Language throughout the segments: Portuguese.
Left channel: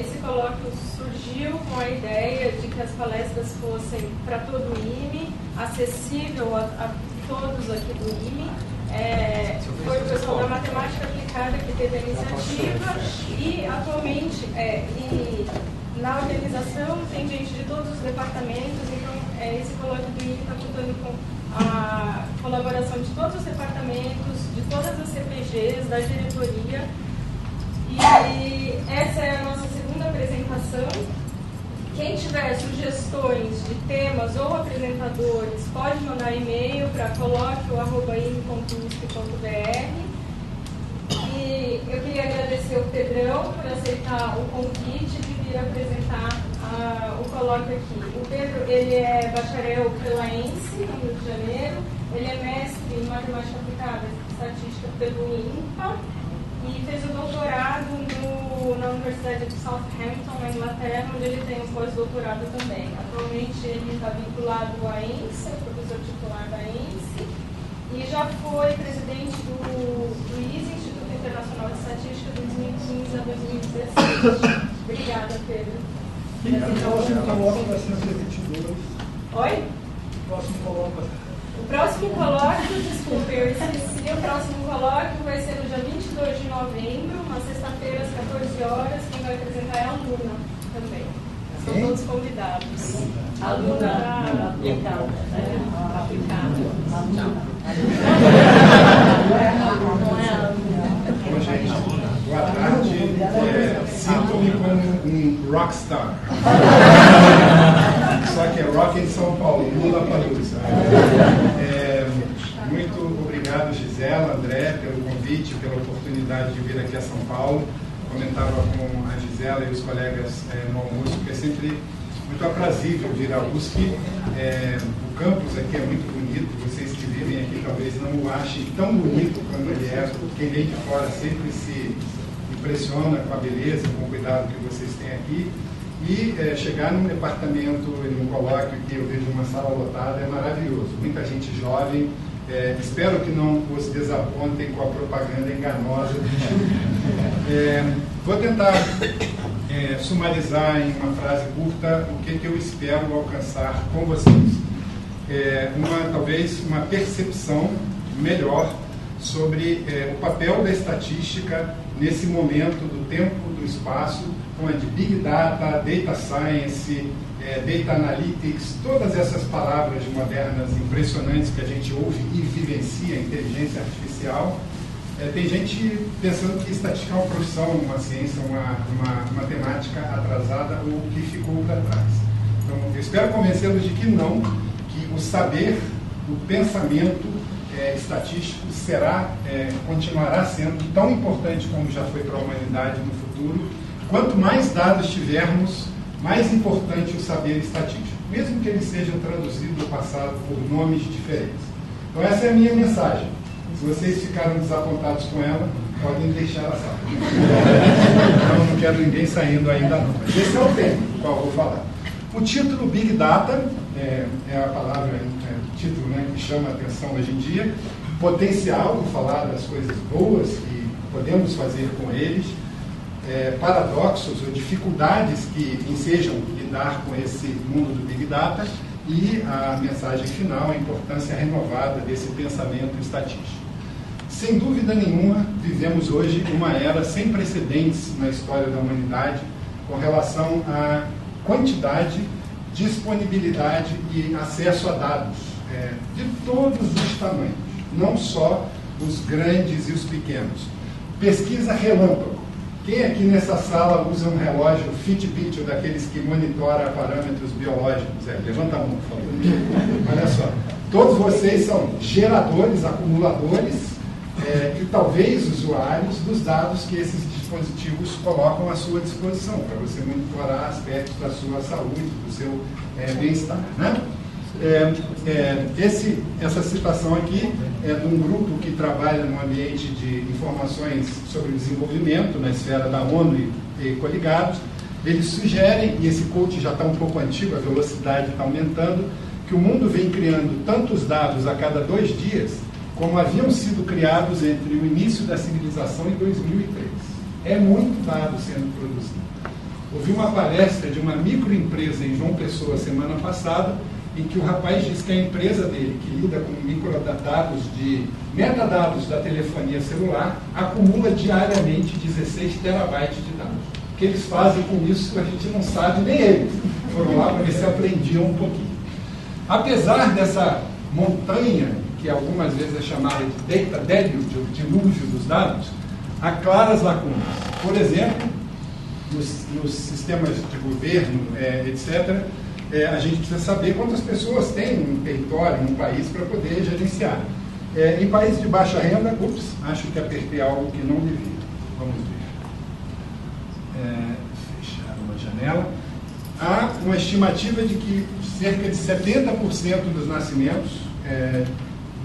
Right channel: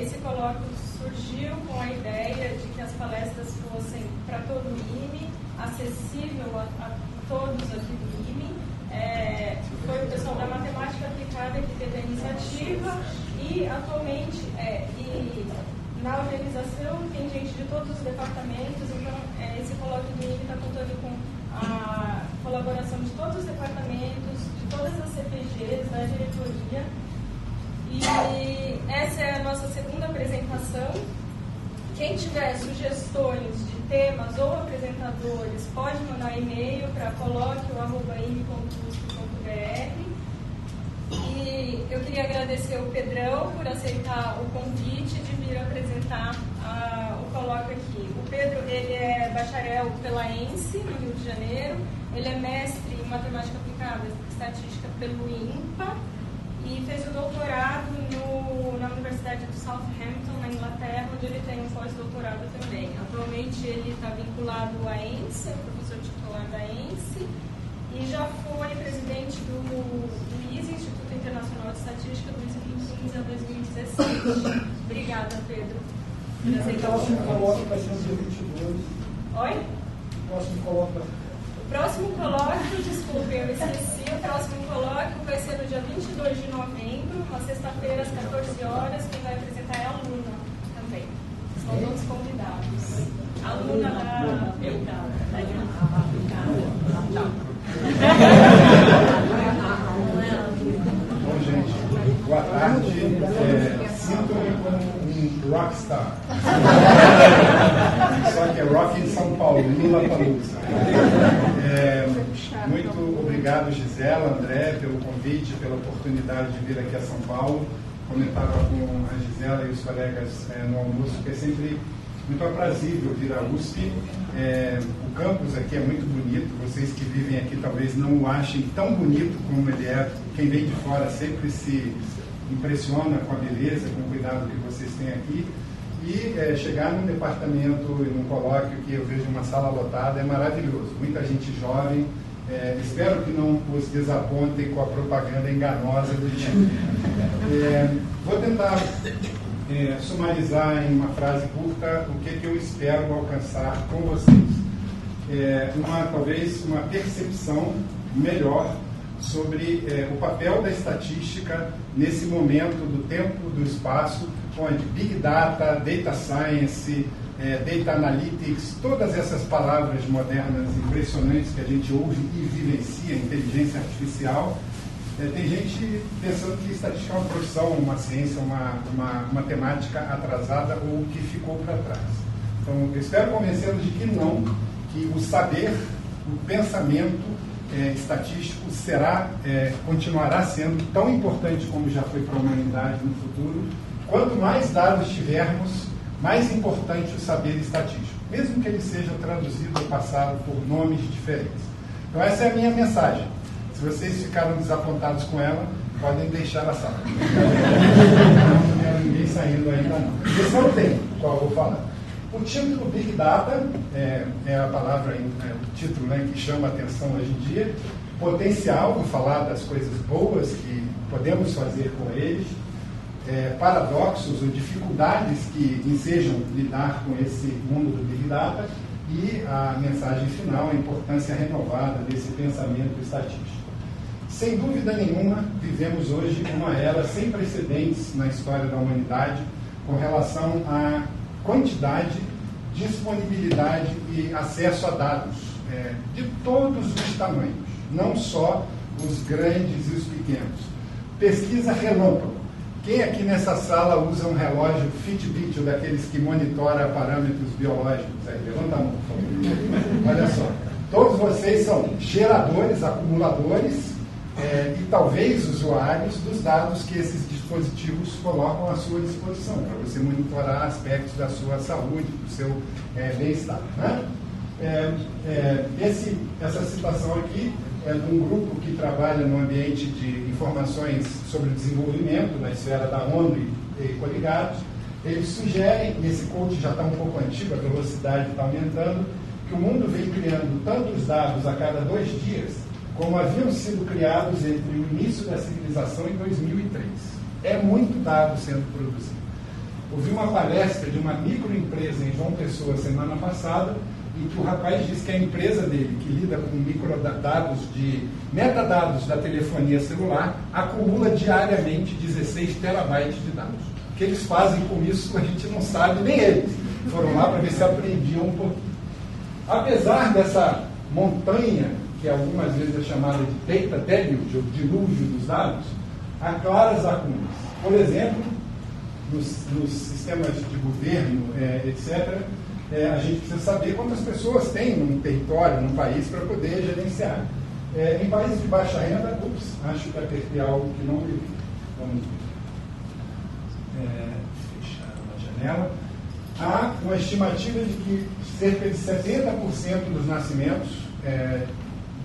Esse colóquio surgiu com a ideia de que as palestras fossem para todo o IME, acessível a todos aqui do IME. Foi o pessoal da Matemática Aplicada que teve a iniciativa e atualmente na organização tem gente de todos os departamentos, então esse colóquio do IME está contando com a colaboração de todos os departamentos, de todas as CPGs, da diretoria. E essa é a nossa segunda apresentação. Quem tiver sugestões de temas ou apresentadores, pode mandar e-mail para colóquio@ime.usp.br. E eu queria agradecer o Pedrão por aceitar o convite de vir apresentar o colóquio aqui. O Pedro, ele é bacharel pelaense, no Rio de Janeiro. Ele é mestre em Matemática Aplicada e Estatística pelo INPA. E fez o doutorado na Universidade de Southampton, na Inglaterra, onde ele tem um pós-doutorado também. Atualmente ele está vinculado à ENSE, é o professor titular da ENSE, e já foi presidente do ISE, Instituto Internacional de Estatística, de 2015 a 2016. Obrigada, Pedro. Então, o próximo colóquio vai ser no dia 22. Oi? O próximo colóquio vai ser... O próximo colóquio, desculpe, eu esqueci, o próximo colóquio vai ser no dia 22 de novembro, uma sexta-feira, às 14 horas. Quem vai apresentar é a Luna também. São todos convidados. A Luna aplicada. Bom, gente, boa tarde. Sinto-me como um rockstar. Só que é rock em São Paulo, Lollapalooza. Muito obrigado, Gisela, André, pelo convite, pela oportunidade de vir aqui a São Paulo. Comentava com a Gisela e os colegas no almoço, que é sempre muito aprazível vir à USP. O campus aqui é muito bonito, vocês que vivem aqui talvez não o achem tão bonito como ele é. Quem vem de fora sempre se impressiona com a beleza, com o cuidado que vocês têm aqui. E chegar num departamento, num colóquio que eu vejo uma sala lotada, é maravilhoso. Muita gente jovem. Espero que não os desapontem com a propaganda enganosa do time. Vou tentar sumarizar em uma frase curta o que eu espero alcançar com vocês. Talvez uma percepção melhor sobre o papel da estatística nesse momento do tempo, do espaço, onde Big Data, Data Science, Data Analytics, todas essas palavras modernas impressionantes que a gente ouve e vivencia, inteligência artificial, tem gente pensando que estatística é uma profissão, uma ciência, uma matemática atrasada ou que ficou para trás. Então, eu espero convencê-los de que não, que o saber, o pensamento estatístico continuará sendo tão importante como já foi para a humanidade no futuro. Quanto mais dados tivermos, mais importante o saber estatístico, mesmo que ele seja traduzido ou passado por nomes diferentes. Então essa é a minha mensagem. Se vocês ficaram desapontados com ela, podem deixar a sala. Não quero ninguém saindo ainda não. Esse é o tema do qual eu vou falar. O título Big Data, é a palavra, o título, que chama a atenção hoje em dia. Potencial, vou falar das coisas boas que podemos fazer com eles. Paradoxos ou dificuldades que ensejam lidar com esse mundo do Big Data e a mensagem final, a importância renovada desse pensamento estatístico. Sem dúvida nenhuma, vivemos hoje uma era sem precedentes na história da humanidade com relação à quantidade, disponibilidade e acesso a dados de todos os tamanhos, não só os grandes e os pequenos. Pesquisa relâmpago. Quem aqui nessa sala usa um relógio Fitbit, ou daqueles que monitora parâmetros biológicos? Levanta a mão, por favor. Olha só. Todos vocês são geradores, acumuladores e talvez usuários dos dados que esses dispositivos colocam à sua disposição, para você monitorar aspectos da sua saúde, do seu bem-estar. Né? Essa citação aqui é de um grupo que trabalha no ambiente de informações sobre desenvolvimento na esfera da ONU e coligados. Eles sugerem, e esse coach já está um pouco antigo, a velocidade está aumentando, que o mundo vem criando tantos dados a cada 2 dias como haviam sido criados entre o início da civilização e 2003. É muito dado sendo produzido. ouvi uma palestra de uma microempresa em João Pessoa semana passada, em que o rapaz disse que a empresa dele, que lida com metadados da telefonia celular, acumula diariamente 16 terabytes de dados. O que eles fazem com isso, a gente não sabe, nem eles. Foram lá para ver se aprendiam um pouquinho. Apesar dessa montanha, que algumas vezes é chamada de data deluge, o dilúvio dos dados, há claras lacunas. Por exemplo, nos sistemas de governo, etc., a gente precisa saber quantas pessoas tem num território, num país, para poder gerenciar. Em países de baixa renda, acho que apertei algo que não devia. Vamos ver. Fechar uma janela. Há uma estimativa de que cerca de 70% dos nascimentos,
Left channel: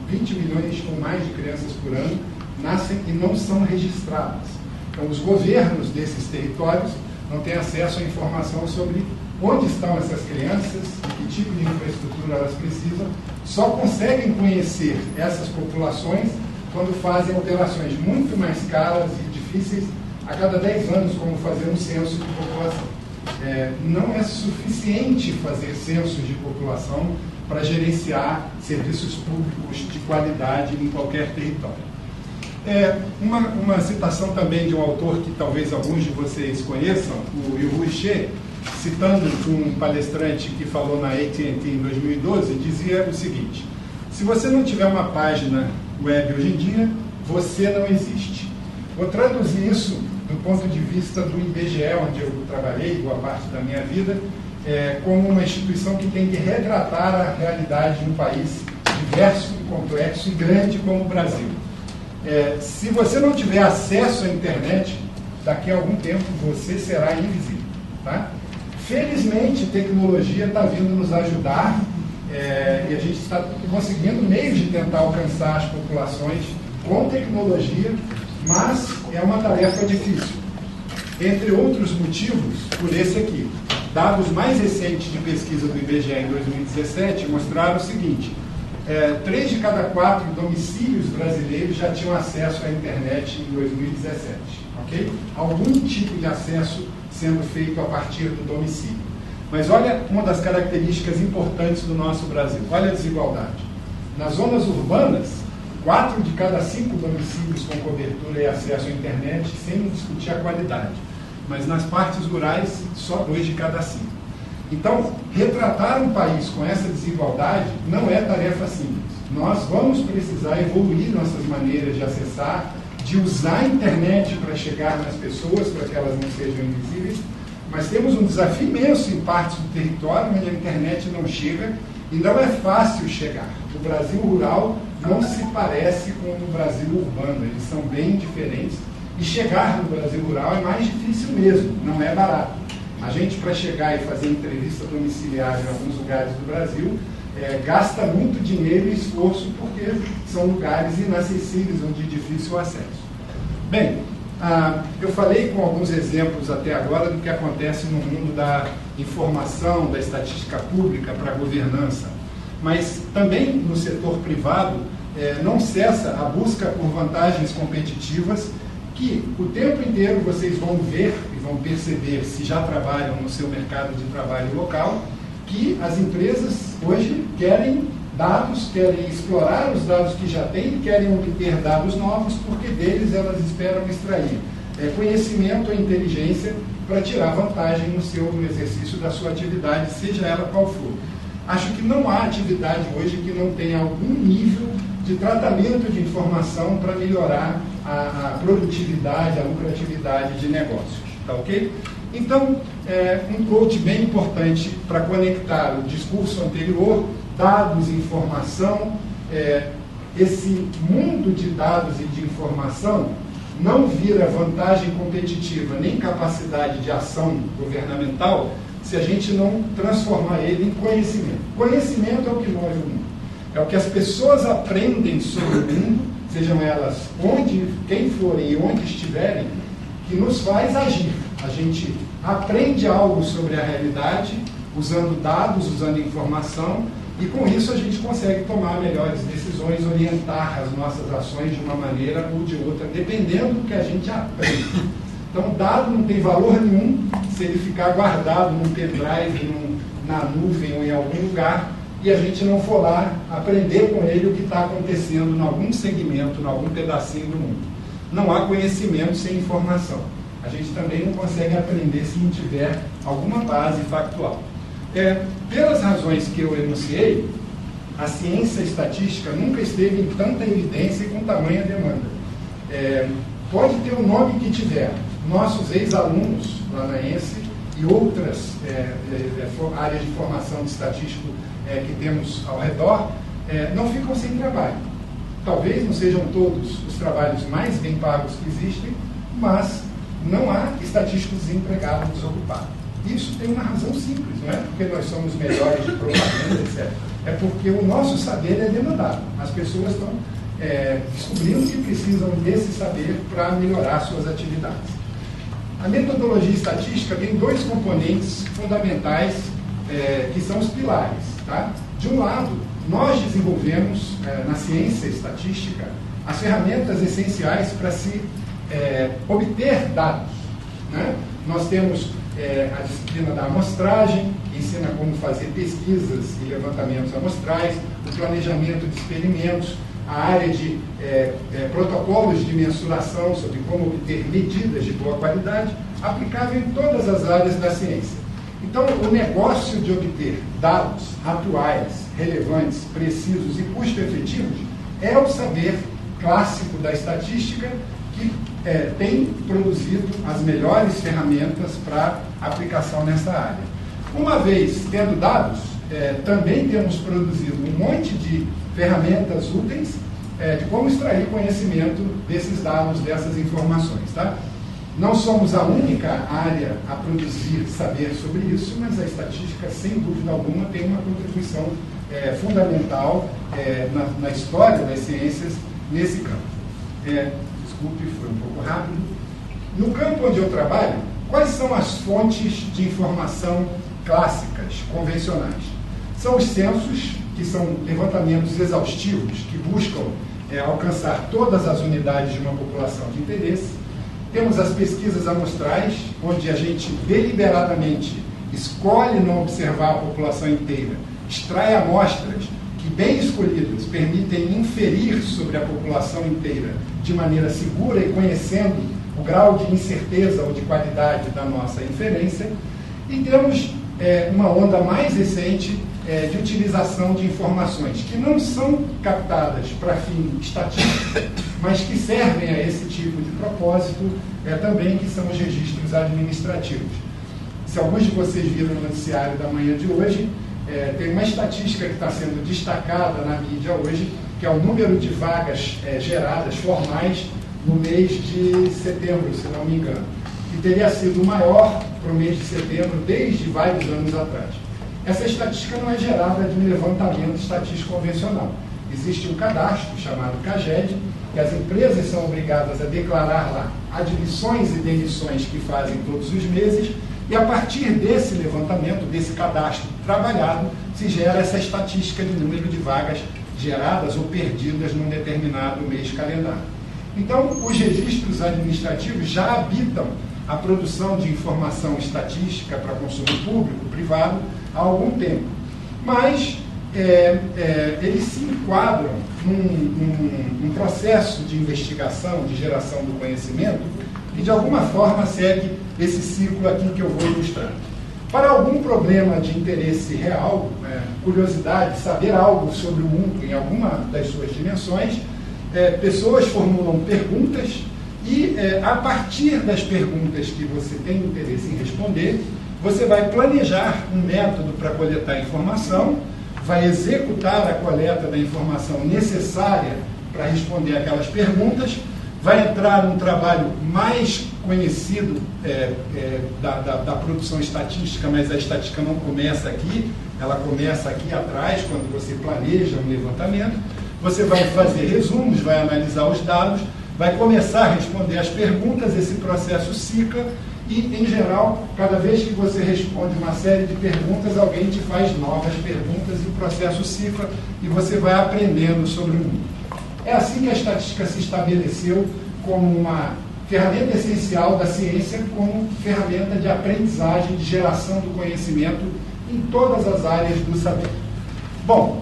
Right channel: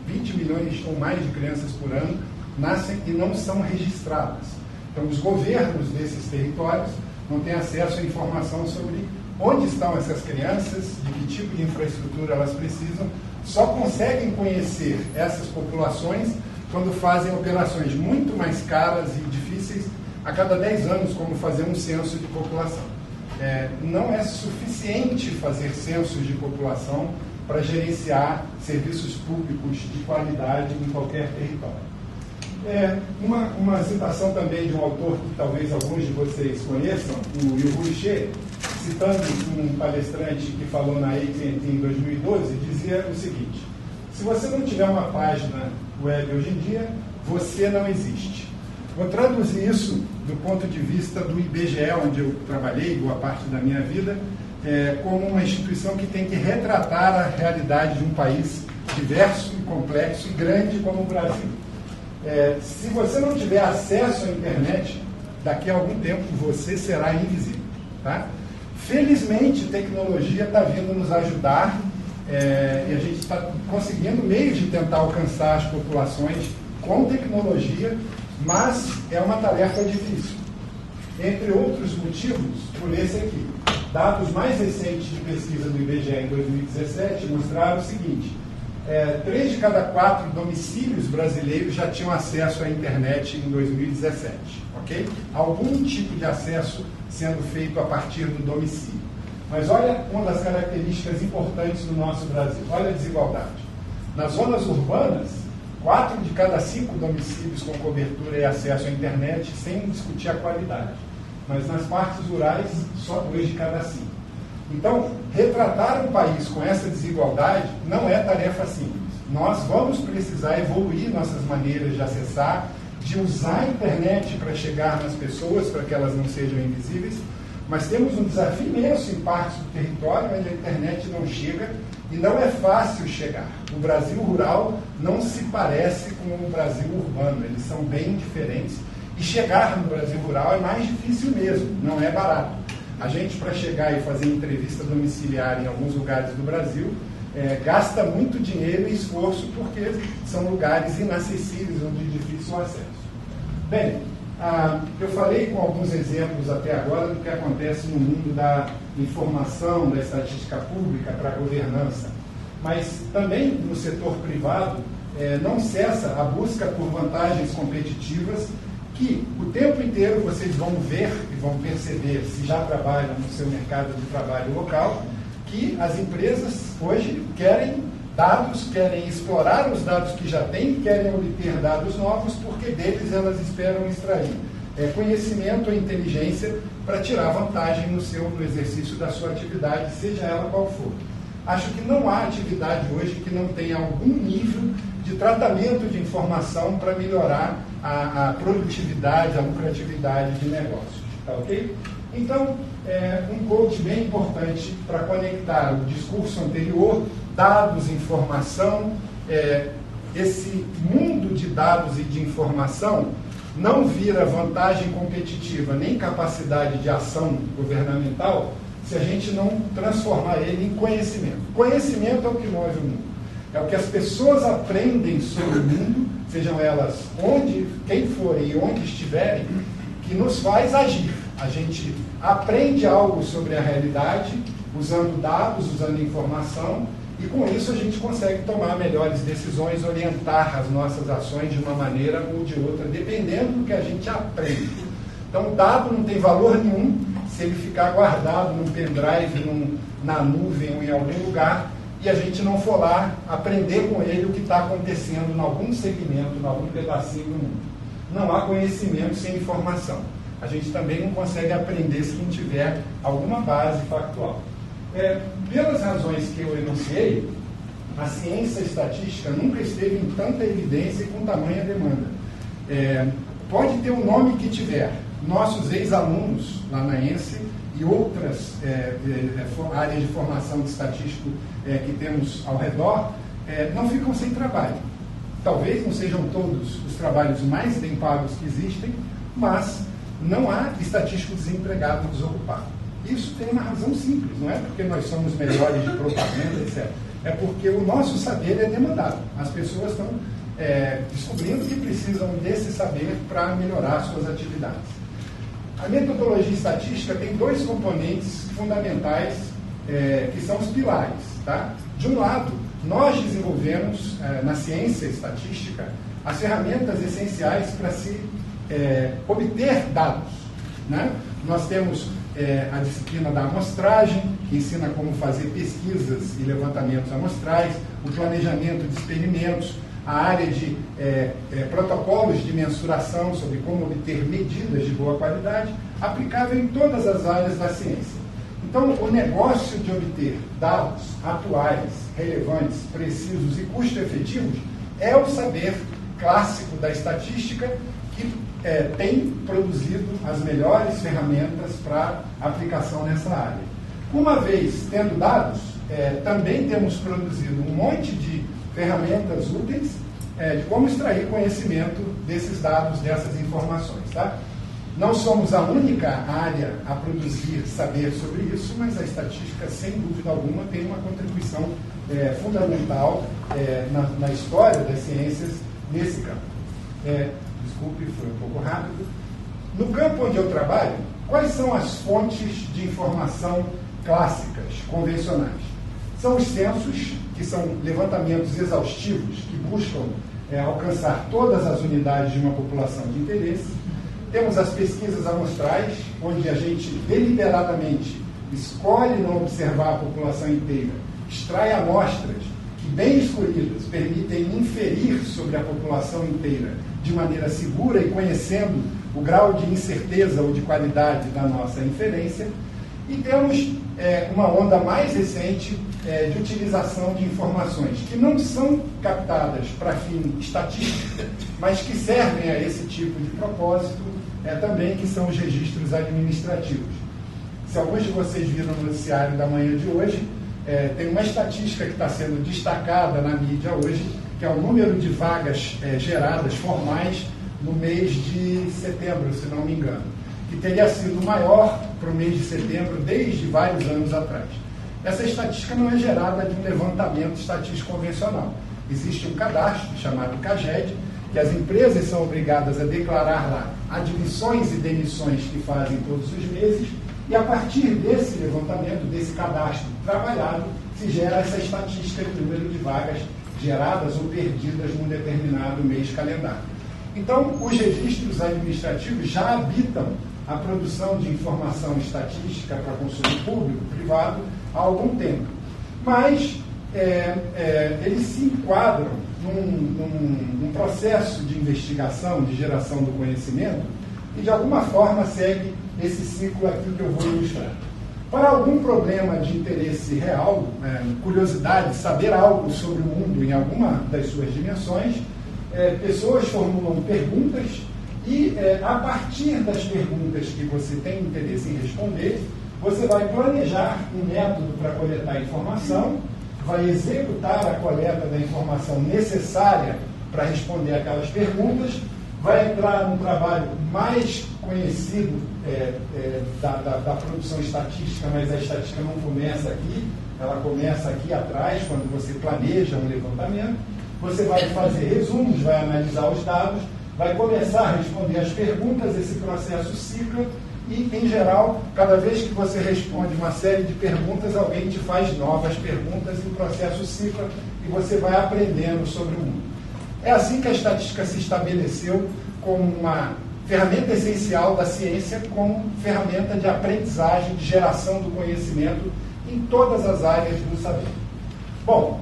20 milhões ou mais de crianças por ano, nascem e não são registradas. Então, os governos desses territórios não têm acesso à informação sobre onde estão essas crianças, de que tipo de infraestrutura elas precisam, só conseguem conhecer essas populações quando fazem operações muito mais caras e difíceis a cada 10 anos, como fazer um censo de população. Não é suficiente fazer censos de população para gerenciar serviços públicos de qualidade em qualquer território. Uma citação também de um autor que talvez alguns de vocês conheçam, o Yu Xie, citando um palestrante que falou na AT&T em 2012, dizia o seguinte: se você não tiver uma página web hoje em dia, você não existe. Vou traduzir isso do ponto de vista do IBGE, onde eu trabalhei boa parte da minha vida, como uma instituição que tem que retratar a realidade de um país diverso, complexo e grande como o Brasil. Se você não tiver acesso à internet, daqui a algum tempo você será invisível. Tá? Felizmente, tecnologia está vindo nos ajudar e a gente está conseguindo meios de tentar alcançar as populações com tecnologia, mas é uma tarefa difícil. Entre outros motivos, por esse aqui. Dados mais recentes de pesquisa do IBGE em 2017 mostraram o seguinte: 3 de cada 4 domicílios brasileiros já tinham acesso à internet em 2017. Okay? Algum tipo de acesso sendo feito a partir do domicílio. Mas olha uma das características importantes do nosso Brasil. Olha a desigualdade. Nas zonas urbanas, 4 de cada 5 domicílios com cobertura e acesso à internet, sem discutir a qualidade. Mas nas partes rurais, só 2 de cada 5. Então, retratar um país com essa desigualdade não é tarefa simples. Nós vamos precisar evoluir nossas maneiras de acessar, de usar a internet para chegar nas pessoas, para que elas não sejam invisíveis, mas temos um desafio imenso em partes do território onde a internet não chega e não é fácil chegar. O Brasil rural não se parece com o Brasil urbano, eles são bem diferentes. E chegar no Brasil rural é mais difícil mesmo, não é barato. A gente, para chegar e fazer entrevista domiciliar em alguns lugares do Brasil, gasta muito dinheiro e esforço porque são lugares inacessíveis ou de difícil acesso. Bem, eu falei com alguns exemplos até agora do que acontece no mundo da informação, da estatística pública para a governança, mas também no setor privado não cessa a busca por vantagens competitivas que o tempo inteiro vocês vão ver e vão perceber, se já trabalham no seu mercado de trabalho local, que as empresas hoje querem dados, querem explorar os dados que já têm, querem obter dados novos, porque deles elas esperam extrair conhecimento ou inteligência para tirar vantagem no exercício da sua atividade, seja ela qual for. Acho que não há atividade hoje que não tenha algum nível de tratamento de informação para melhorar a produtividade, a lucratividade de negócios. Tá ok? Então, um quote bem importante para conectar o discurso anterior, dados, informação, esse mundo de dados e de informação não vira vantagem competitiva nem capacidade de ação governamental se a gente não transformar ele em conhecimento. Conhecimento é o que move o mundo. É o que as pessoas aprendem sobre o mundo, sejam elas quem forem e onde estiverem, que nos faz agir. A gente aprende algo sobre a realidade, usando dados, usando informação, e com isso a gente consegue tomar melhores decisões, orientar as nossas ações de uma maneira ou de outra, dependendo do que a gente aprende. Então, dado não tem valor nenhum se ele ficar guardado num pendrive, na nuvem ou em algum lugar, e a gente não for lá aprender com ele o que está acontecendo em algum segmento, em algum pedacinho do mundo. Não há conhecimento sem informação. A gente também não consegue aprender se não tiver alguma base factual. Pelas razões que eu enunciei, a ciência estatística nunca esteve em tanta evidência e com tamanha demanda. Pode ter o nome que tiver. Nossos ex-alunos lá na ENSE e outras áreas de formação de estatístico que temos ao redor, não ficam sem trabalho. Talvez não sejam todos os trabalhos mais bem pagos que existem, mas não há estatístico desempregado desocupado. Isso tem uma razão simples, não é porque nós somos melhores de propaganda, etc. É porque o nosso saber é demandado. As pessoas estão descobrindo que precisam desse saber para melhorar suas atividades. A metodologia estatística tem dois componentes fundamentais que são os pilares. Tá? De um lado, nós desenvolvemos na ciência estatística as ferramentas essenciais para se obter dados. Né? Nós temos a disciplina da amostragem, que ensina como fazer pesquisas e levantamentos amostrais, o planejamento de experimentos, a área de protocolos de mensuração sobre como obter medidas de boa qualidade, aplicável em todas as áreas da ciência. Então, o negócio de obter dados atuais, relevantes, precisos e custo-efetivos é o saber clássico da estatística que tem produzido as melhores ferramentas para aplicação nessa área. Uma vez tendo dados, também temos produzido um monte de ferramentas úteis de como extrair conhecimento desses dados, dessas informações. Tá? Não somos a única área a produzir saber sobre isso, mas a estatística, sem dúvida alguma, tem uma contribuição fundamental na história das ciências nesse campo. Desculpe, foi um pouco rápido. No campo onde eu trabalho, quais são as fontes de informação clássicas, convencionais? São os censos, que são levantamentos exaustivos, que buscam alcançar todas as unidades de uma população de interesse. Temos as pesquisas amostrais, onde a gente deliberadamente escolhe não observar a população inteira, extrai amostras que, bem escolhidas, permitem inferir sobre a população inteira de maneira segura e conhecendo o grau de incerteza ou de qualidade da nossa inferência. E temos uma onda mais recente de utilização de informações que não são captadas para fim estatístico, mas que servem a esse tipo de propósito também, que são os registros administrativos. Se alguns de vocês viram no noticiário da manhã de hoje, tem uma estatística que está sendo destacada na mídia hoje, que é o número de vagas geradas formais no mês de setembro, se não me engano, que teria sido maior para o mês de setembro desde vários anos atrás. Essa estatística não é gerada de um levantamento estatístico convencional. Existe um cadastro chamado CAGED, que as empresas são obrigadas a declarar lá admissões e demissões que fazem todos os meses, e a partir desse levantamento, desse cadastro trabalhado, se gera essa estatística de número de vagas geradas ou perdidas num determinado mês calendário. Então, os registros administrativos já habitam a produção de informação estatística para consumo público, privado, há algum tempo. Mas eles se enquadram num processo de investigação, de geração do conhecimento, e de alguma forma segue esse ciclo aqui que eu vou ilustrar. Para algum problema de interesse real, curiosidade, saber algo sobre o mundo em alguma das suas dimensões, pessoas formulam perguntas e, a partir das perguntas que você tem interesse em responder, você vai planejar um método para coletar informação, vai executar a coleta da informação necessária para responder aquelas perguntas, vai entrar num trabalho mais conhecido da produção estatística, mas a estatística não começa aqui, ela começa aqui atrás, quando você planeja um levantamento. Você vai fazer resumos, vai analisar os dados, vai começar a responder as perguntas, esse processo cicla, e, em geral, cada vez que você responde uma série de perguntas, alguém te faz novas perguntas e o processo cicla e você vai aprendendo sobre o mundo. É assim que a estatística se estabeleceu como uma ferramenta essencial da ciência como ferramenta de aprendizagem, de geração do conhecimento em todas as áreas do saber. Bom,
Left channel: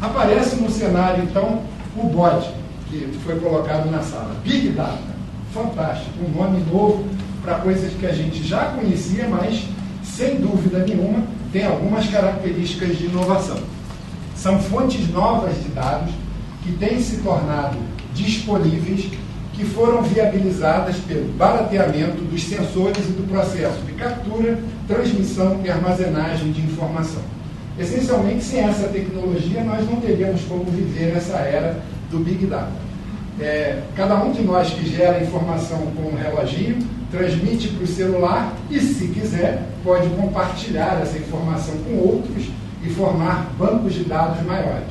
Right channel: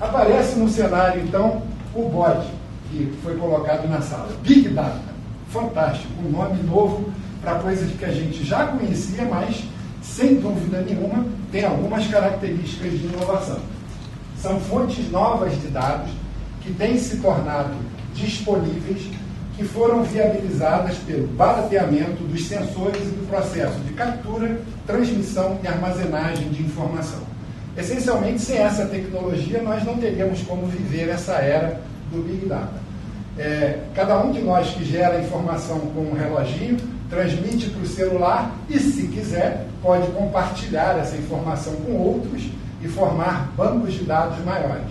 aparece no cenário, então, o BOD, que foi colocado na sala. Big Data, fantástico, um nome novo para coisas que a gente já conhecia, mas, sem dúvida nenhuma, tem algumas características de inovação. São fontes novas de dados que têm se tornado disponíveis, que foram viabilizadas pelo barateamento dos sensores e do processo de captura, transmissão e armazenagem de informação. Essencialmente, sem essa tecnologia, nós não teríamos como viver essa era do Big Data. Cada um de nós que gera informação com um reloginho, transmite para o celular e, se quiser, pode compartilhar essa informação com outros e formar bancos de dados maiores.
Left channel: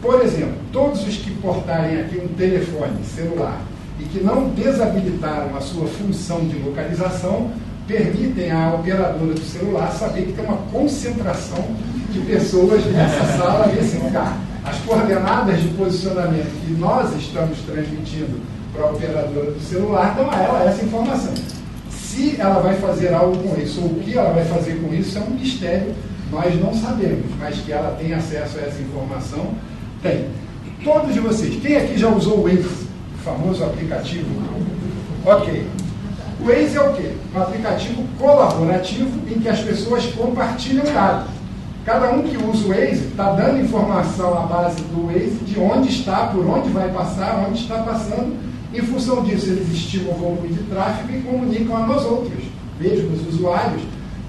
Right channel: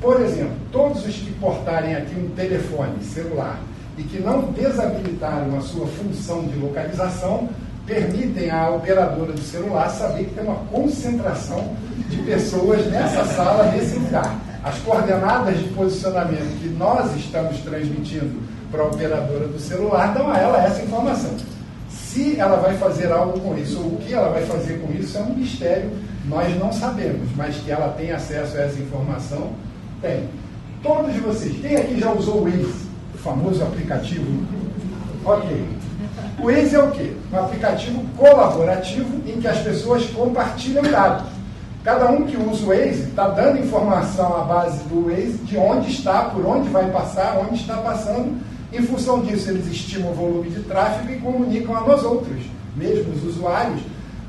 Por exemplo, todos os que portarem aqui um telefone celular e que não desabilitaram a sua função de localização, permitem à operadora do celular saber que tem uma concentração de pessoas nessa sala, nesse lugar. As coordenadas de posicionamento que nós estamos transmitindo para a operadora do celular dão a ela essa informação. Se ela vai fazer algo com isso, ou o que ela vai fazer com isso, é um mistério, nós não sabemos, mas que ela tem acesso a essa informação, tem. Todos vocês, quem aqui já usou o Waze, o famoso aplicativo? Ok. O Waze é o quê? Um aplicativo colaborativo em que as pessoas compartilham dados. Cada um que usa o Waze está dando informação à base do Waze de onde está, por onde vai passar, onde está passando. Em função disso, eles estimam o volume de tráfego e comunicam a nós outros, mesmo os usuários,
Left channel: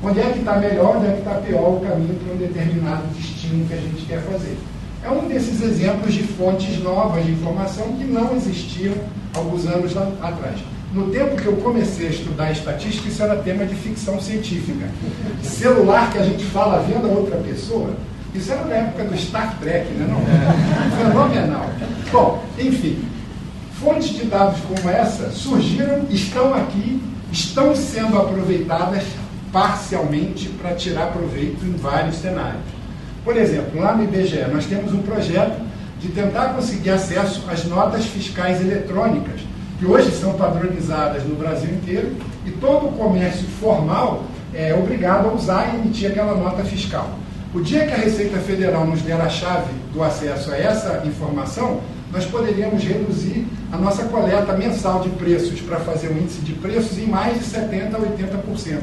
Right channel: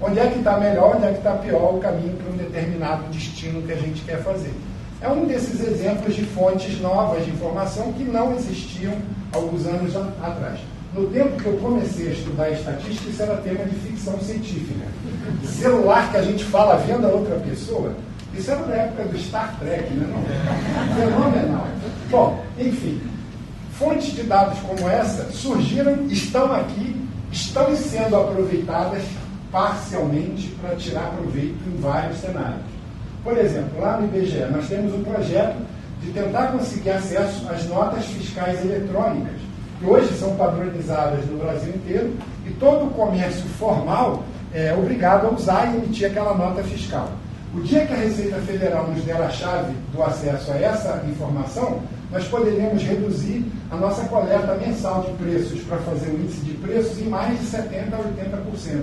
onde é que está melhor, onde é que está pior o caminho para um determinado destino que a gente quer fazer. É um desses exemplos de fontes novas de informação que não existiam alguns anos atrás. No tempo que eu comecei a estudar estatística, isso era tema de ficção científica. Celular que a gente fala vendo a outra pessoa, isso era na época do Star Trek, né? Não, fenomenal. Bom, enfim, fontes de dados como essa surgiram, estão aqui, estão sendo aproveitadas parcialmente para tirar proveito em vários cenários. Por exemplo, lá no IBGE, nós temos um projeto de tentar conseguir acesso às notas fiscais eletrônicas, que hoje são padronizadas no Brasil inteiro, e todo o comércio formal é obrigado a usar e emitir aquela nota fiscal. O dia que a Receita Federal nos der a chave do acesso a essa informação, nós poderíamos reduzir a nossa coleta mensal de preços para fazer um índice de preços em mais de 70% a 80%.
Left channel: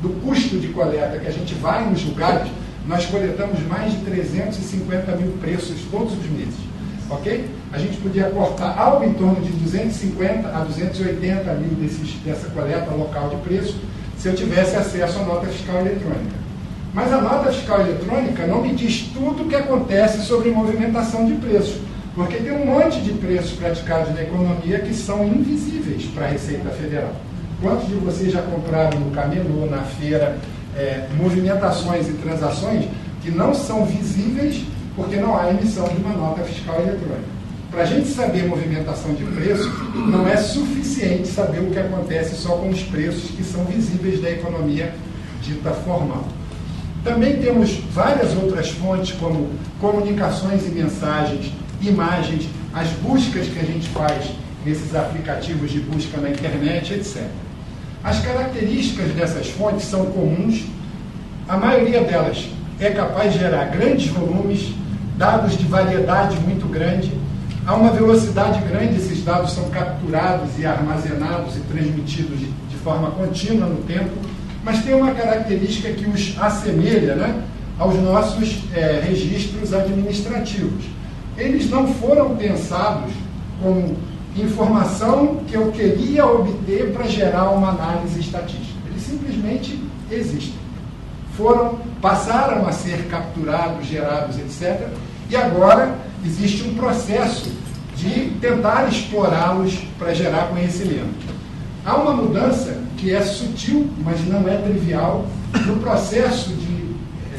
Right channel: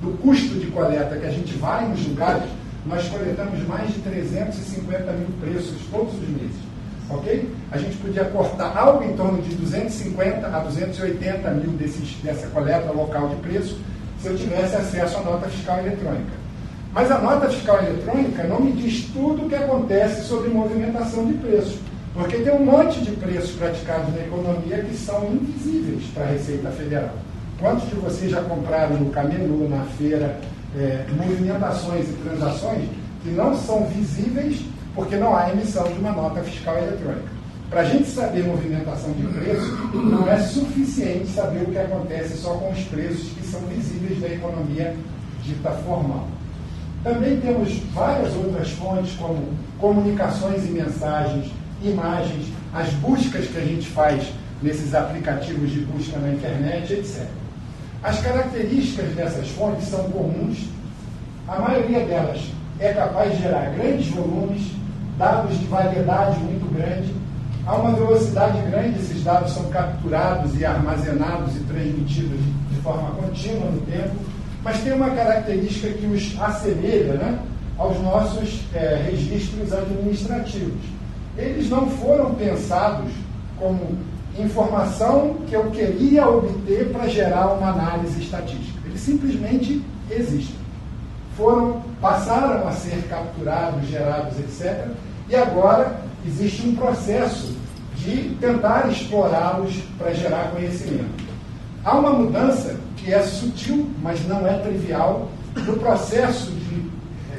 Do custo de coleta que a gente vai nos lugares, nós coletamos mais de 350 mil preços todos os meses. Ok? A gente podia cortar algo em torno de 250 a 280 mil dessa coleta local de preço se eu tivesse acesso à nota fiscal eletrônica. Mas a nota fiscal eletrônica não me diz tudo o que acontece sobre movimentação de preços, porque tem um monte de preços praticados na economia que são invisíveis para a Receita Federal. Quantos de vocês já compraram no camelô, na feira, movimentações e transações que não são visíveis porque não há emissão de uma nota fiscal eletrônica? Para a gente saber movimentação de preço, não é suficiente saber o que acontece só com os preços que são visíveis da economia dita formal. Também temos várias outras fontes, como comunicações e mensagens, imagens, as buscas que a gente faz nesses aplicativos de busca na internet, etc. As características dessas fontes são comuns, a maioria delas é capaz de gerar grandes volumes, dados de variedade muito grande, a uma velocidade grande, esses dados são capturados e armazenados e transmitidos de forma contínua no tempo, mas tem uma característica que os assemelha, né, aos nossos registros administrativos. Eles não foram pensados como informação que eu queria obter para gerar uma análise estatística. Eles simplesmente existem. Passaram a ser capturados, gerados, etc. E agora existe um processo de tentar explorá-los para gerar conhecimento. Há uma mudança que é sutil, mas não é trivial, no processo de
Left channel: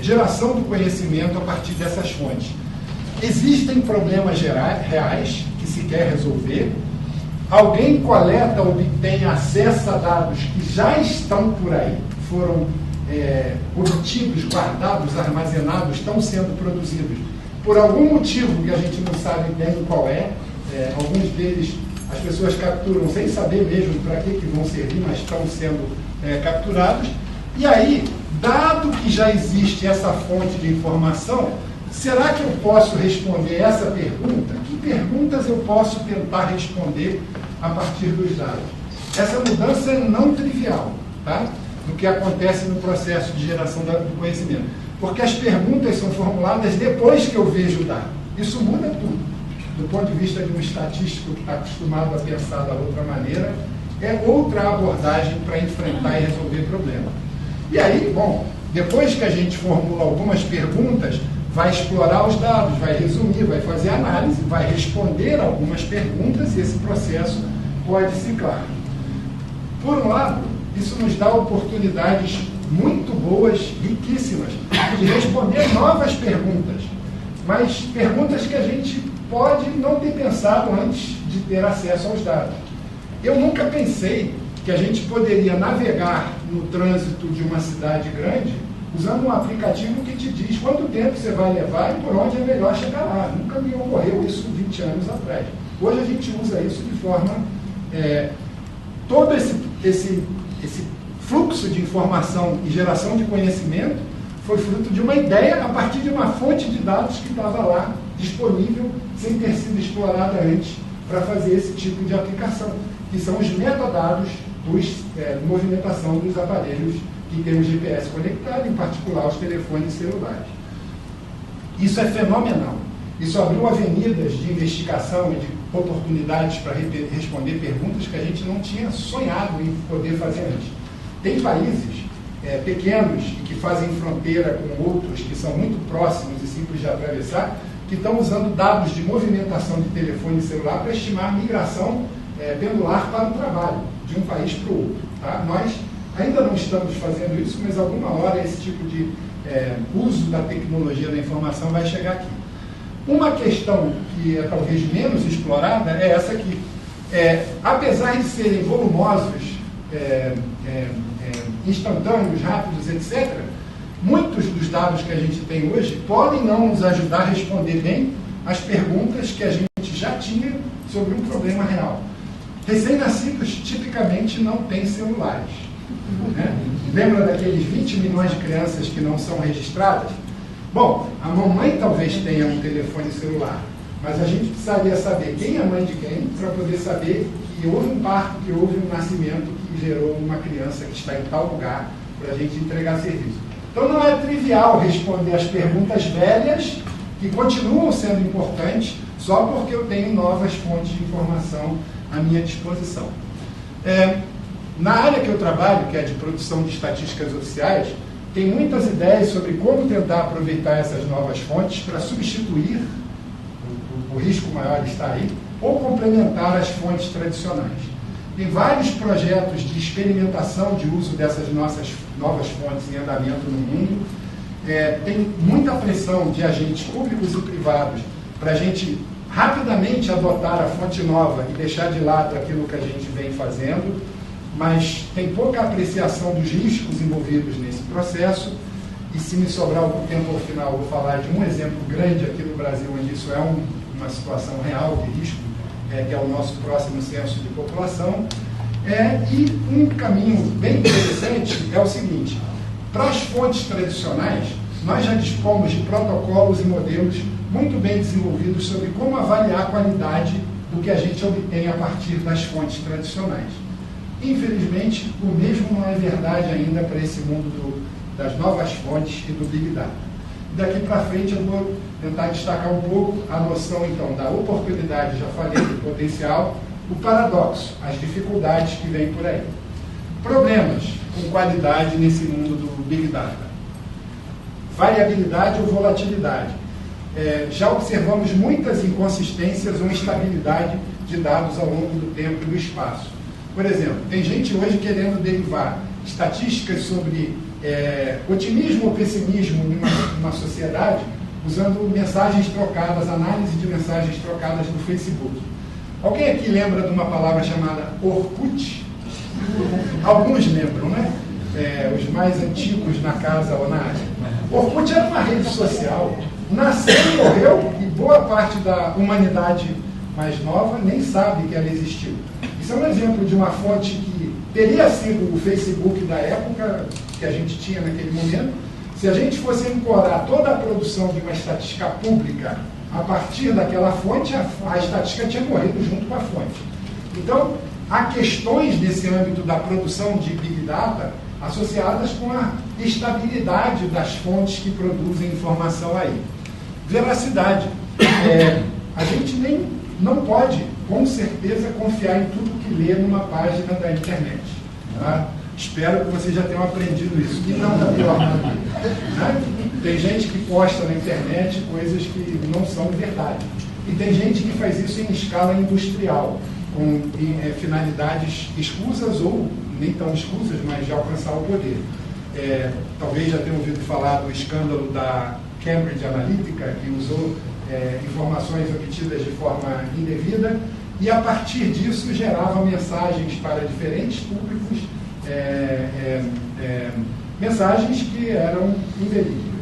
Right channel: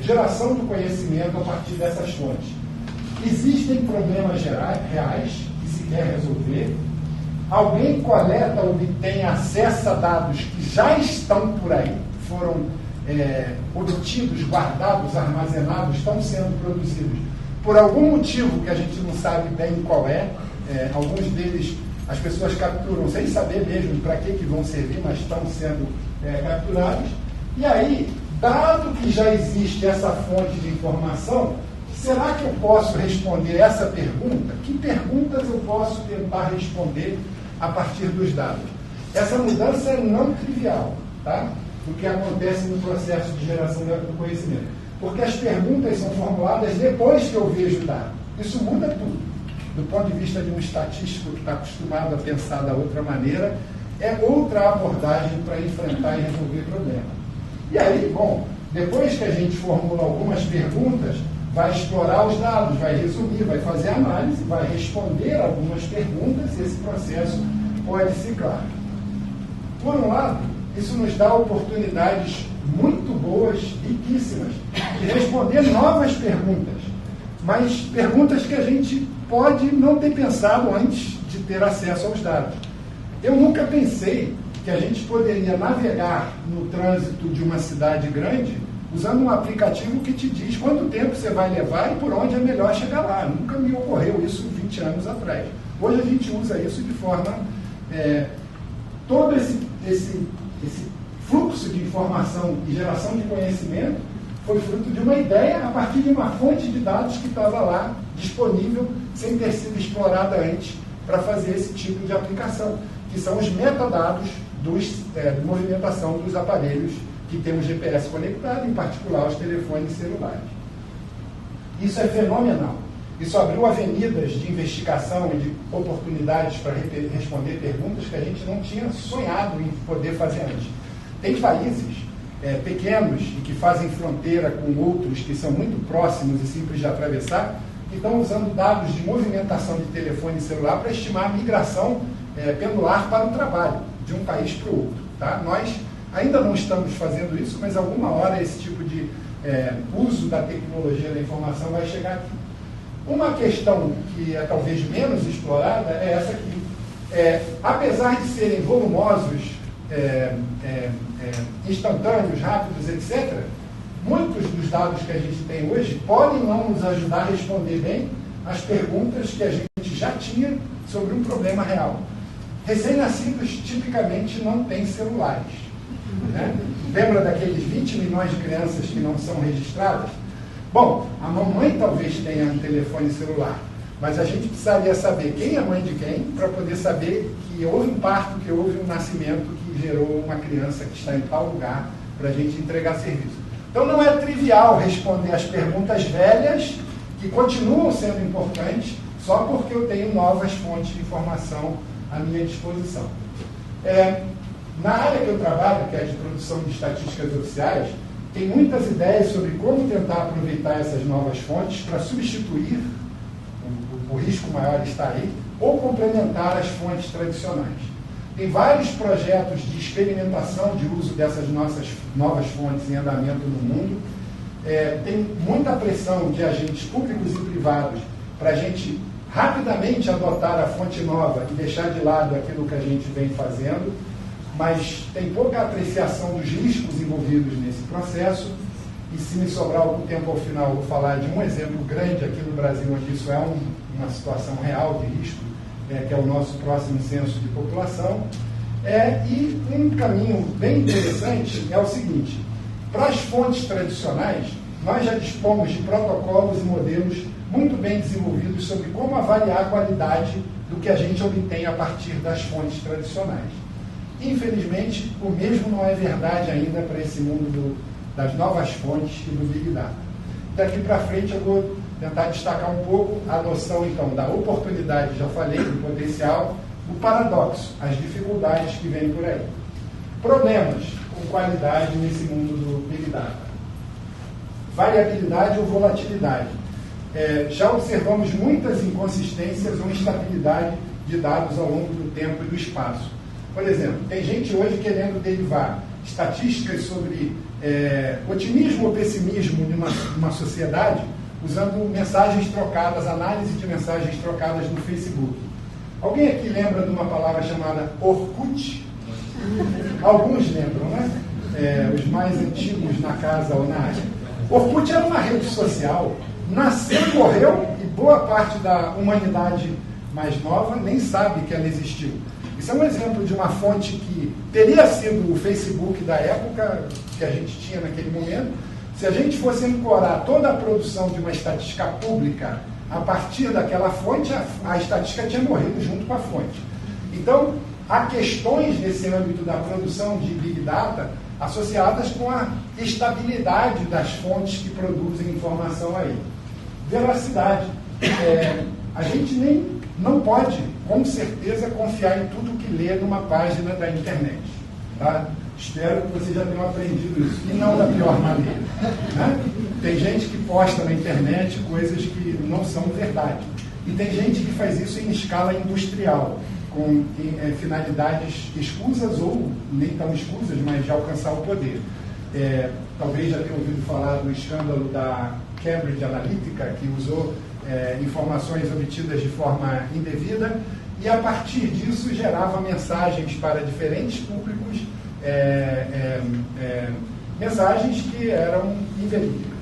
geração do conhecimento a partir dessas fontes. Existem problemas reais que se quer resolver. Alguém coleta, obtém acesso a dados que já estão por aí, foram obtidos, guardados, armazenados, estão sendo produzidos por algum motivo que a gente não sabe bem qual é. Alguns deles as pessoas capturam sem saber mesmo para que vão servir, mas estão sendo capturados. E aí, dado que já existe essa fonte de informação, será que eu posso responder essa pergunta? Que perguntas eu posso tentar responder a partir dos dados? Essa mudança é não trivial, tá? Do que acontece no processo de geração do conhecimento. Porque as perguntas são formuladas depois que eu vejo o dado. Isso muda tudo. Do ponto de vista de um estatístico que está acostumado a pensar da outra maneira, é outra abordagem para enfrentar e resolver problemas. E aí, bom, depois que a gente formula algumas perguntas, vai explorar os dados, vai resumir, vai fazer análise, vai responder algumas perguntas e esse processo pode ciclar. Por um lado, isso nos dá oportunidades muito boas, riquíssimas, de responder novas perguntas, mas perguntas que a gente pode não ter pensado antes de ter acesso aos dados. Eu nunca pensei que a gente poderia navegar no trânsito de uma cidade grande usando um aplicativo que te diz quanto tempo você vai levar e por onde é melhor chegar lá. Nunca me ocorreu isso 20 anos atrás. Hoje a gente usa isso de forma... todo esse fluxo de informação e geração de conhecimento foi fruto de uma ideia a partir de uma fonte de dados que estava lá, disponível, sem ter sido explorada antes para fazer esse tipo de aplicação, que são os metadados de movimentação dos aparelhos que tem o GPS conectado, em particular os telefones celulares. Isso é fenomenal. Isso abriu avenidas de investigação e de oportunidades para responder perguntas que a gente não tinha sonhado em poder fazer antes. Tem países pequenos e que fazem fronteira com outros que são muito próximos e simples de atravessar, que estão usando dados de movimentação de telefone celular para estimar a migração pendular para o trabalho, de um país para o outro. Tá? Nós ainda não estamos fazendo isso, mas alguma hora esse tipo de uso da tecnologia da informação vai chegar aqui. Uma questão que é talvez menos explorada é essa aqui. Apesar de serem volumosos, instantâneos, rápidos, etc., muitos dos dados que a gente tem hoje podem não nos ajudar a responder bem as perguntas que a gente já tinha sobre um problema real. Recém-nascidos tipicamente não têm celulares. Né? Lembra daqueles 20 milhões de crianças que não são registradas? Bom, a mamãe talvez tenha um telefone celular, mas a gente precisaria saber quem é mãe de quem para poder saber que houve um parto, que houve um nascimento que gerou uma criança que está em tal lugar para a gente entregar serviço. Então não é trivial responder as perguntas velhas, que continuam sendo importantes, só porque eu tenho novas fontes de informação à minha disposição. Na área que eu trabalho, que é de produção de estatísticas oficiais, tem muitas ideias sobre como tentar aproveitar essas novas fontes para substituir, o risco maior está aí, ou complementar as fontes tradicionais. Tem vários projetos de experimentação de uso dessas nossas novas fontes em andamento no mundo. Tem muita pressão de agentes públicos e privados para a gente rapidamente adotar a fonte nova e deixar de lado aquilo que a gente vem fazendo, mas tem pouca apreciação dos riscos envolvidos nesse processo, e se me sobrar algum tempo ao final, vou falar de um exemplo grande aqui no Brasil, onde isso é uma situação real de risco, que é o nosso próximo censo de população. E um caminho bem interessante é o seguinte: para as fontes tradicionais, nós já dispomos de protocolos e modelos muito bem desenvolvidos sobre como avaliar a qualidade do que a gente obtém a partir das fontes tradicionais. Infelizmente, o mesmo não é verdade ainda para esse mundo das novas fontes e do Big Data. Daqui para frente eu vou tentar destacar um pouco a noção, então, da oportunidade, já falei, do potencial, o paradoxo, as dificuldades que vêm por aí. Problemas com qualidade nesse mundo do Big Data. Variabilidade ou volatilidade. Já observamos muitas inconsistências ou instabilidade de dados ao longo do tempo e do espaço. Por exemplo, tem gente hoje querendo derivar estatísticas sobre otimismo ou pessimismo numa sociedade usando mensagens trocadas, análise de mensagens trocadas no Facebook. Alguém aqui lembra de uma palavra chamada Orkut? Alguns lembram, né? Os mais antigos na casa ou na área. Orkut era uma rede social, nasceu e morreu, e boa parte da humanidade mais nova nem sabe que ela existiu. Isso é um exemplo de uma fonte que teria sido o Facebook da época que a gente tinha naquele momento. Se a gente fosse ancorar toda a produção de uma estatística pública a partir daquela fonte, a estatística tinha morrido junto com a fonte. Então, há questões nesse âmbito da produção de Big Data associadas com a estabilidade das fontes que produzem informação aí. Veracidade. A gente não pode, com certeza, confiar em tudo que lê numa página da internet. Tá? Espero que vocês já tenham aprendido isso, e não da pior maneira. Né? Tem gente que posta na internet coisas que não são verdade. E tem gente que faz isso em escala industrial, com finalidades escusas ou nem tão escusas, mas de alcançar o poder. Talvez já tenham ouvido falar do escândalo da Cambridge Analytica, que usou informações obtidas de forma indevida e, a partir disso, gerava mensagens para diferentes públicos, mensagens que eram inverídicas.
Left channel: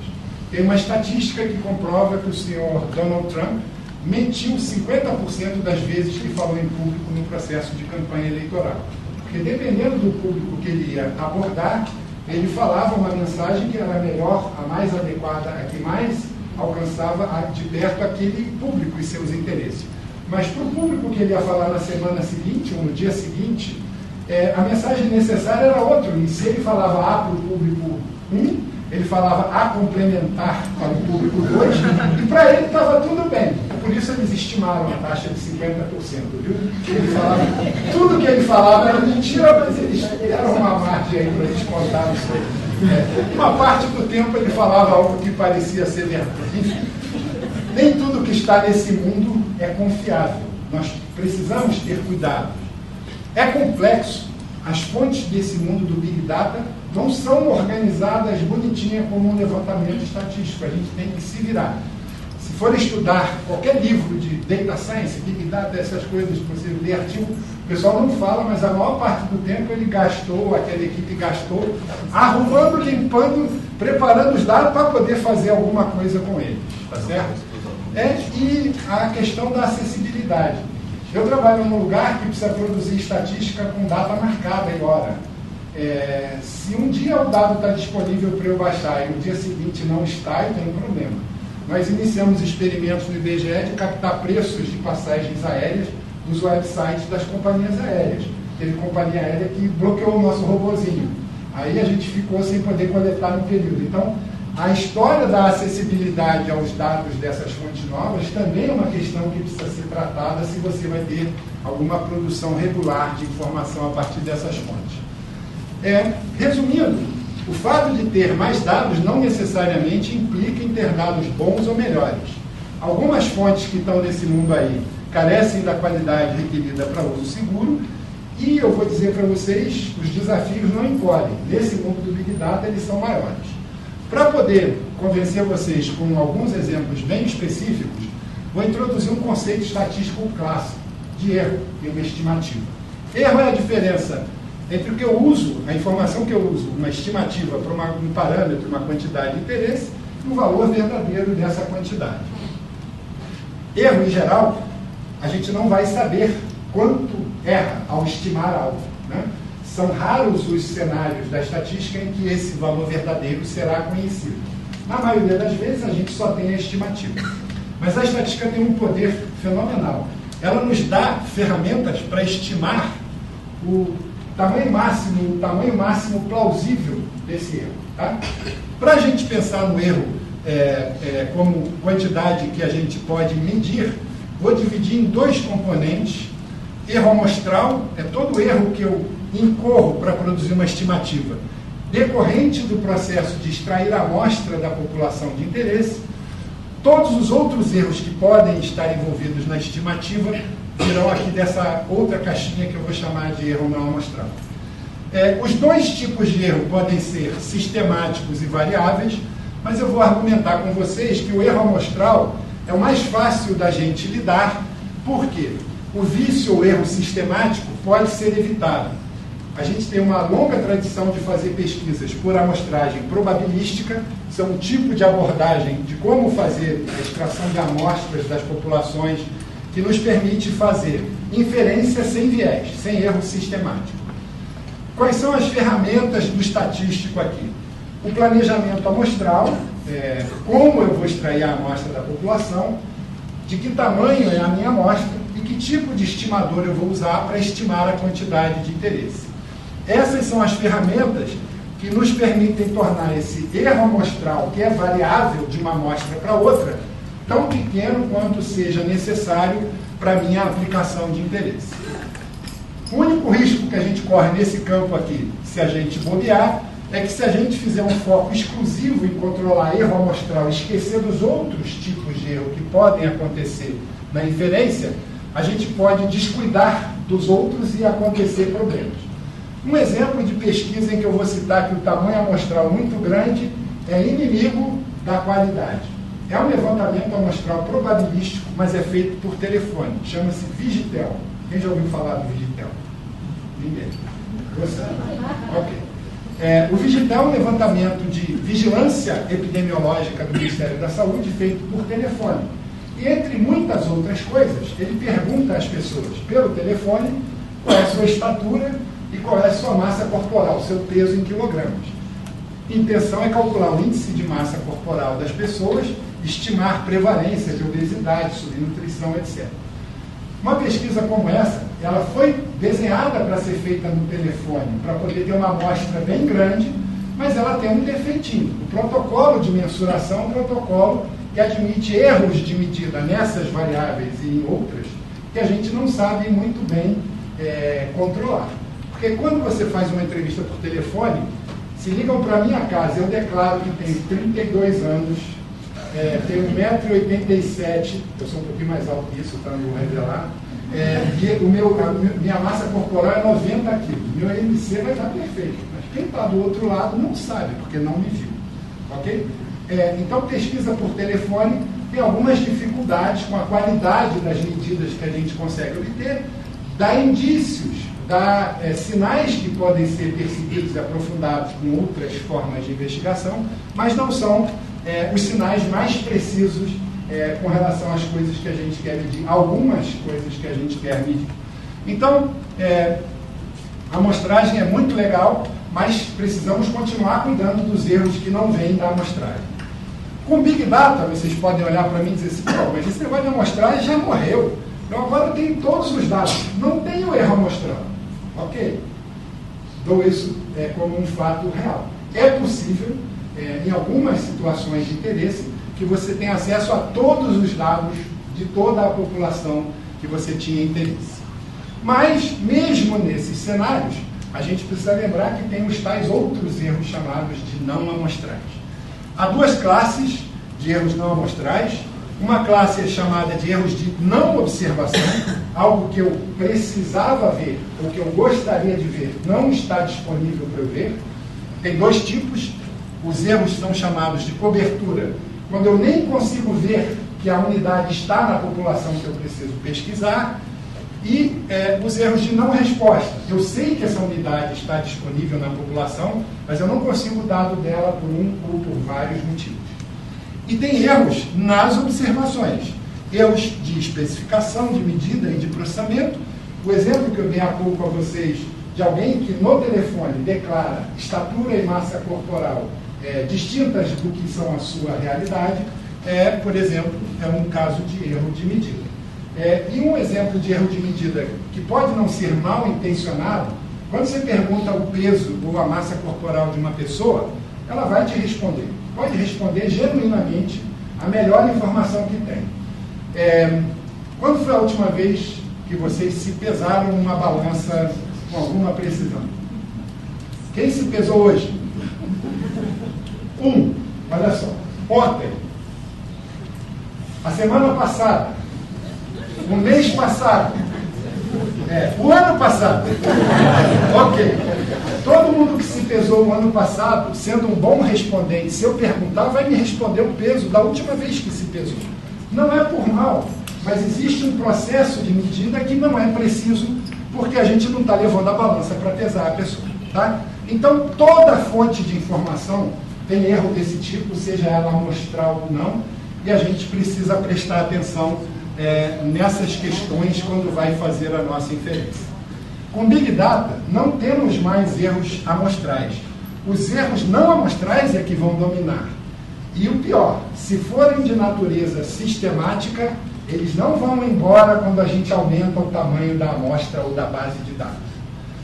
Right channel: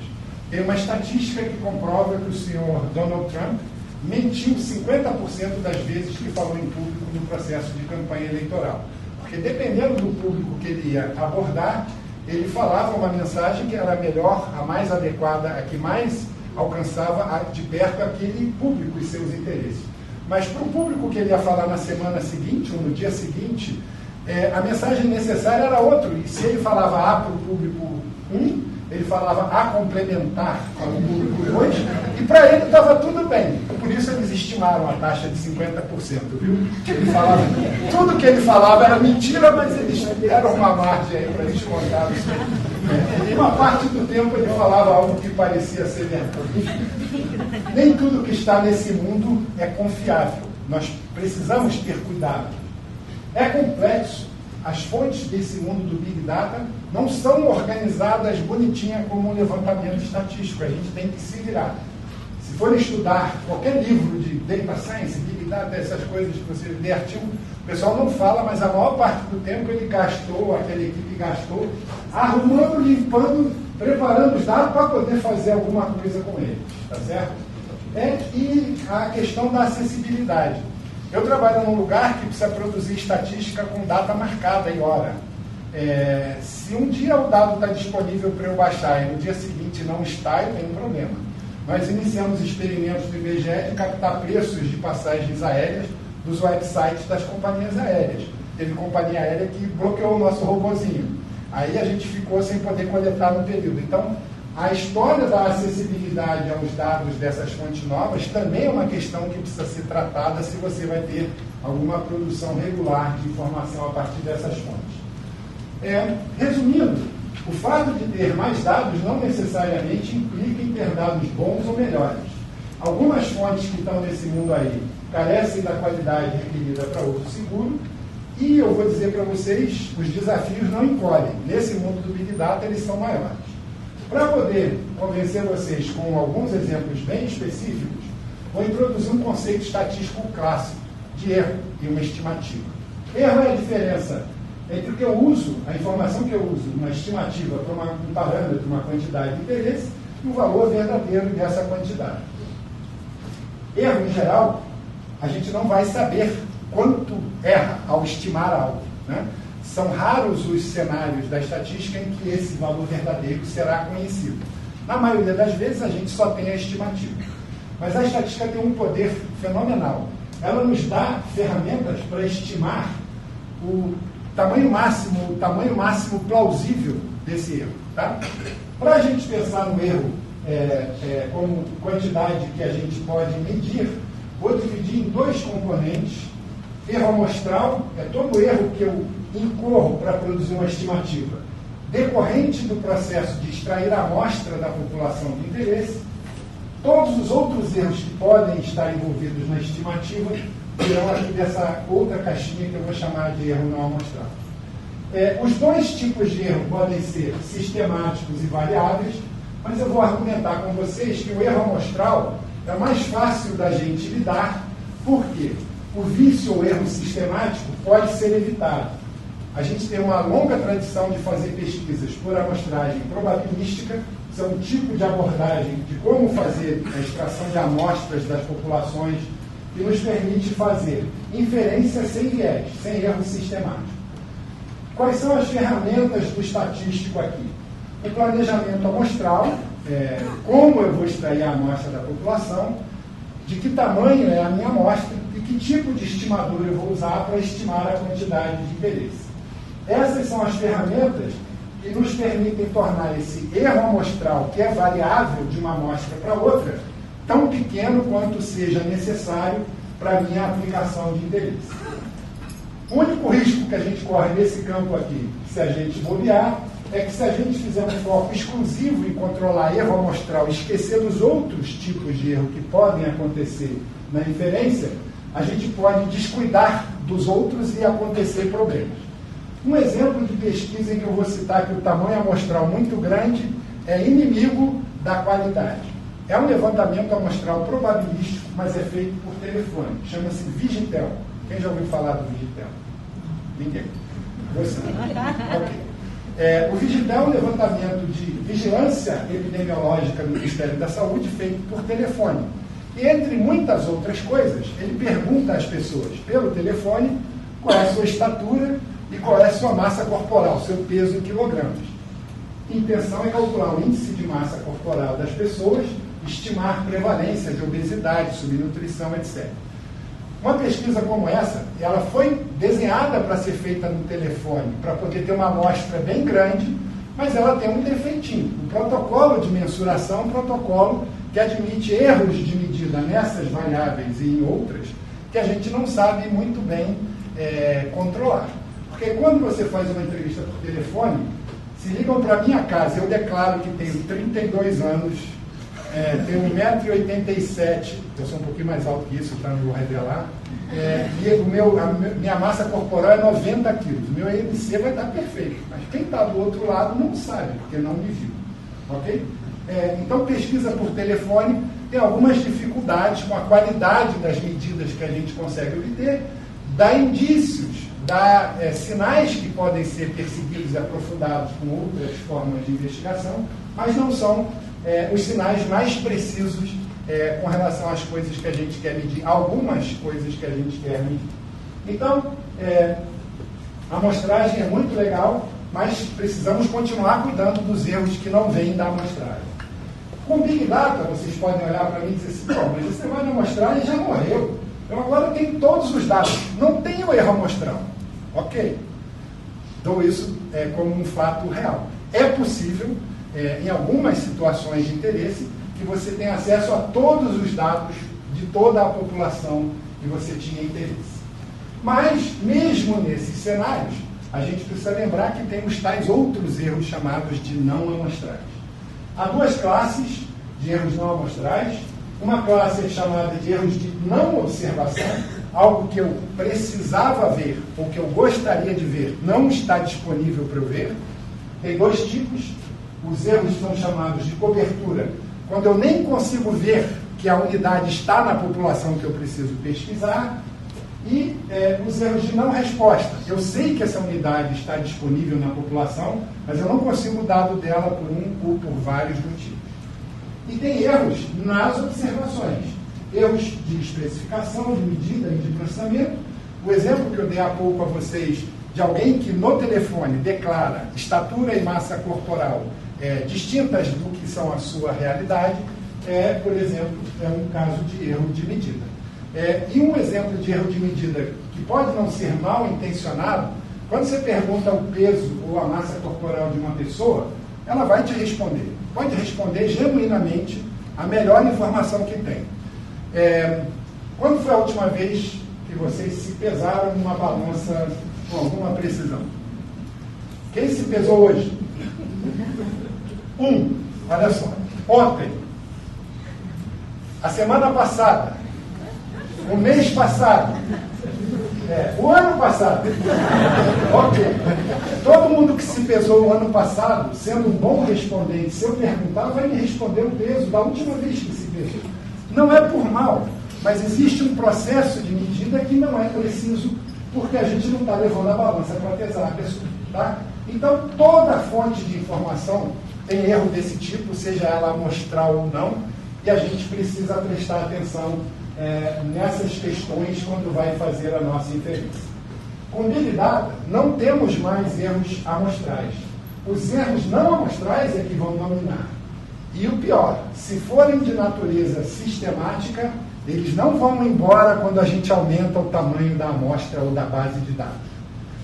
Tem uma estatística que comprova que o senhor Donald Trump mentiu 50% das vezes que falou em público no processo de campanha eleitoral. Porque, dependendo do público que ele ia abordar, ele falava uma mensagem que era a melhor, a mais adequada, a que mais alcançava de perto aquele público e seus interesses. Mas para o público que ele ia falar na semana seguinte, ou no dia seguinte, a mensagem necessária era outra. E se ele falava A para o público 1, ele falava A complementar para o público 2, e para ele estava tudo bem. Por isso eles estimaram a taxa de 50%, viu? Ele falava, tudo que ele falava era mentira, mas eles deram uma margem aí para descontar isso. Uma parte do tempo ele falava algo que parecia ser verdade. Nem tudo que está nesse mundo é confiável. Nós precisamos ter cuidado. É complexo. As fontes desse mundo do Big Data não são organizadas bonitinha como um levantamento estatístico. A gente tem que se virar. Se for estudar qualquer livro de Data Science, Big Data, essas coisas que você lê artigo, o pessoal não fala, mas a maior parte do tempo ele gastou, aquela equipe gastou, arrumando, limpando, preparando os dados para poder fazer alguma coisa com eles. Tá certo? E a questão da acessibilidade. Eu trabalho num lugar que precisa produzir estatística com data marcada em hora. Se um dia o dado está disponível para eu baixar e no dia seguinte não está, eu tenho um problema. Nós iniciamos experimentos no IBGE de captar preços de passagens aéreas dos websites das companhias aéreas. Teve companhia aérea que bloqueou o nosso robozinho. Aí a gente ficou sem poder coletar no período. Então, a história da acessibilidade aos dados dessas fontes novas também é uma questão que precisa ser tratada se você vai ter alguma produção regular de informação a partir dessas fontes. Resumindo, o fato de ter mais dados não necessariamente implica em ter dados bons ou melhores. Algumas fontes que estão nesse mundo aí carecem da qualidade requerida para uso seguro e eu vou dizer para vocês, os desafios não encolhem. Nesse mundo do Big Data, eles são maiores. Para poder convencer vocês com alguns exemplos bem específicos, vou introduzir um conceito estatístico clássico de erro e uma estimativa. Erro é a diferença entre o que eu uso, a informação que eu uso, uma estimativa para um parâmetro, uma quantidade de interesse, e o valor verdadeiro dessa quantidade. Erro, em geral, a gente não vai saber quanto erra ao estimar algo, né? São raros os cenários da estatística em que esse valor verdadeiro será conhecido. Na maioria das vezes, a gente só tem a estimativa. Mas a estatística tem um poder fenomenal. Ela nos dá ferramentas para estimar o tamanho máximo plausível desse erro. Tá? Para a gente pensar no erro como quantidade que a gente pode medir, vou dividir em dois componentes. Erro amostral é todo erro que eu incorro para produzir uma estimativa decorrente do processo de extrair a amostra da população de interesse. Todos os outros erros que podem estar envolvidos na estimativa virão aqui dessa outra caixinha que eu vou chamar de erro não amostral. Os dois tipos de erro podem ser sistemáticos e variáveis, mas eu vou argumentar com vocês que o erro amostral é o mais fácil da gente lidar, porque o vício ou erro sistemático pode ser evitado. A gente tem uma longa tradição de fazer pesquisas por amostragem probabilística, isso é um tipo de abordagem de como fazer a extração de amostras das populações que nos permite fazer inferência sem viés, sem erro sistemático. Quais são as ferramentas do estatístico aqui? O planejamento amostral, como eu vou extrair a amostra da população, de que tamanho é a minha amostra e que tipo de estimador eu vou usar para estimar a quantidade de interesse. Essas são as ferramentas que nos permitem tornar esse erro amostral, que é variável de uma amostra para outra, tão pequeno quanto seja necessário para a minha aplicação de interesse. O único risco que a gente corre nesse campo aqui, se a gente bobear, é que se a gente fizer um foco exclusivo em controlar erro amostral e esquecer dos outros tipos de erro que podem acontecer na inferência, a gente pode descuidar dos outros e acontecer problemas. Um exemplo de pesquisa em que eu vou citar que o tamanho amostral muito grande é inimigo da qualidade. É um levantamento amostral probabilístico, mas é feito por telefone. Chama-se Vigitel. Quem já ouviu falar do Vigitel? Ninguém. Você? Ok. O Vigitel é um levantamento de vigilância epidemiológica do Ministério da Saúde feito por telefone. E entre muitas outras coisas, ele pergunta às pessoas pelo telefone qual é a sua estatura e qual é a sua massa corporal, seu peso em quilogramas. A intenção é calcular o índice de massa corporal das pessoas, estimar prevalência de obesidade, subnutrição, etc. Uma pesquisa como essa, ela foi desenhada para ser feita no telefone, para poder ter uma amostra bem grande, mas ela tem um defeitinho. O protocolo de mensuração é um protocolo que admite erros de medida nessas variáveis e em outras, que a gente não sabe muito bem controlar. Porque quando você faz uma entrevista por telefone, se ligam para a minha casa, eu declaro que tenho 32 anos, tenho 1,87 m, eu sou um pouquinho mais alto que isso, não vou revelar, e minha massa corporal é 90 kg, meu IMC vai estar perfeito, mas quem está do outro lado não sabe, porque não me viu, ok? Então, pesquisa por telefone tem algumas dificuldades com a qualidade das medidas que a gente consegue obter, dá indícios, dá sinais que podem ser percebidos e aprofundados com outras formas de investigação, mas não são os sinais mais precisos com relação às coisas que a gente quer medir, algumas coisas que a gente quer medir. Então, a amostragem é muito legal, mas precisamos continuar cuidando dos erros que não vêm da amostragem. Com Big Data, vocês podem olhar para mim e dizer assim, mas esse negócio de amostragem já morreu. Então agora eu tenho todos os dados, não tenho erro amostral. Ok. Dou isso como um fato real. É possível, em algumas situações de interesse, que você tenha acesso a todos os dados de toda a população que você tinha interesse. Mas, mesmo nesses cenários, a gente precisa lembrar que tem os tais outros erros chamados de não amostrais. Há duas classes de erros não amostrais. Uma classe é chamada de erros de não observação, algo que eu precisava ver, ou que eu gostaria de ver, não está disponível para eu ver. Tem dois tipos. Os erros são chamados de cobertura, quando eu nem consigo ver que a unidade está na população que eu preciso pesquisar, e os erros de não resposta. Eu sei que essa unidade está disponível na população, mas eu não consigo o dado dela por um ou por vários motivos. E tem erros nas observações, erros de especificação, de medida e de processamento. O exemplo que eu dei há pouco a vocês de alguém que no telefone declara estatura e massa corporal distintas do que são a sua realidade, por exemplo, é um caso de erro de medida. E um exemplo de erro de medida que pode não ser mal intencionado, quando você pergunta o peso ou a massa corporal de uma pessoa, ela vai te responder. Pode responder genuinamente a melhor informação que tem. Quando foi a última vez que vocês se pesaram numa balança com alguma precisão? Quem se pesou hoje? Olha só. Ontem. A semana passada. O mês passado. O ano passado. Ok. Todo mundo que se pesou o ano passado, sendo um bom respondente, se eu perguntar, vai me responder o peso da última vez que se pesou. Não é por mal, mas existe um processo de medida que não é preciso, porque a gente não está levando a balança para pesar a pessoa. Tá? Então, toda fonte de informação tem erro desse tipo, seja ela amostral ou não, e a gente precisa prestar atenção nessas questões quando vai fazer a nossa inferência. Com Big Data, não temos mais erros amostrais. Os erros não amostrais é que vão dominar. E o pior, se forem de natureza sistemática, eles não vão embora quando a gente aumenta o tamanho da amostra ou da base de dados.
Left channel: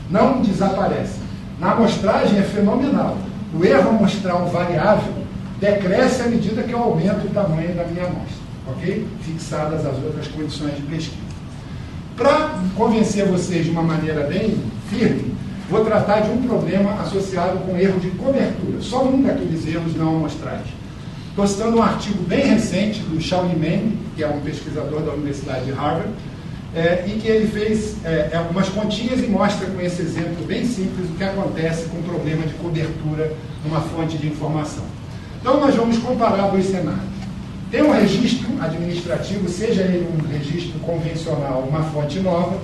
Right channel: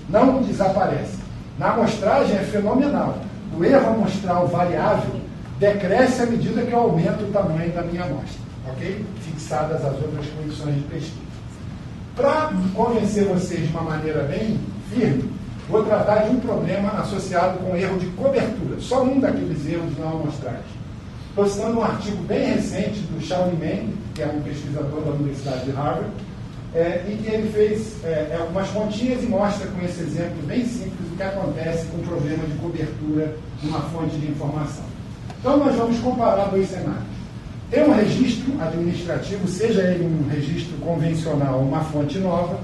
Não desaparecem. Na amostragem é fenomenal. O erro amostral variável decresce à medida que eu aumento o tamanho da minha amostra, ok? Fixadas as outras condições de pesquisa. Para convencer vocês de uma maneira bem firme, vou tratar de um problema associado com erro de cobertura. Só um daqueles erros não amostrais. Postando um artigo bem recente do Shaolin Meng, que é um pesquisador da Universidade de Harvard, em que ele fez algumas continhas e mostra com esse exemplo bem simples o que acontece com o problema de cobertura numa fonte de informação. Então, nós vamos comparar dois cenários. Tem um registro administrativo, seja ele um registro convencional ou uma fonte nova,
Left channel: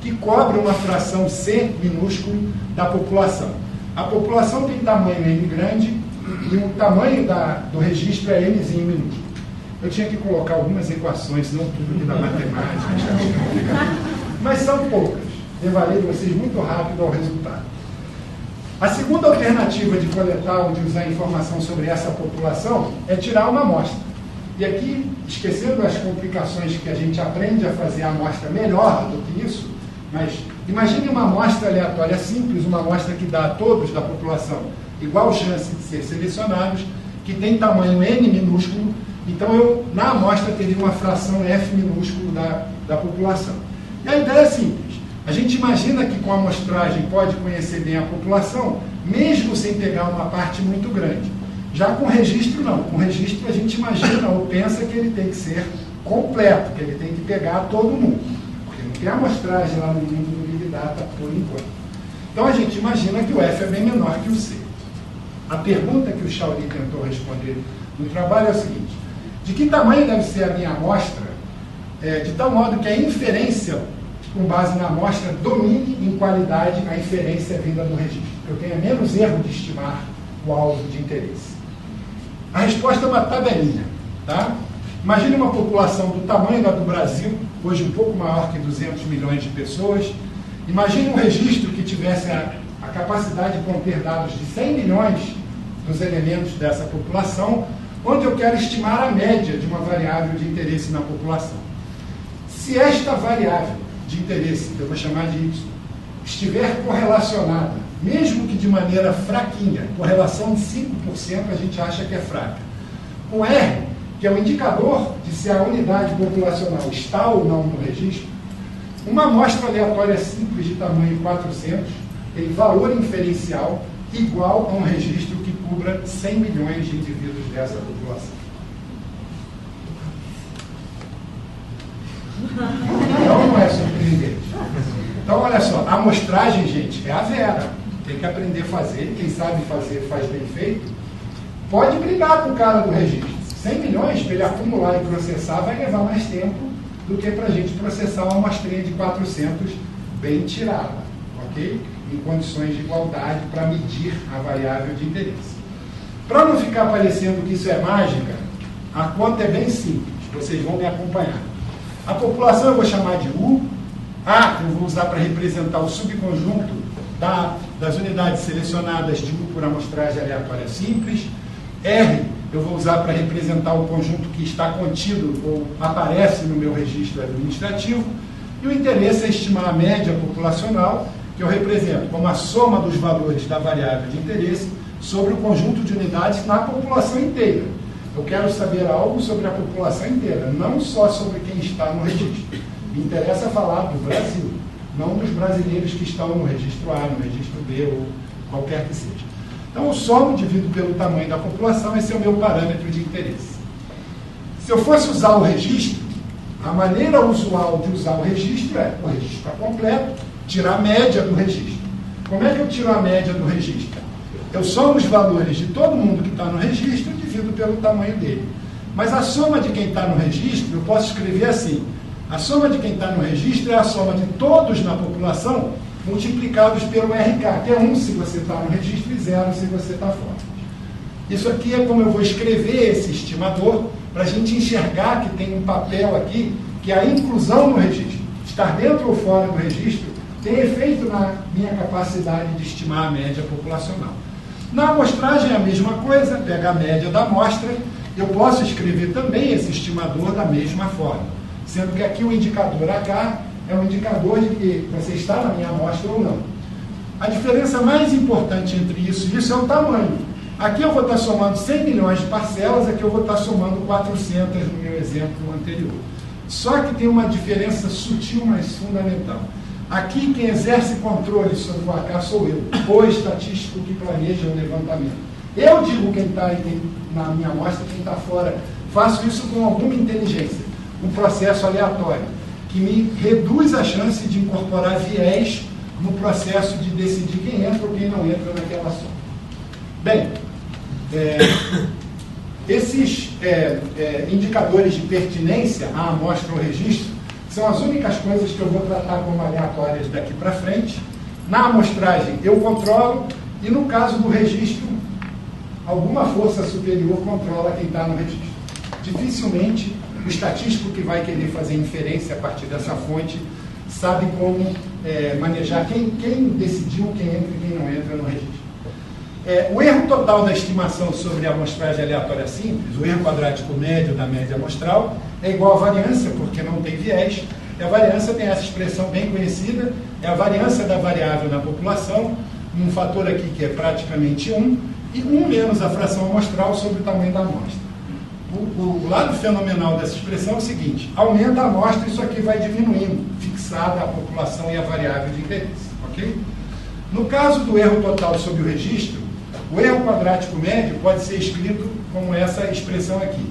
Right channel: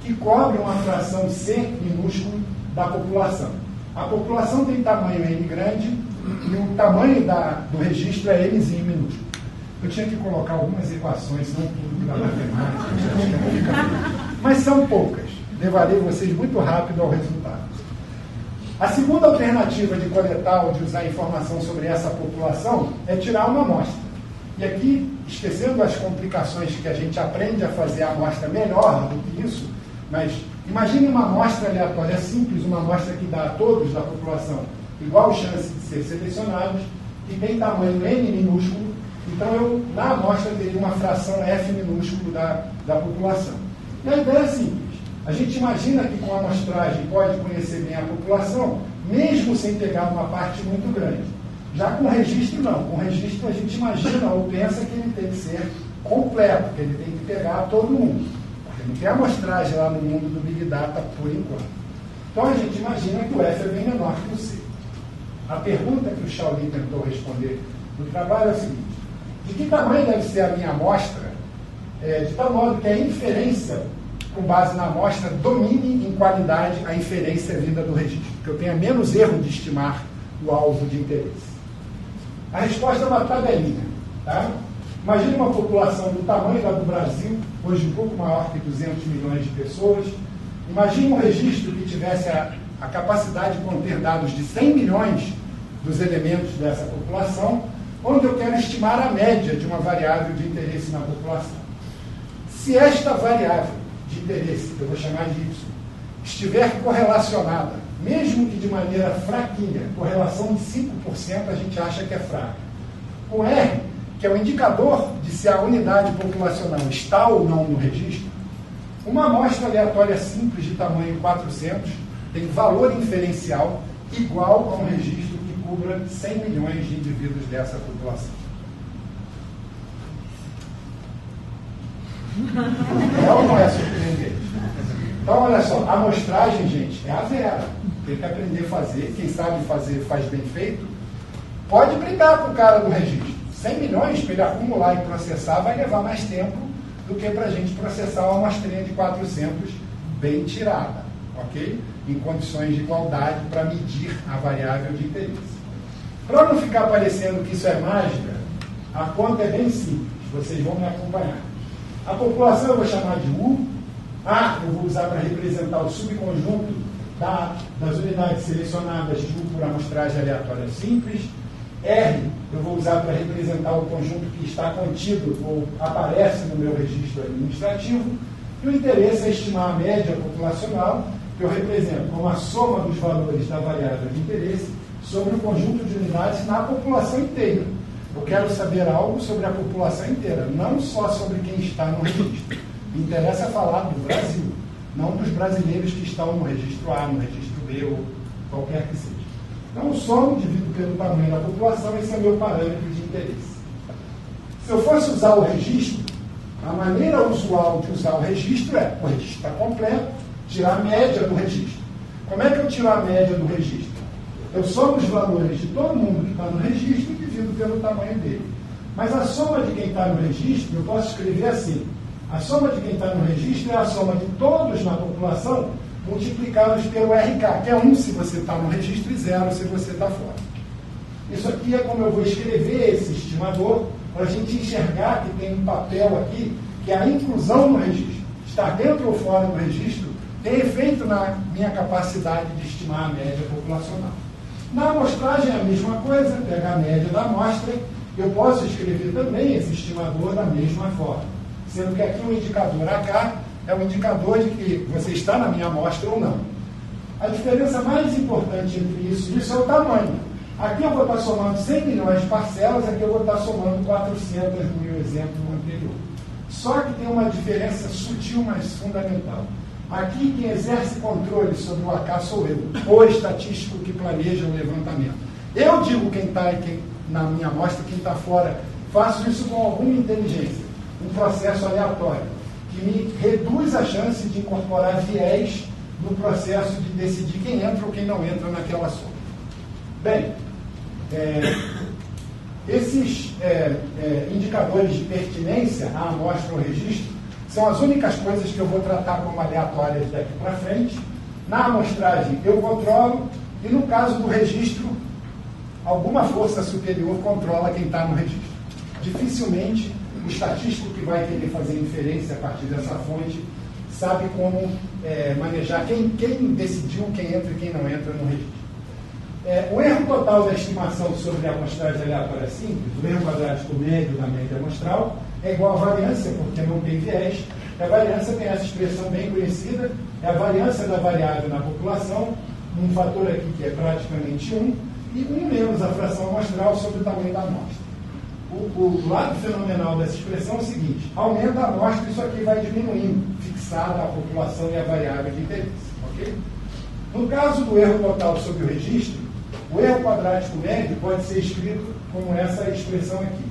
que cobre uma fração C minúsculo da população. A população tem tamanho N grande e o tamanho do registro é Nzinho minúsculo. Eu tinha que colocar algumas equações, senão tudo da matemática, mas são poucas. Levarei vocês muito rápido ao resultado. A segunda alternativa de coletar ou de usar informação sobre essa população é tirar uma amostra. E aqui, esquecendo as complicações que a gente aprende a fazer a amostra melhor do que isso, mas imagine uma amostra aleatória simples, uma amostra que dá a todos da população igual chance de ser selecionados, que tem tamanho N minúsculo, então eu, na amostra, teria uma fração F minúsculo da população. E a ideia é simples. A gente imagina que com a amostragem pode conhecer bem a população, mesmo sem pegar uma parte muito grande. Já com registro, não. Com registro, a gente imagina ou pensa que ele tem que ser completo, que ele tem que pegar todo mundo. Porque não tem amostragem lá no mundo do Big Data por enquanto. Então, a gente imagina que o F é bem menor que o C. A pergunta que o Shaolin tentou responder no trabalho é o seguinte: de que tamanho deve ser a minha amostra, de tal modo que a inferência, com base na amostra, domine em qualidade a inferência vinda do registro, que eu tenha menos erro de estimar o alvo de interesse. A resposta é uma tabelinha. Tá? Imagine uma população do tamanho da do Brasil, hoje um pouco maior que 200 milhões de pessoas. Imagine um registro que tivesse a capacidade de conter dados de 100 milhões dos elementos dessa população, onde eu quero estimar a média de uma variável de interesse na população. Se esta variável de interesse, que eu vou chamar de Y, estiver correlacionada, mesmo que de maneira fraquinha, correlação de 5% a gente acha que é fraca, com R, que é o indicador de se a unidade populacional está ou não no registro, uma amostra aleatória simples de tamanho 400 tem valor inferencial igual a um registro que cubra 100 milhões de indivíduos dessa população. Não é surpreendente. Então, olha só, a amostragem, gente, é a Vera. Tem que aprender a fazer. Quem sabe fazer, faz bem feito. Pode brigar com o cara do registro. 100 milhões para ele acumular e processar vai levar mais tempo do que para a gente processar uma amostrinha de 400 bem tirada, ok? Em condições de igualdade para medir a variável de interesse. Para não ficar parecendo que isso é mágica, a conta é bem simples. Vocês vão me acompanhar. A população eu vou chamar de U. A eu vou usar para representar o subconjunto das unidades selecionadas de U por amostragem aleatória simples. R eu vou usar para representar o conjunto que está contido ou aparece no meu registro administrativo. E o interesse é estimar a média populacional, que eu represento como a soma dos valores da variável de interesse sobre o conjunto de unidades na população inteira. Eu quero saber algo sobre a população inteira, não só sobre quem está no registro. Me interessa falar do Brasil, não dos brasileiros que estão no registro A, no registro B ou qualquer que seja. Então, eu somo, divido pelo tamanho da população, esse é o meu parâmetro de interesse. Se eu fosse usar o registro, a maneira usual de usar o registro é, o registro está completo, tirar a média do registro. Como é que eu tiro a média do registro? Eu somo os valores de todo mundo que está no registro e divido pelo tamanho dele. Mas a soma de quem está no registro, eu posso escrever assim: a soma de quem está no registro é a soma de todos na população multiplicados pelo RK, que é 1 se você está no registro e 0 se você está fora. Isso aqui é como eu vou escrever esse estimador para a gente enxergar que tem um papel aqui que a inclusão no registro, estar dentro ou fora do registro, tem efeito na minha capacidade de estimar a média populacional. Na amostragem é a mesma coisa, pega a média da amostra, eu posso escrever também esse estimador da mesma forma, sendo que aqui o indicador H é um indicador de que você está na minha amostra ou não. A diferença mais importante entre isso e isso é o tamanho. Aqui eu vou estar somando 100 milhões de parcelas, aqui eu vou estar somando 400 no meu exemplo anterior. Só que tem uma diferença sutil, mas fundamental. Aqui quem exerce controle sobre o H sou eu, o estatístico que planeja o levantamento. Eu digo quem está na minha amostra, quem está fora. Faço isso com alguma inteligência, um processo aleatório, que me reduz a chance de incorporar viés no processo de decidir quem entra ou quem não entra naquela soma. Bem, esses indicadores de pertinência à amostra ou registro são as únicas coisas que eu vou tratar como aleatórias daqui para frente. Na amostragem eu controlo e no caso do registro, alguma força superior controla quem está no registro. Dificilmente o estatístico que vai querer fazer inferência a partir dessa fonte sabe como manejar quem decidiu quem entra e quem não entra no registro. O erro total da estimação sobre a amostragem aleatória simples, o erro quadrático médio da média amostral, é igual à variância, porque não tem viés. A variância tem essa expressão bem conhecida, é a variância da variável na população, um fator aqui que é praticamente 1, e 1 menos a fração amostral sobre o tamanho da amostra. O lado fenomenal dessa expressão é o seguinte: aumenta a amostra, isso aqui vai diminuindo, fixada a população e a variável de interesse. Ok? No caso do erro total sobre o registro, o erro quadrático médio pode ser escrito como essa expressão aqui.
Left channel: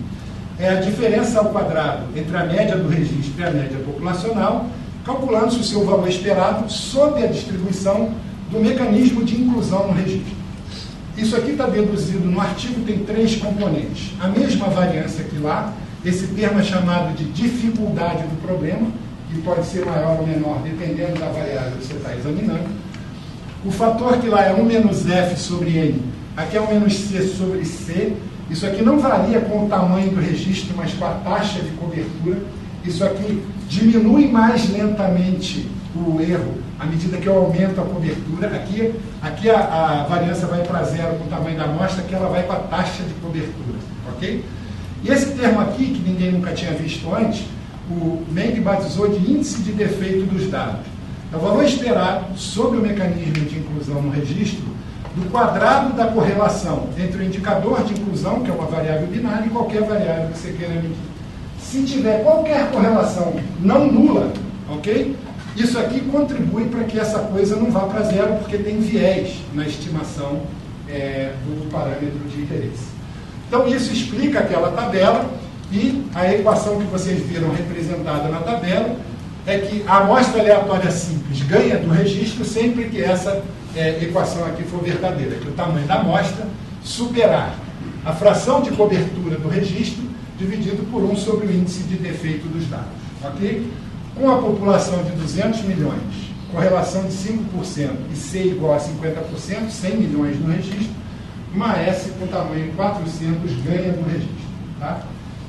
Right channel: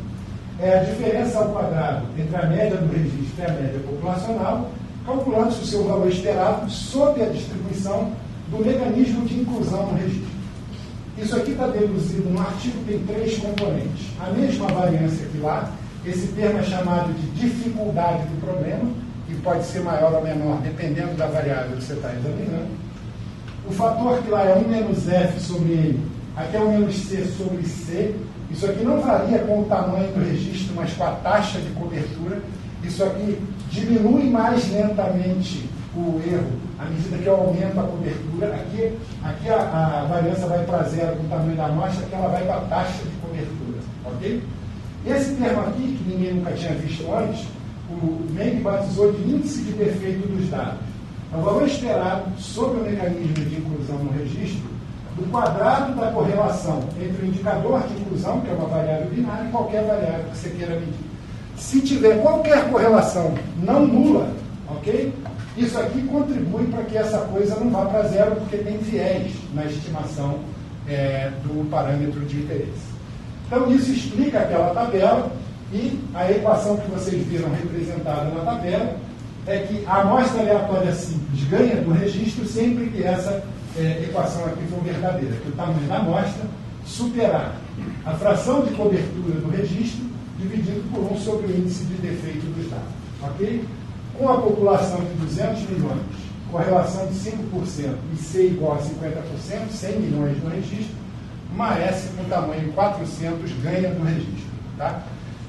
É a diferença ao quadrado entre a média do registro e a média populacional, calculando-se o seu valor esperado sob a distribuição do mecanismo de inclusão no registro. Isso aqui está deduzido no artigo, tem 3 componentes. A mesma variância que lá, esse termo é chamado de dificuldade do problema, e pode ser maior ou menor, dependendo da variável que você está examinando. O fator que lá é 1 menos F sobre N, aqui é 1 menos C sobre C. Isso aqui não varia com o tamanho do registro, mas com a taxa de cobertura. Isso aqui diminui mais lentamente o erro à medida que eu aumento a cobertura. Aqui a variância vai para 0 com o tamanho da amostra, aqui ela vai para a taxa de cobertura. Ok? E esse termo aqui, que ninguém nunca tinha visto antes, o Meng batizou de índice de defeito dos dados. É o valor esperado sobre o mecanismo de inclusão no registro do quadrado da correlação entre o indicador de inclusão, que é uma variável binária, e qualquer variável que você queira medir. Se tiver qualquer correlação não nula, ok? Isso aqui contribui para que essa coisa não vá para 0, porque tem viés na estimação do parâmetro de interesse. Então, isso explica aquela tabela, e a equação que vocês viram representada na tabela é que a amostra aleatória simples ganha do registro sempre que essa equação aqui for verdadeira, que o tamanho da amostra superar a fração de cobertura do registro dividido por 1 sobre o índice de defeito dos dados. Ok? Com a população de 200 milhões, correlação de 5% e C igual a 50%, 100 milhões no registro, uma S com tamanho 400 ganha do registro. Tá?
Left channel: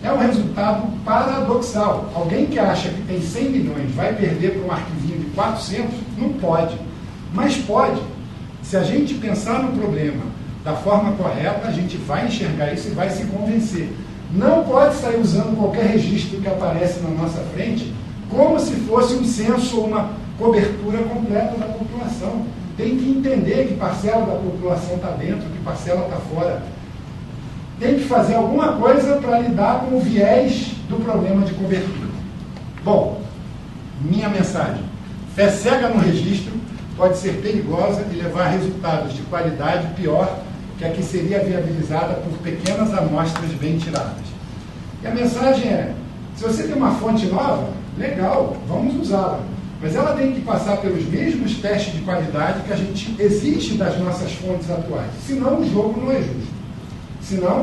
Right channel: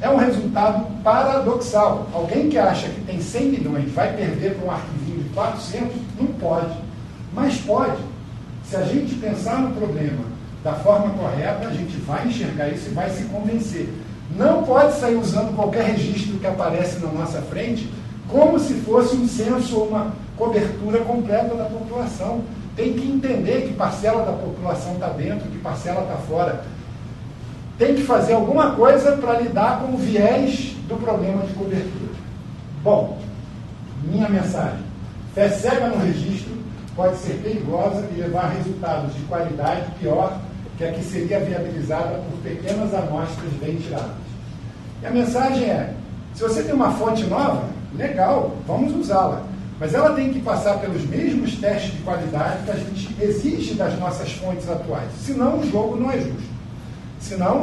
É um resultado paradoxal. Alguém que acha que tem 100 milhões vai perder para um arquivinho de 400? Não pode. Mas pode. Se a gente pensar no problema da forma correta, a gente vai enxergar isso e vai se convencer. Não pode sair usando qualquer registro que aparece na nossa frente como se fosse um censo ou uma cobertura completa da população. Tem que entender que parcela da população está dentro, que parcela está fora. Tem que fazer alguma coisa para lidar com o viés do problema de cobertura. Bom, minha mensagem: fé cega no registro pode ser perigosa e levar a resultados de qualidade pior que a que seria viabilizada por pequenas amostras bem tiradas. E a mensagem é: se você tem uma fonte nova, legal, vamos usá-la. Mas ela tem que passar pelos mesmos testes de qualidade que a gente exige das nossas fontes atuais. Senão o jogo não é justo. Senão,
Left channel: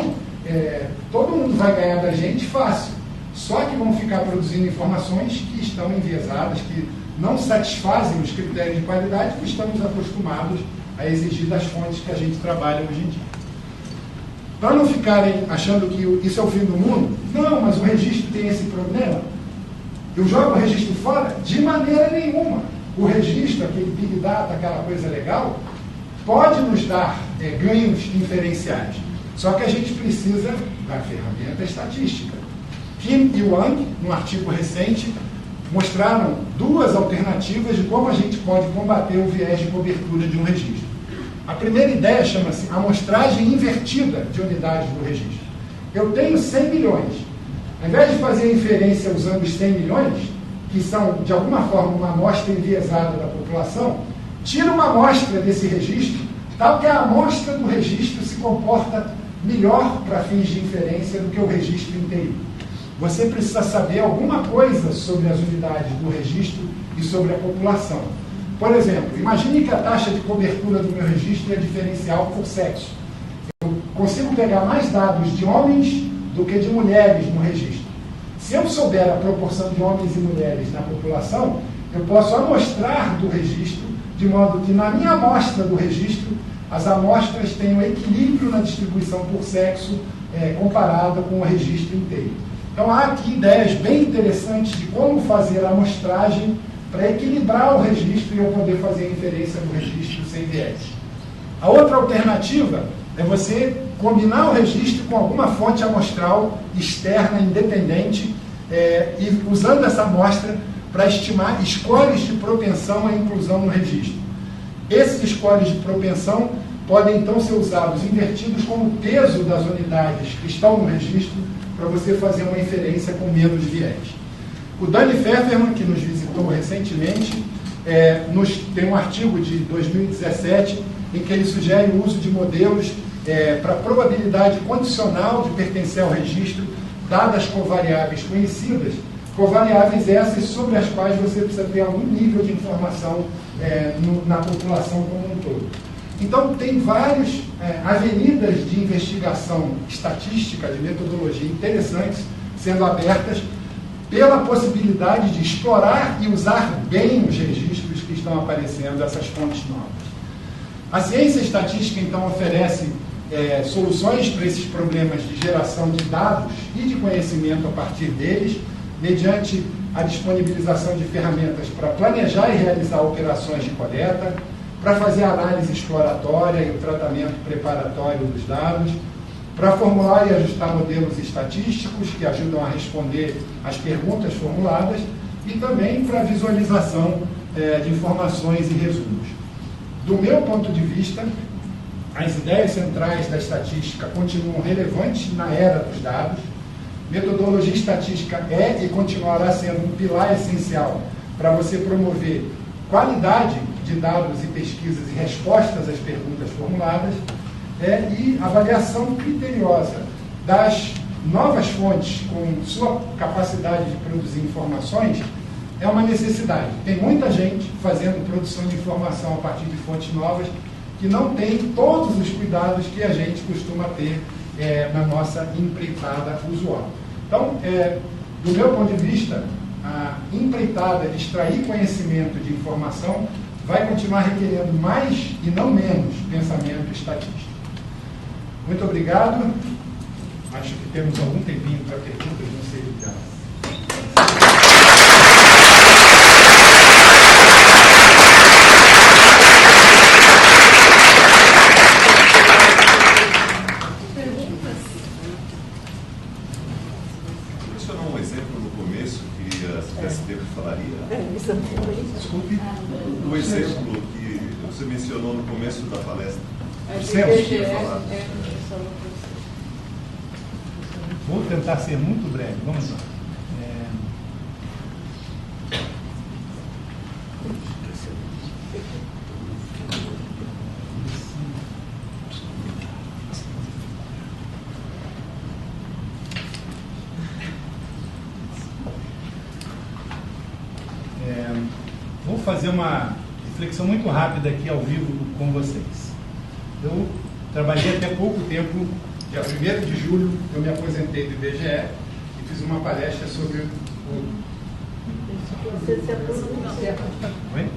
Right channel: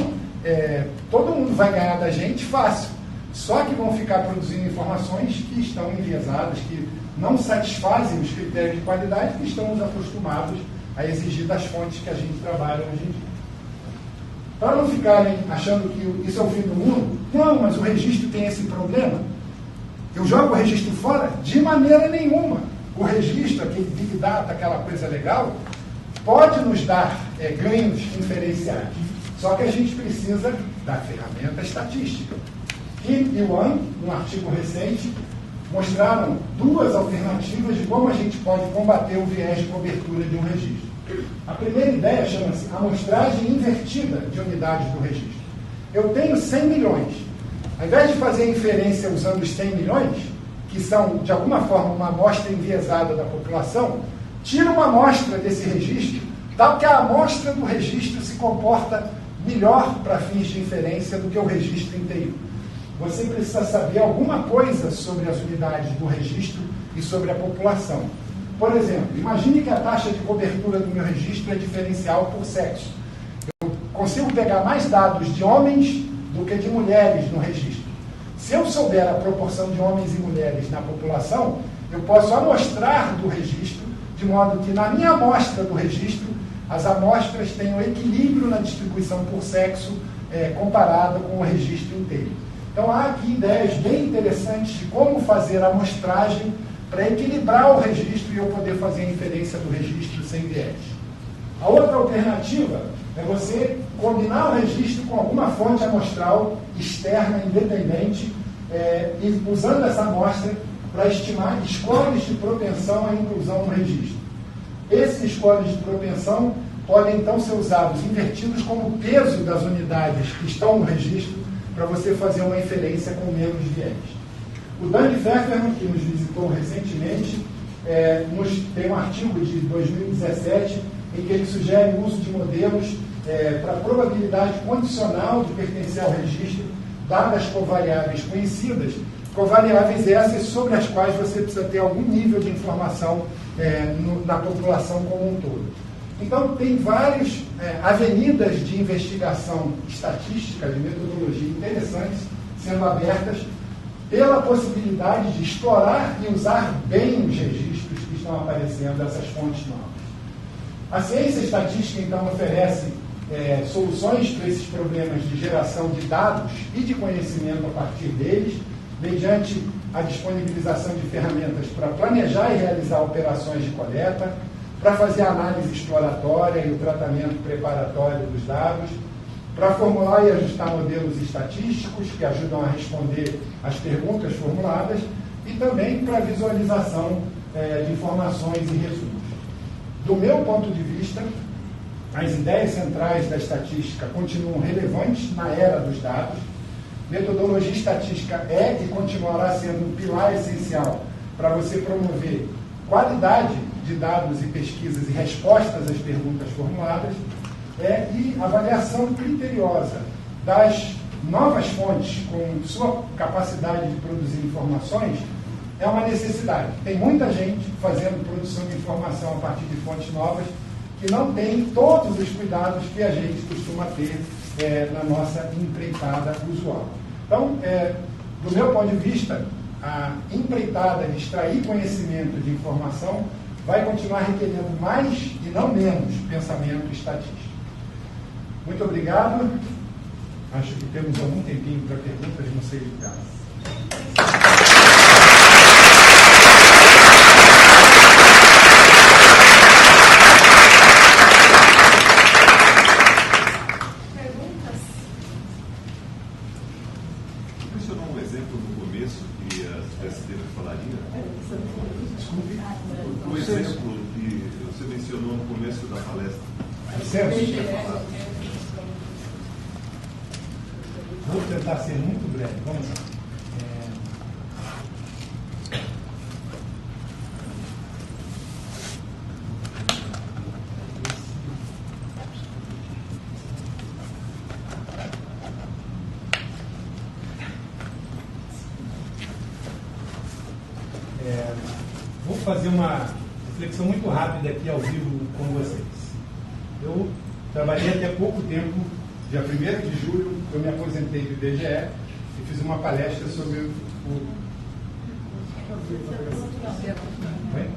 todo mundo vai ganhar da gente fácil. Só que vão ficar produzindo informações que estão enviesadas, que não satisfazem os critérios de qualidade que estamos acostumados a exigir das fontes que a gente trabalha hoje em dia. Para não ficarem achando que isso é o fim do mundo, não, mas o registro tem esse problema. Eu jogo o registro fora? De maneira nenhuma. O registro, aquele Big Data, aquela coisa legal, pode nos dar ganhos inferenciais. Só que a gente precisa da ferramenta estatística. Kim e Wang, num artigo recente, mostraram duas alternativas de como a gente pode combater o viés de cobertura de um registro. A primeira ideia chama-se amostragem invertida de unidades do registro. Eu tenho 100 milhões. Ao invés de fazer a inferência usando os 100 milhões, que são, de alguma forma, uma amostra enviesada da população, tira uma amostra desse registro, tal que a amostra do registro se comporta melhor para fins de inferência do que o registro inteiro. Você precisa saber alguma coisa sobre as unidades do registro e sobre a população. Por exemplo, imagine que a taxa de cobertura do meu registro é diferencial por sexo. Eu consigo pegar mais dados de homens do que de mulheres no registro. Se eu souber a proporção de homens e mulheres na população, eu posso amostrar do registro, de modo que na minha amostra do registro, as amostras tenham equilíbrio na distribuição por sexo comparado com o registro inteiro. Então, há aqui ideias bem interessantes de como fazer a amostragem para equilibrar o registro e eu poder fazer a inferência do registro sem viés. A outra alternativa é você combinar o registro com alguma fonte amostral externa, independente, e usando essa amostra para estimar scores de propensão à inclusão no registro. Esses scores de propensão podem, então, ser usados invertidos como peso das unidades que estão no registro para você fazer uma inferência com menos viés. O Danny Pfefferman, que nos visitou recentemente, tem um artigo de 2017 em que ele sugere o uso de modelos para probabilidade condicional de pertencer ao registro, dadas covariáveis conhecidas, covariáveis essas sobre as quais você precisa ter algum nível de informação na população como um todo. Então, tem várias avenidas de investigação estatística, de metodologia interessantes sendo abertas pela possibilidade de explorar e usar bem os registros que estão aparecendo, essas fontes novas. A ciência estatística, então, oferece soluções para esses problemas de geração de dados e de conhecimento a partir deles, mediante a disponibilização de ferramentas para planejar e realizar operações de coleta, para fazer a análise exploratória e o tratamento preparatório dos dados, para formular e ajustar modelos estatísticos que ajudam a responder às perguntas formuladas e também para a visualização de informações e resumos. Do meu ponto de vista, as ideias centrais da estatística continuam relevantes na era dos dados. Metodologia estatística é e continuará sendo um pilar essencial para você promover qualidade de dados e pesquisas e respostas às perguntas formuladas e avaliação criteriosa das novas fontes com sua capacidade de produzir informações é uma necessidade. Tem muita gente fazendo produção de informação a partir de fontes novas que não tem todos os cuidados que a gente costuma ter na nossa empreitada usual. Então, do meu ponto de vista, a empreitada de extrair conhecimento de informação vai continuar requerendo mais e não menos pensamento estatístico. Muito obrigado. Acho que temos algum tempinho para perguntas, não sei de casa. Desculpe, o exemplo que você mencionou no começo da palestra. Vou tentar ser muito breve. Vamos lá. Vou fazer uma reflexão muito rápida aqui ao vivo com vocês. Eu trabalhei até pouco tempo, dia 1º de julho, eu me aposentei do IBGE e fiz uma palestra sobre o... Você se aposentou? Oi?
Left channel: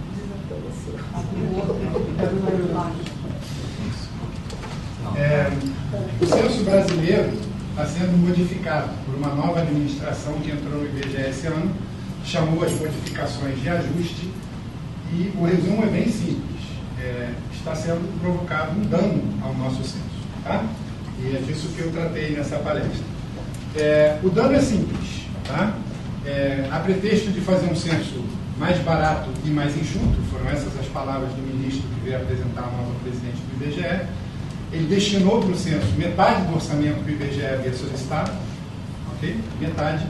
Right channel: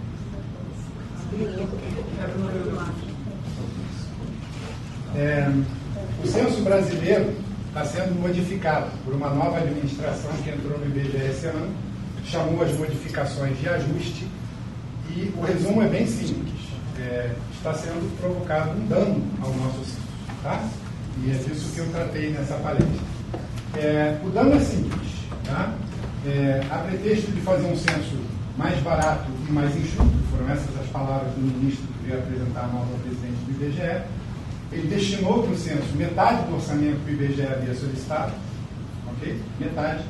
O censo brasileiro está sendo modificado por uma nova administração que entrou no IBGE esse ano, chamou as modificações de ajuste, e o resumo é bem simples. Está sendo provocado um dano ao nosso censo, tá? E é disso que eu tratei nessa palestra. O dano é simples, tá? A pretexto de fazer um censo mais barato e mais enxuto, foram essas as palavras do ministro que veio apresentar a nova presidente do IBGE, ele destinou para o censo metade do orçamento que o IBGE havia solicitado, ok? Metade,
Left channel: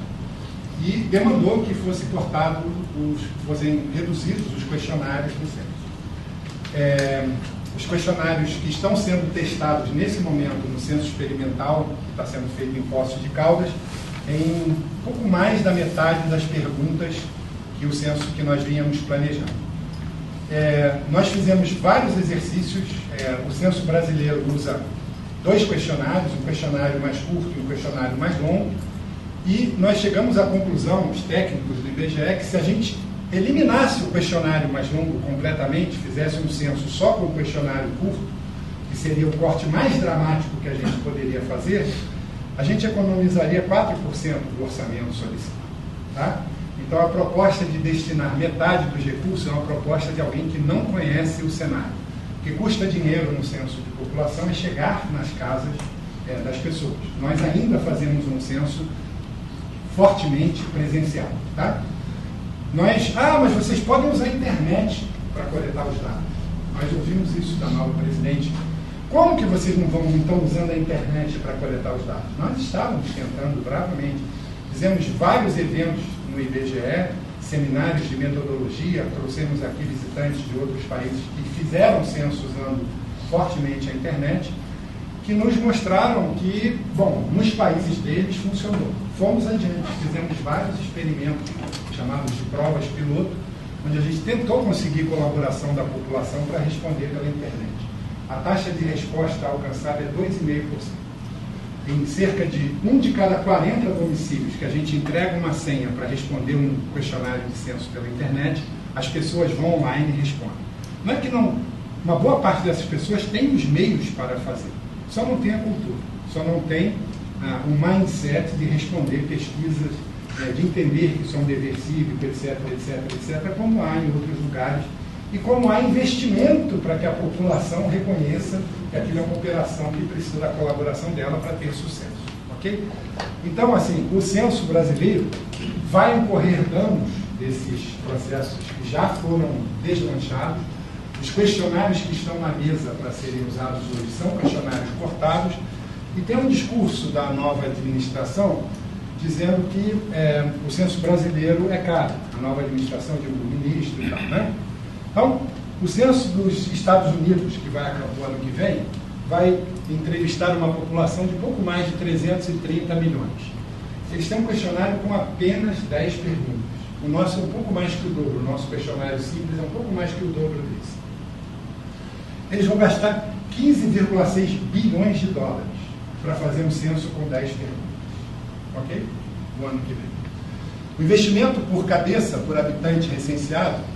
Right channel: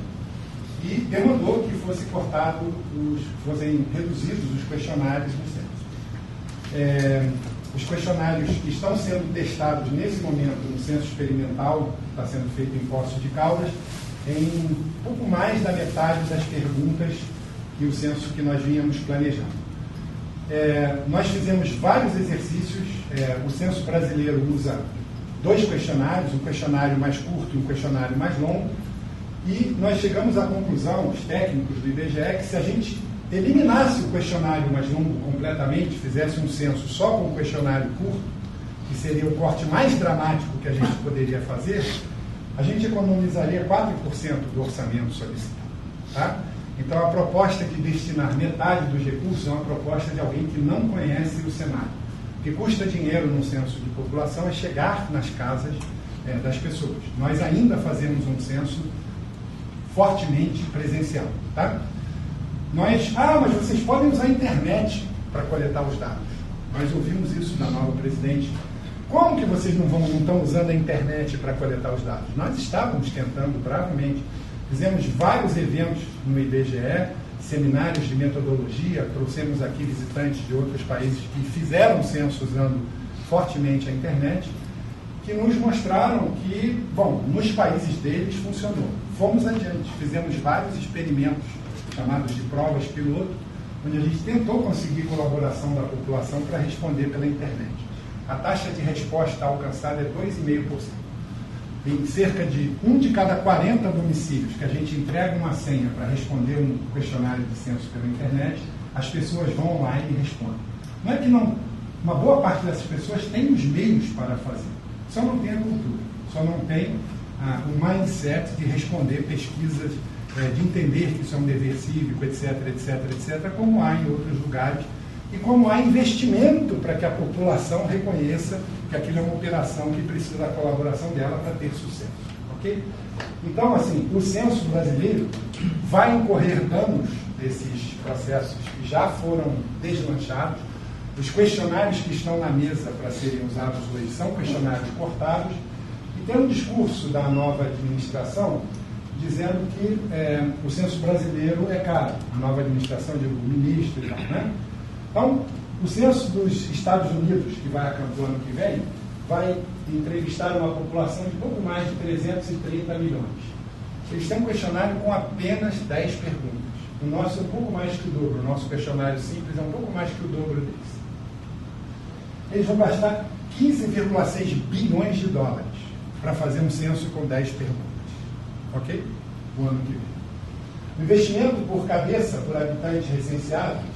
e demandou que fossem reduzidos os questionários do censo. Os questionários que estão sendo testados nesse momento no censo experimental, que está sendo feito em Poços de Caldas, em pouco mais da metade das perguntas que o censo que nós vínhamos planejando. Nós fizemos vários exercícios. O censo brasileiro usa 2 questionários, um questionário mais curto e um questionário mais longo, e nós chegamos à conclusão, os técnicos do IBGE, que se a gente eliminasse o questionário mais longo completamente, fizesse um censo só com o questionário curto, que seria o corte mais dramático que a gente poderia fazer, a gente economizaria 4% do orçamento solicitado. Tá? Então, a proposta de destinar metade dos recursos é uma proposta de alguém que não conhece o cenário. O que custa dinheiro num censo de população é chegar nas casas das pessoas. Nós ainda fazemos um censo fortemente presencial. Tá? Mas vocês podem usar a internet para coletar os dados. Nós ouvimos isso da nova presidente. Como que vocês não estão usando a internet para coletar os dados? Nós estávamos tentando bravamente. Fizemos vários eventos no IBGE, seminários de metodologia, trouxemos aqui visitantes de outros países que fizeram censo usando fortemente a internet, que nos mostraram que, nos países deles funcionou. Fomos adiante, fizemos vários experimentos chamados de provas piloto, onde a gente tentou conseguir colaboração da população para responder pela internet. A taxa de resposta alcançada é 2,5%. Em cerca de 1 de cada 40 municípios que a gente entrega uma senha para responder um questionário de censo pela internet, as pessoas vão online e respondem. Não é que não, uma boa parte dessas pessoas tem os meios para fazer, só não tem a cultura, só não tem o mindset de responder pesquisas, de entender que isso é um dever cívico, etc, como há em outros lugares, e como há investimento para que a população reconheça que aquilo é uma operação que precisa da colaboração dela para ter sucesso. Ok? Então, assim, o censo brasileiro vai incorrer danos desses processos que já foram deslanchados. Os questionários que estão na mesa para serem usados hoje são questionários cortados, e tem um discurso da nova administração dizendo que o censo brasileiro é caro. A nova administração, o ministro e tal, né? Então, o censo dos Estados Unidos, que vai acabar o ano que vem, vai entrevistar uma população de pouco mais de 330 milhões. Eles têm um questionário com apenas 10 perguntas. O nosso é um pouco mais que o dobro. O nosso questionário simples é um pouco mais que o dobro desse. Eles vão gastar 15,6 bilhões de dólares para fazer um censo com 10 perguntas. Ok? O ano que vem. O investimento por cabeça, por habitante recenseado,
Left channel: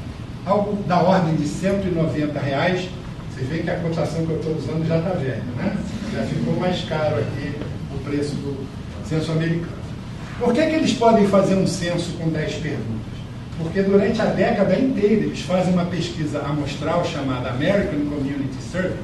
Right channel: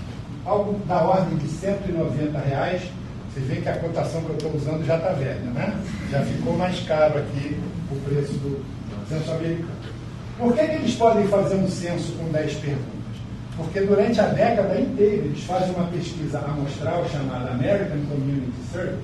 algo da ordem de R$190. Vocês veem que a cotação que eu estou usando já está velha, né? Já ficou mais caro aqui o preço do censo americano. Por que eles podem fazer um censo com 10 perguntas? Porque durante a década inteira eles fazem uma pesquisa amostral chamada American Community Survey,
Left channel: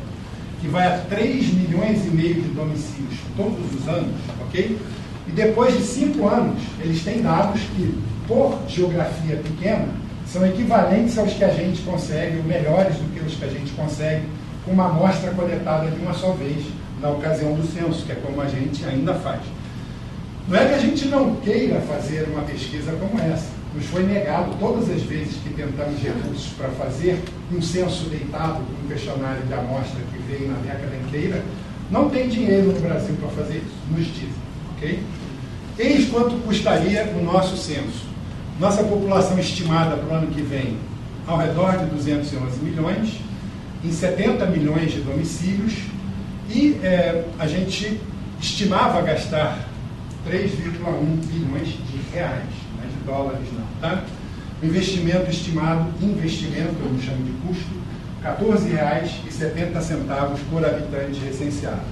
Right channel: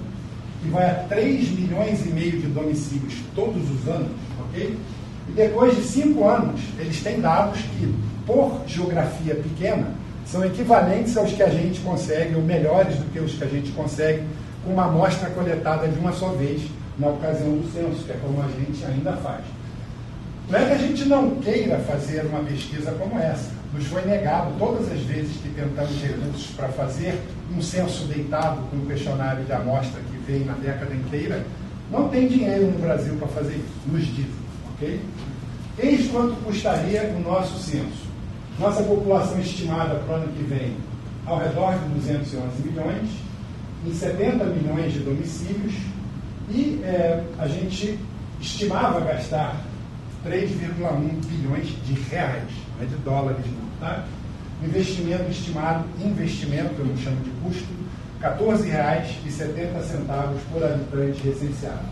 que vai a 3,5 milhões de domicílios todos os anos, ok? E depois de 5 anos, eles têm dados que, por geografia pequena, são equivalentes aos que a gente consegue, ou melhores do que os que a gente consegue, com uma amostra coletada de uma só vez, na ocasião do censo, que é como a gente ainda faz. Não é que a gente não queira fazer uma pesquisa como essa. Nos foi negado todas as vezes que tentamos recursos para fazer um censo deitado com um questionário de amostra que veio na década inteira. Não tem dinheiro no Brasil para fazer isso, nos dizem, ok? Eis quanto custaria o nosso censo. Nossa população estimada para o ano que vem, ao redor de 211 milhões, em 70 milhões de domicílios, e a gente estimava gastar 3,1 bilhões de reais, não é de dólares não, tá? O investimento estimado, eu não chamo de custo, R$14,70 por habitante recenseado.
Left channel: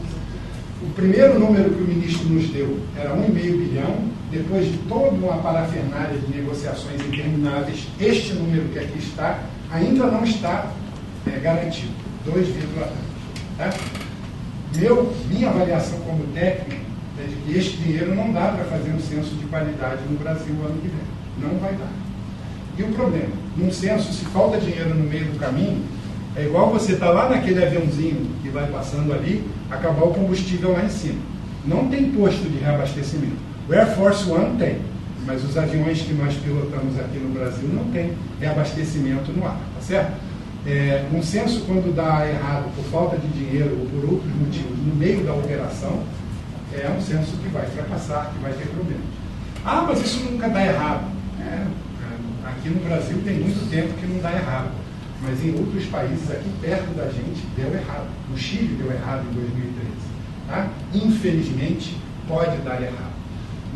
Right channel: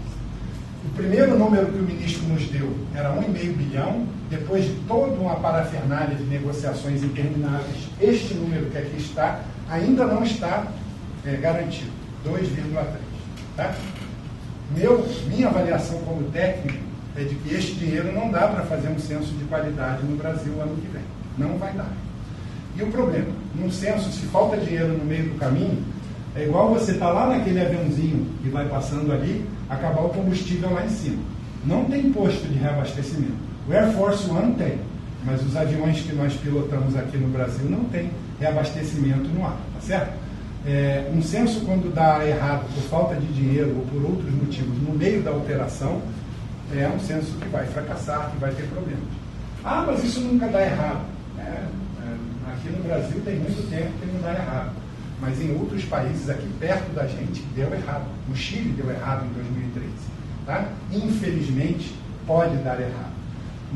O primeiro número que o ministro nos deu era 1,5 bilhão, depois de toda uma parafernália de negociações intermináveis, este número que aqui está ainda não está garantido, 2,3. Tá? Minha avaliação como técnico é de que este dinheiro não dá para fazer um censo de qualidade no Brasil ano que vem. Não vai dar. E o problema? Num censo, se falta dinheiro no meio do caminho, é igual você estar lá naquele aviãozinho que vai passando ali, acabar o combustível lá em cima. Não tem posto de reabastecimento. O Air Force One tem, mas os aviões que nós pilotamos aqui no Brasil não tem reabastecimento no ar, tá certo? Um censo, quando dá errado por falta de dinheiro ou por outros motivos no meio da operação, é um censo que vai fracassar, que vai ter problemas. Ah, mas isso nunca dá errado. Aqui no Brasil tem muito tempo que não dá errado, mas em outros países aqui perto da gente deu errado. No Chile deu errado em 2013. Tá? Infelizmente, pode dar errado.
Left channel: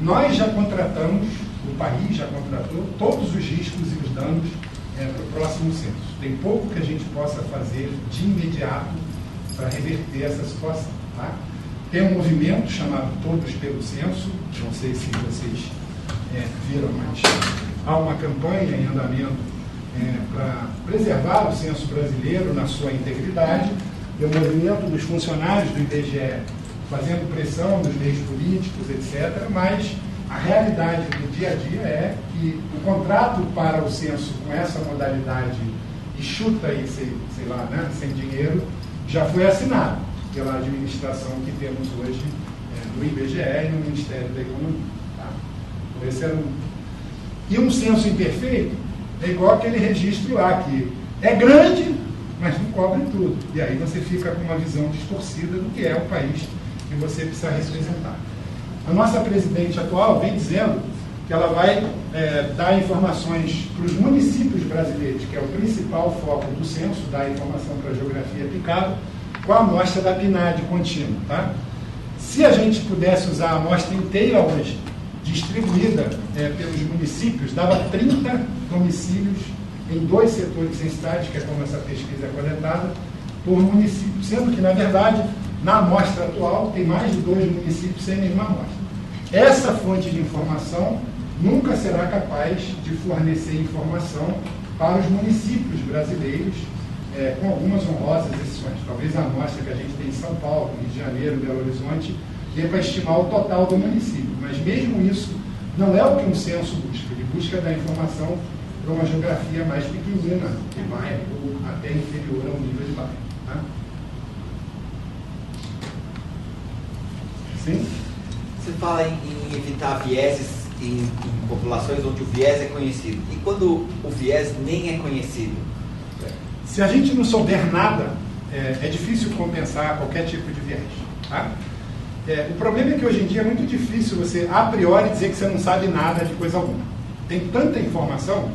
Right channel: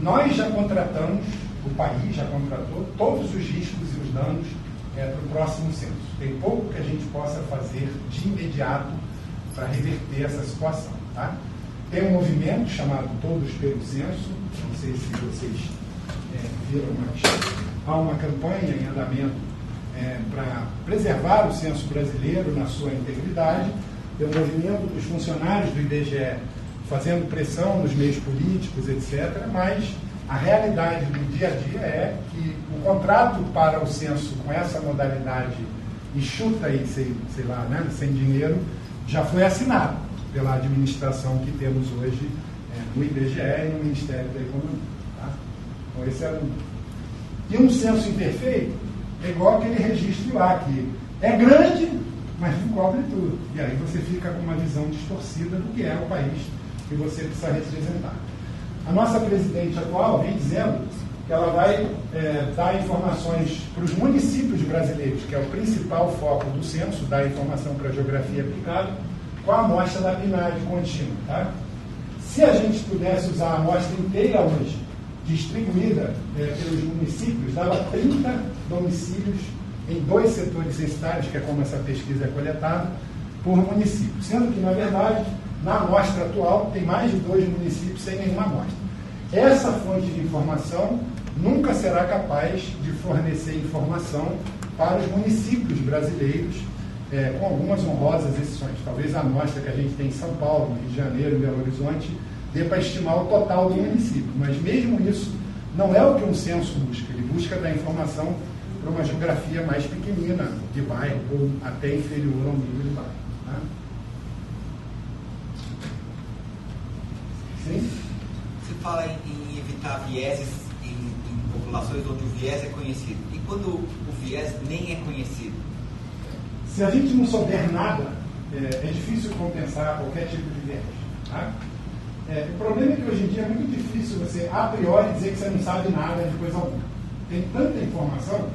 Nós já contratamos, o país já contratou todos os riscos e os danos para o próximo censo. Tem pouco que a gente possa fazer de imediato para reverter essa situação. Tá? Tem um movimento chamado Todos pelo Censo, não sei se vocês viram, mas há uma campanha em andamento para preservar o censo brasileiro na sua integridade. Tem o movimento dos funcionários do IBGE fazendo pressão nos meios políticos, etc., mas a realidade do dia a dia é que o contrato para o censo com essa modalidade enxuta e, sei lá, né, sem dinheiro, já foi assinado pela administração que temos hoje no IBGE e no Ministério da Economia. Tá? Então, esse era E um censo imperfeito é igual aquele registro lá, que é grande, mas não cobre tudo. E aí você fica com uma visão distorcida do que é o país que você precisa representar. A nossa presidente atual vem dizendo que ela vai dar informações para os municípios brasileiros, que é o principal foco do censo, dar informação para a geografia aplicada, com a amostra da PNAD contínua. Tá? Se a gente pudesse usar a amostra inteira hoje, distribuída pelos municípios, dava 30 domicílios em 2 setores censitários, que é como essa pesquisa é coletada, por município. Sendo que, na verdade, na amostra atual, tem mais de 2 municípios sem nenhuma amostra. Essa fonte de informação nunca será capaz de fornecer informação para os municípios brasileiros, com algumas honrosas exceções. Talvez a amostra que a gente tem em São Paulo, Rio de Janeiro, Belo Horizonte, dê para estimar o total do município. Mas mesmo isso não é o que um censo busca. Ele busca dar informação para uma geografia mais pequenina de bairro, ou até inferior ao nível de bairro. Tá? Sim? Você fala em evitar vieses em populações onde o viés é conhecido. E quando o viés nem é conhecido? Se a gente não souber nada, é difícil compensar qualquer tipo de viés. Tá? O problema é que hoje em dia é muito difícil você, a priori, dizer que você não sabe nada de coisa alguma. Tem tanta informação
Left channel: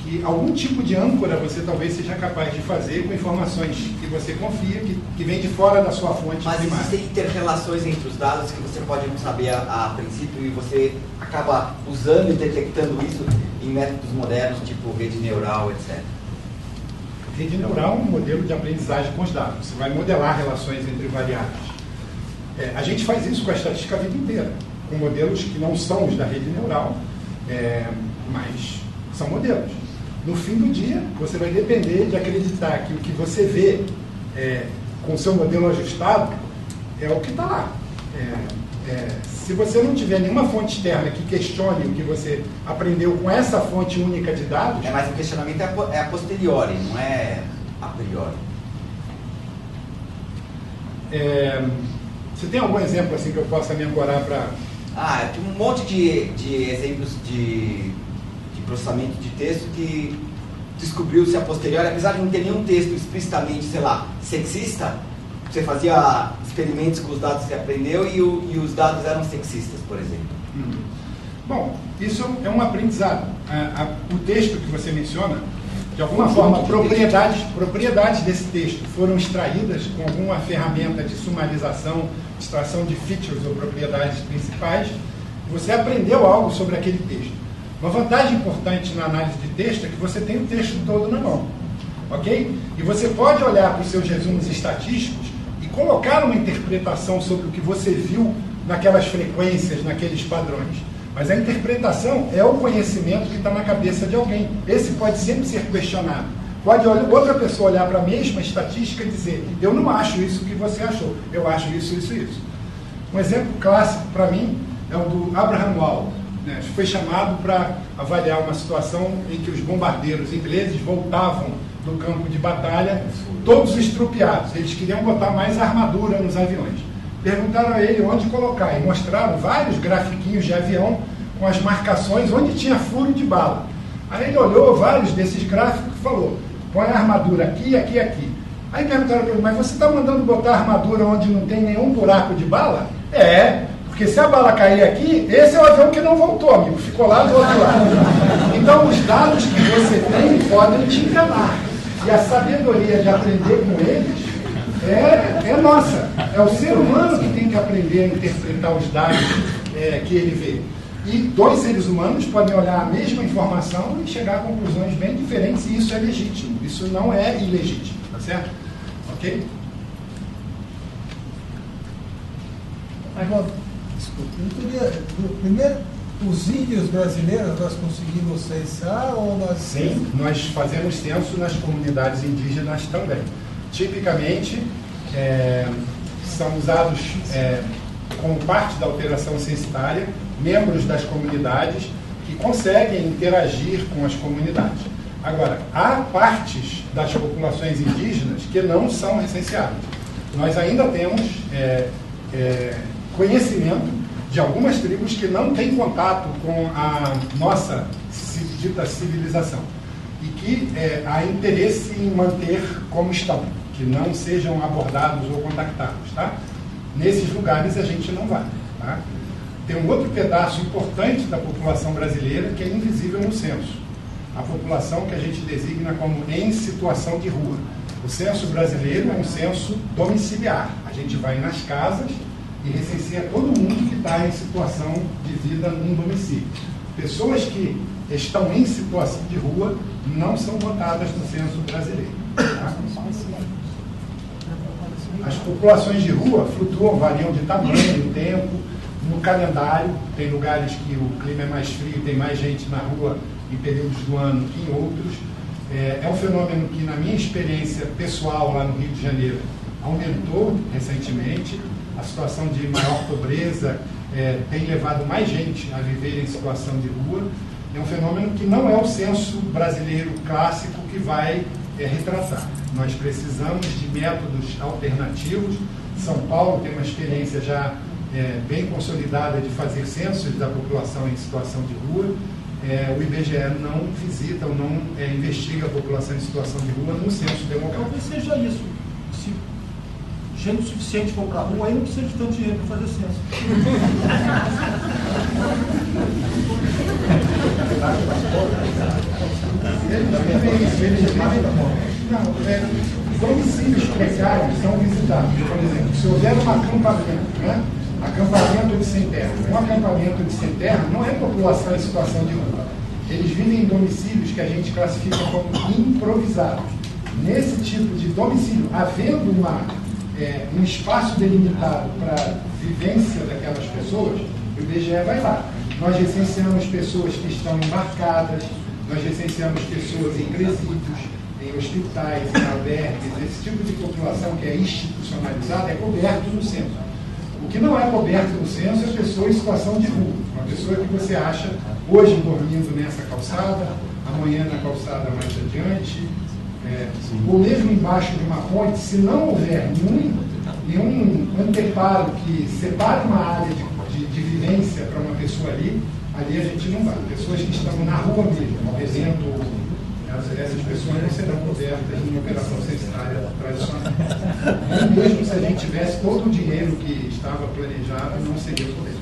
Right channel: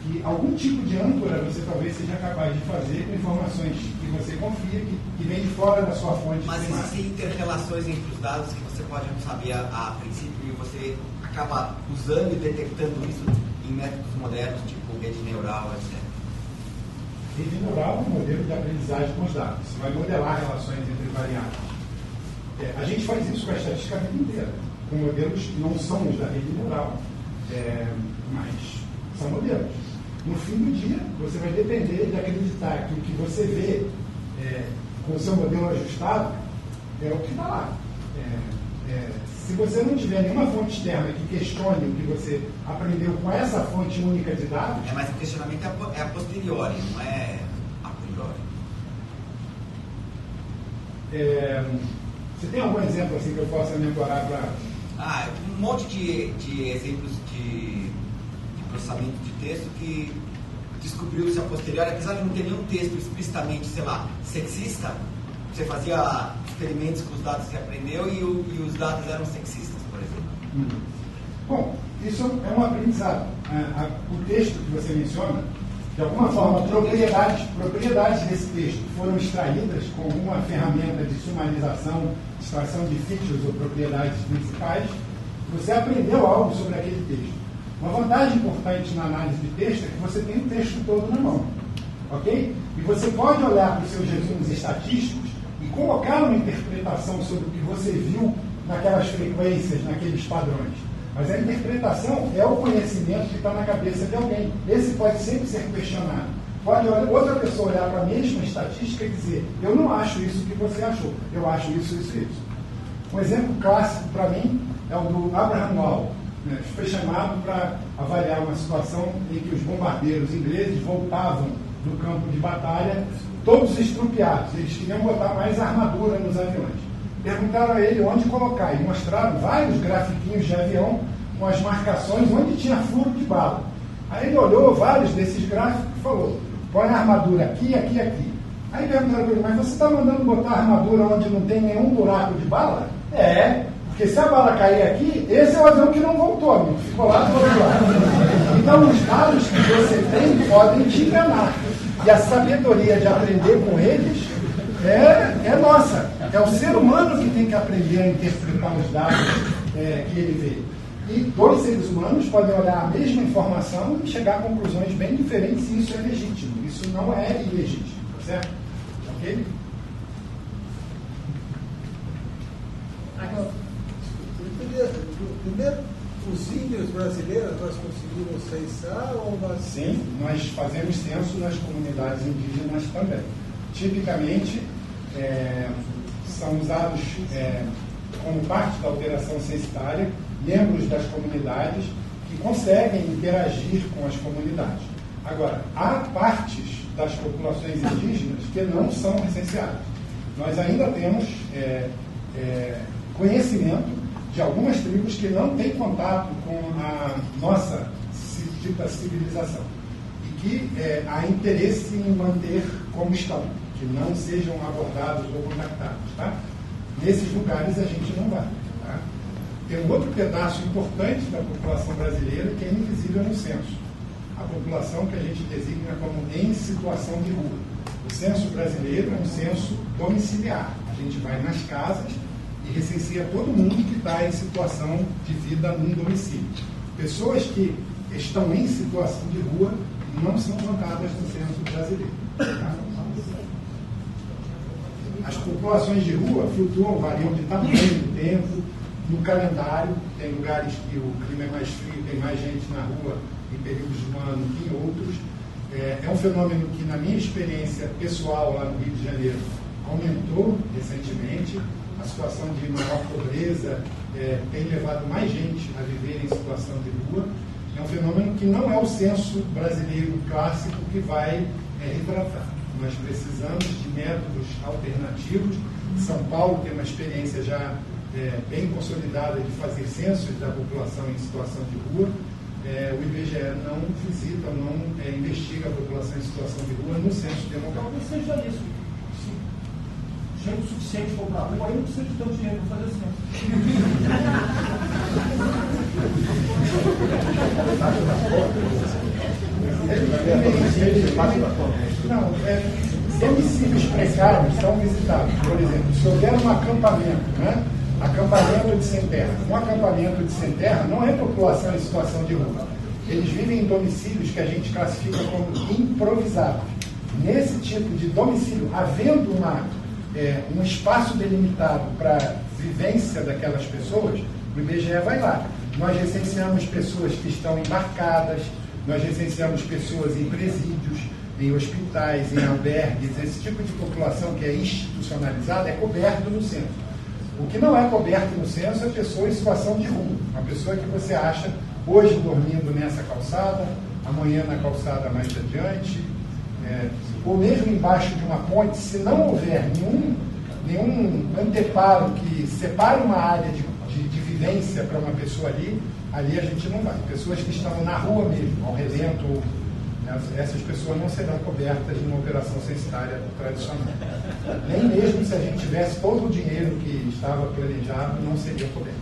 que algum tipo de âncora você talvez seja capaz de fazer com informações que você confia, que vem de fora da sua fonte Mas primária. existem inter-relações entre os dados que você pode não saber a princípio e você acaba usando e detectando isso em métodos modernos, tipo rede neural, etc. Rede neural é um modelo de aprendizagem com os dados. Você vai modelar relações entre variáveis. A gente faz isso com a estatística a vida inteira, com modelos que não são os da rede neural, mas são modelos. No fim do dia, você vai depender de acreditar que o que você vê com o seu modelo ajustado é o que está lá. Se você não tiver nenhuma fonte externa que questione o que você aprendeu com essa fonte única de dados... Mas o questionamento é a posteriori, não é a priori. Você tem algum exemplo assim que eu possa me ancorar para... Eu tenho um monte de exemplos de processamento de texto que descobriu-se a posteriori, apesar de não ter nenhum texto explicitamente, sei lá, sexista, você fazia experimentos com os dados que você aprendeu e os dados eram sexistas, por exemplo. Bom, isso é um aprendizado. O texto que você menciona, de alguma forma, propriedades desse texto foram extraídas com alguma ferramenta de sumarização, extração de features ou propriedades principais. Você aprendeu algo sobre aquele texto. Uma vantagem importante na análise de texto é que você tem o texto todo na mão, ok? E você pode olhar para os seus resumos estatísticos e colocar uma interpretação sobre o que você viu naquelas frequências, naqueles padrões. Mas a interpretação é o conhecimento que está na cabeça de alguém. Esse pode sempre ser questionado. Pode outra pessoa olhar para a mesma estatística e dizer, eu não acho isso que você achou, eu acho isso, isso e isso. Um exemplo clássico para mim é o do Abraham Wall, né? Foi chamado para avaliar uma situação em que os bombardeiros ingleses voltavam do campo de batalha, todos estrupiados. Eles queriam botar mais armadura nos aviões. Perguntaram a ele onde colocar e mostraram vários grafiquinhos de avião com as marcações onde tinha furo de bala. Aí ele olhou vários desses gráficos e falou, põe a armadura aqui, aqui, aqui. Aí perguntaram para ele, mas você está mandando botar armadura onde não tem nenhum buraco de bala? É, porque se a bala cair aqui, esse é o avião que não voltou, amigo, ficou lá do outro lado. Então os dados que você tem podem te enganar. E a sabedoria de aprender com eles é nossa. É o ser humano que tem que aprender a interpretar os dados que ele vê. E dois seres humanos podem olhar a mesma informação e chegar a conclusões bem diferentes, e isso é legítimo. Isso não é ilegítimo, tá certo? Ok? Agora, primeiro, os índios brasileiros nós conseguimos censar ou nós... Sim, nós fazemos censo nas comunidades indígenas também. Tipicamente, são usados como parte da operação censitária membros das comunidades que conseguem interagir com as comunidades. Agora, há partes das populações indígenas que não são recenseadas. Nós ainda temos conhecimento de algumas tribos que não têm contato com a nossa dita civilização e que há interesse em manter como estão, que não sejam abordados ou contactados, tá? Nesses lugares a gente não vai, tá? Tem um outro pedaço importante da população brasileira que é invisível no censo. A população que a gente designa como em situação de rua. O censo brasileiro é um censo domiciliar. A gente vai nas casas e recenseia todo mundo que está em situação de vida num domicílio. Pessoas que estão em situação de rua não são contadas no censo brasileiro. Tá? As populações de rua flutuam, variam de tamanho, tempo, no calendário. Tem lugares que o clima é mais frio, tem mais gente na rua em períodos do ano que em outros. É um fenômeno que, na minha experiência pessoal lá no Rio de Janeiro, aumentou recentemente. A situação de maior pobreza tem levado mais gente a viver em situação de rua. É um fenômeno que não é o censo brasileiro clássico que vai retratar. Nós precisamos de métodos alternativos. São Paulo tem uma experiência já bem consolidada de fazer censos da população em situação de rua. O IBGE não visita ou não investiga a população em situação de rua no censo demográfico. Talvez seja isso. Se gente suficiente for para a rua, aí não precisa de tanto dinheiro para fazer censo. Não, domicílios precários são visitados. Por exemplo, se houver um acampamento, né? Acampamento de sem terra. Um acampamento de sem terra não é população em situação de rua. Eles vivem em domicílios que a gente classifica como improvisados. Nesse tipo de domicílio, havendo um espaço delimitado para vivência daquelas pessoas, o IBGE vai lá. Nós recenseamos pessoas que estão embarcadas, nós recenseamos pessoas em presídios, em hospitais, em albergues. Esse tipo de população que é institucionalizada é coberto no censo. O que não é coberto no censo é pessoa em situação de rua. Uma pessoa que você acha hoje dormindo nessa calçada, amanhã na calçada mais adiante, ou mesmo embaixo de uma ponte. Se não houver nenhum anteparo que separe uma área de vivência para uma pessoa ali a gente não vai. Pessoas que estão na rua mesmo, ao redento, essas pessoas não serão cobertas numa operação censitária tradicional. Nem mesmo se a gente tivesse todo o dinheiro que estava planejado, não seria coberto.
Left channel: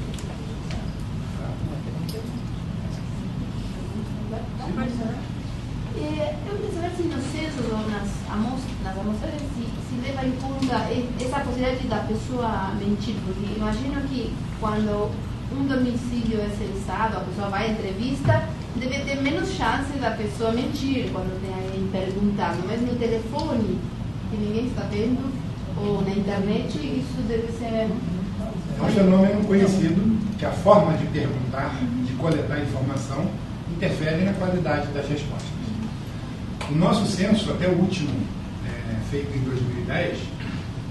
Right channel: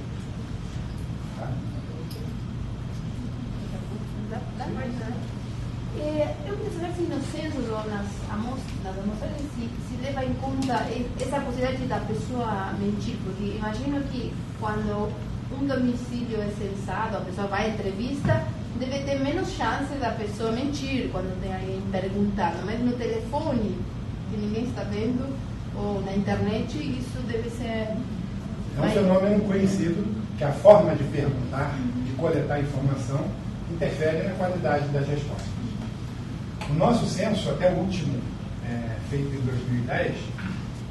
Eu queria saber se no censo ou nas amostragens se leva em conta essa possibilidade da pessoa mentir, porque imagino que quando um domicílio é censado, a pessoa vai à entrevista, deve ter menos chance da pessoa mentir quando tem alguém perguntando, mas no telefone, que ninguém está vendo, ou na internet, isso deve ser... É um fenômeno conhecido que a forma de perguntar, de coletar informação interferem na qualidade das respostas. O nosso censo, até o último, feito em 2010,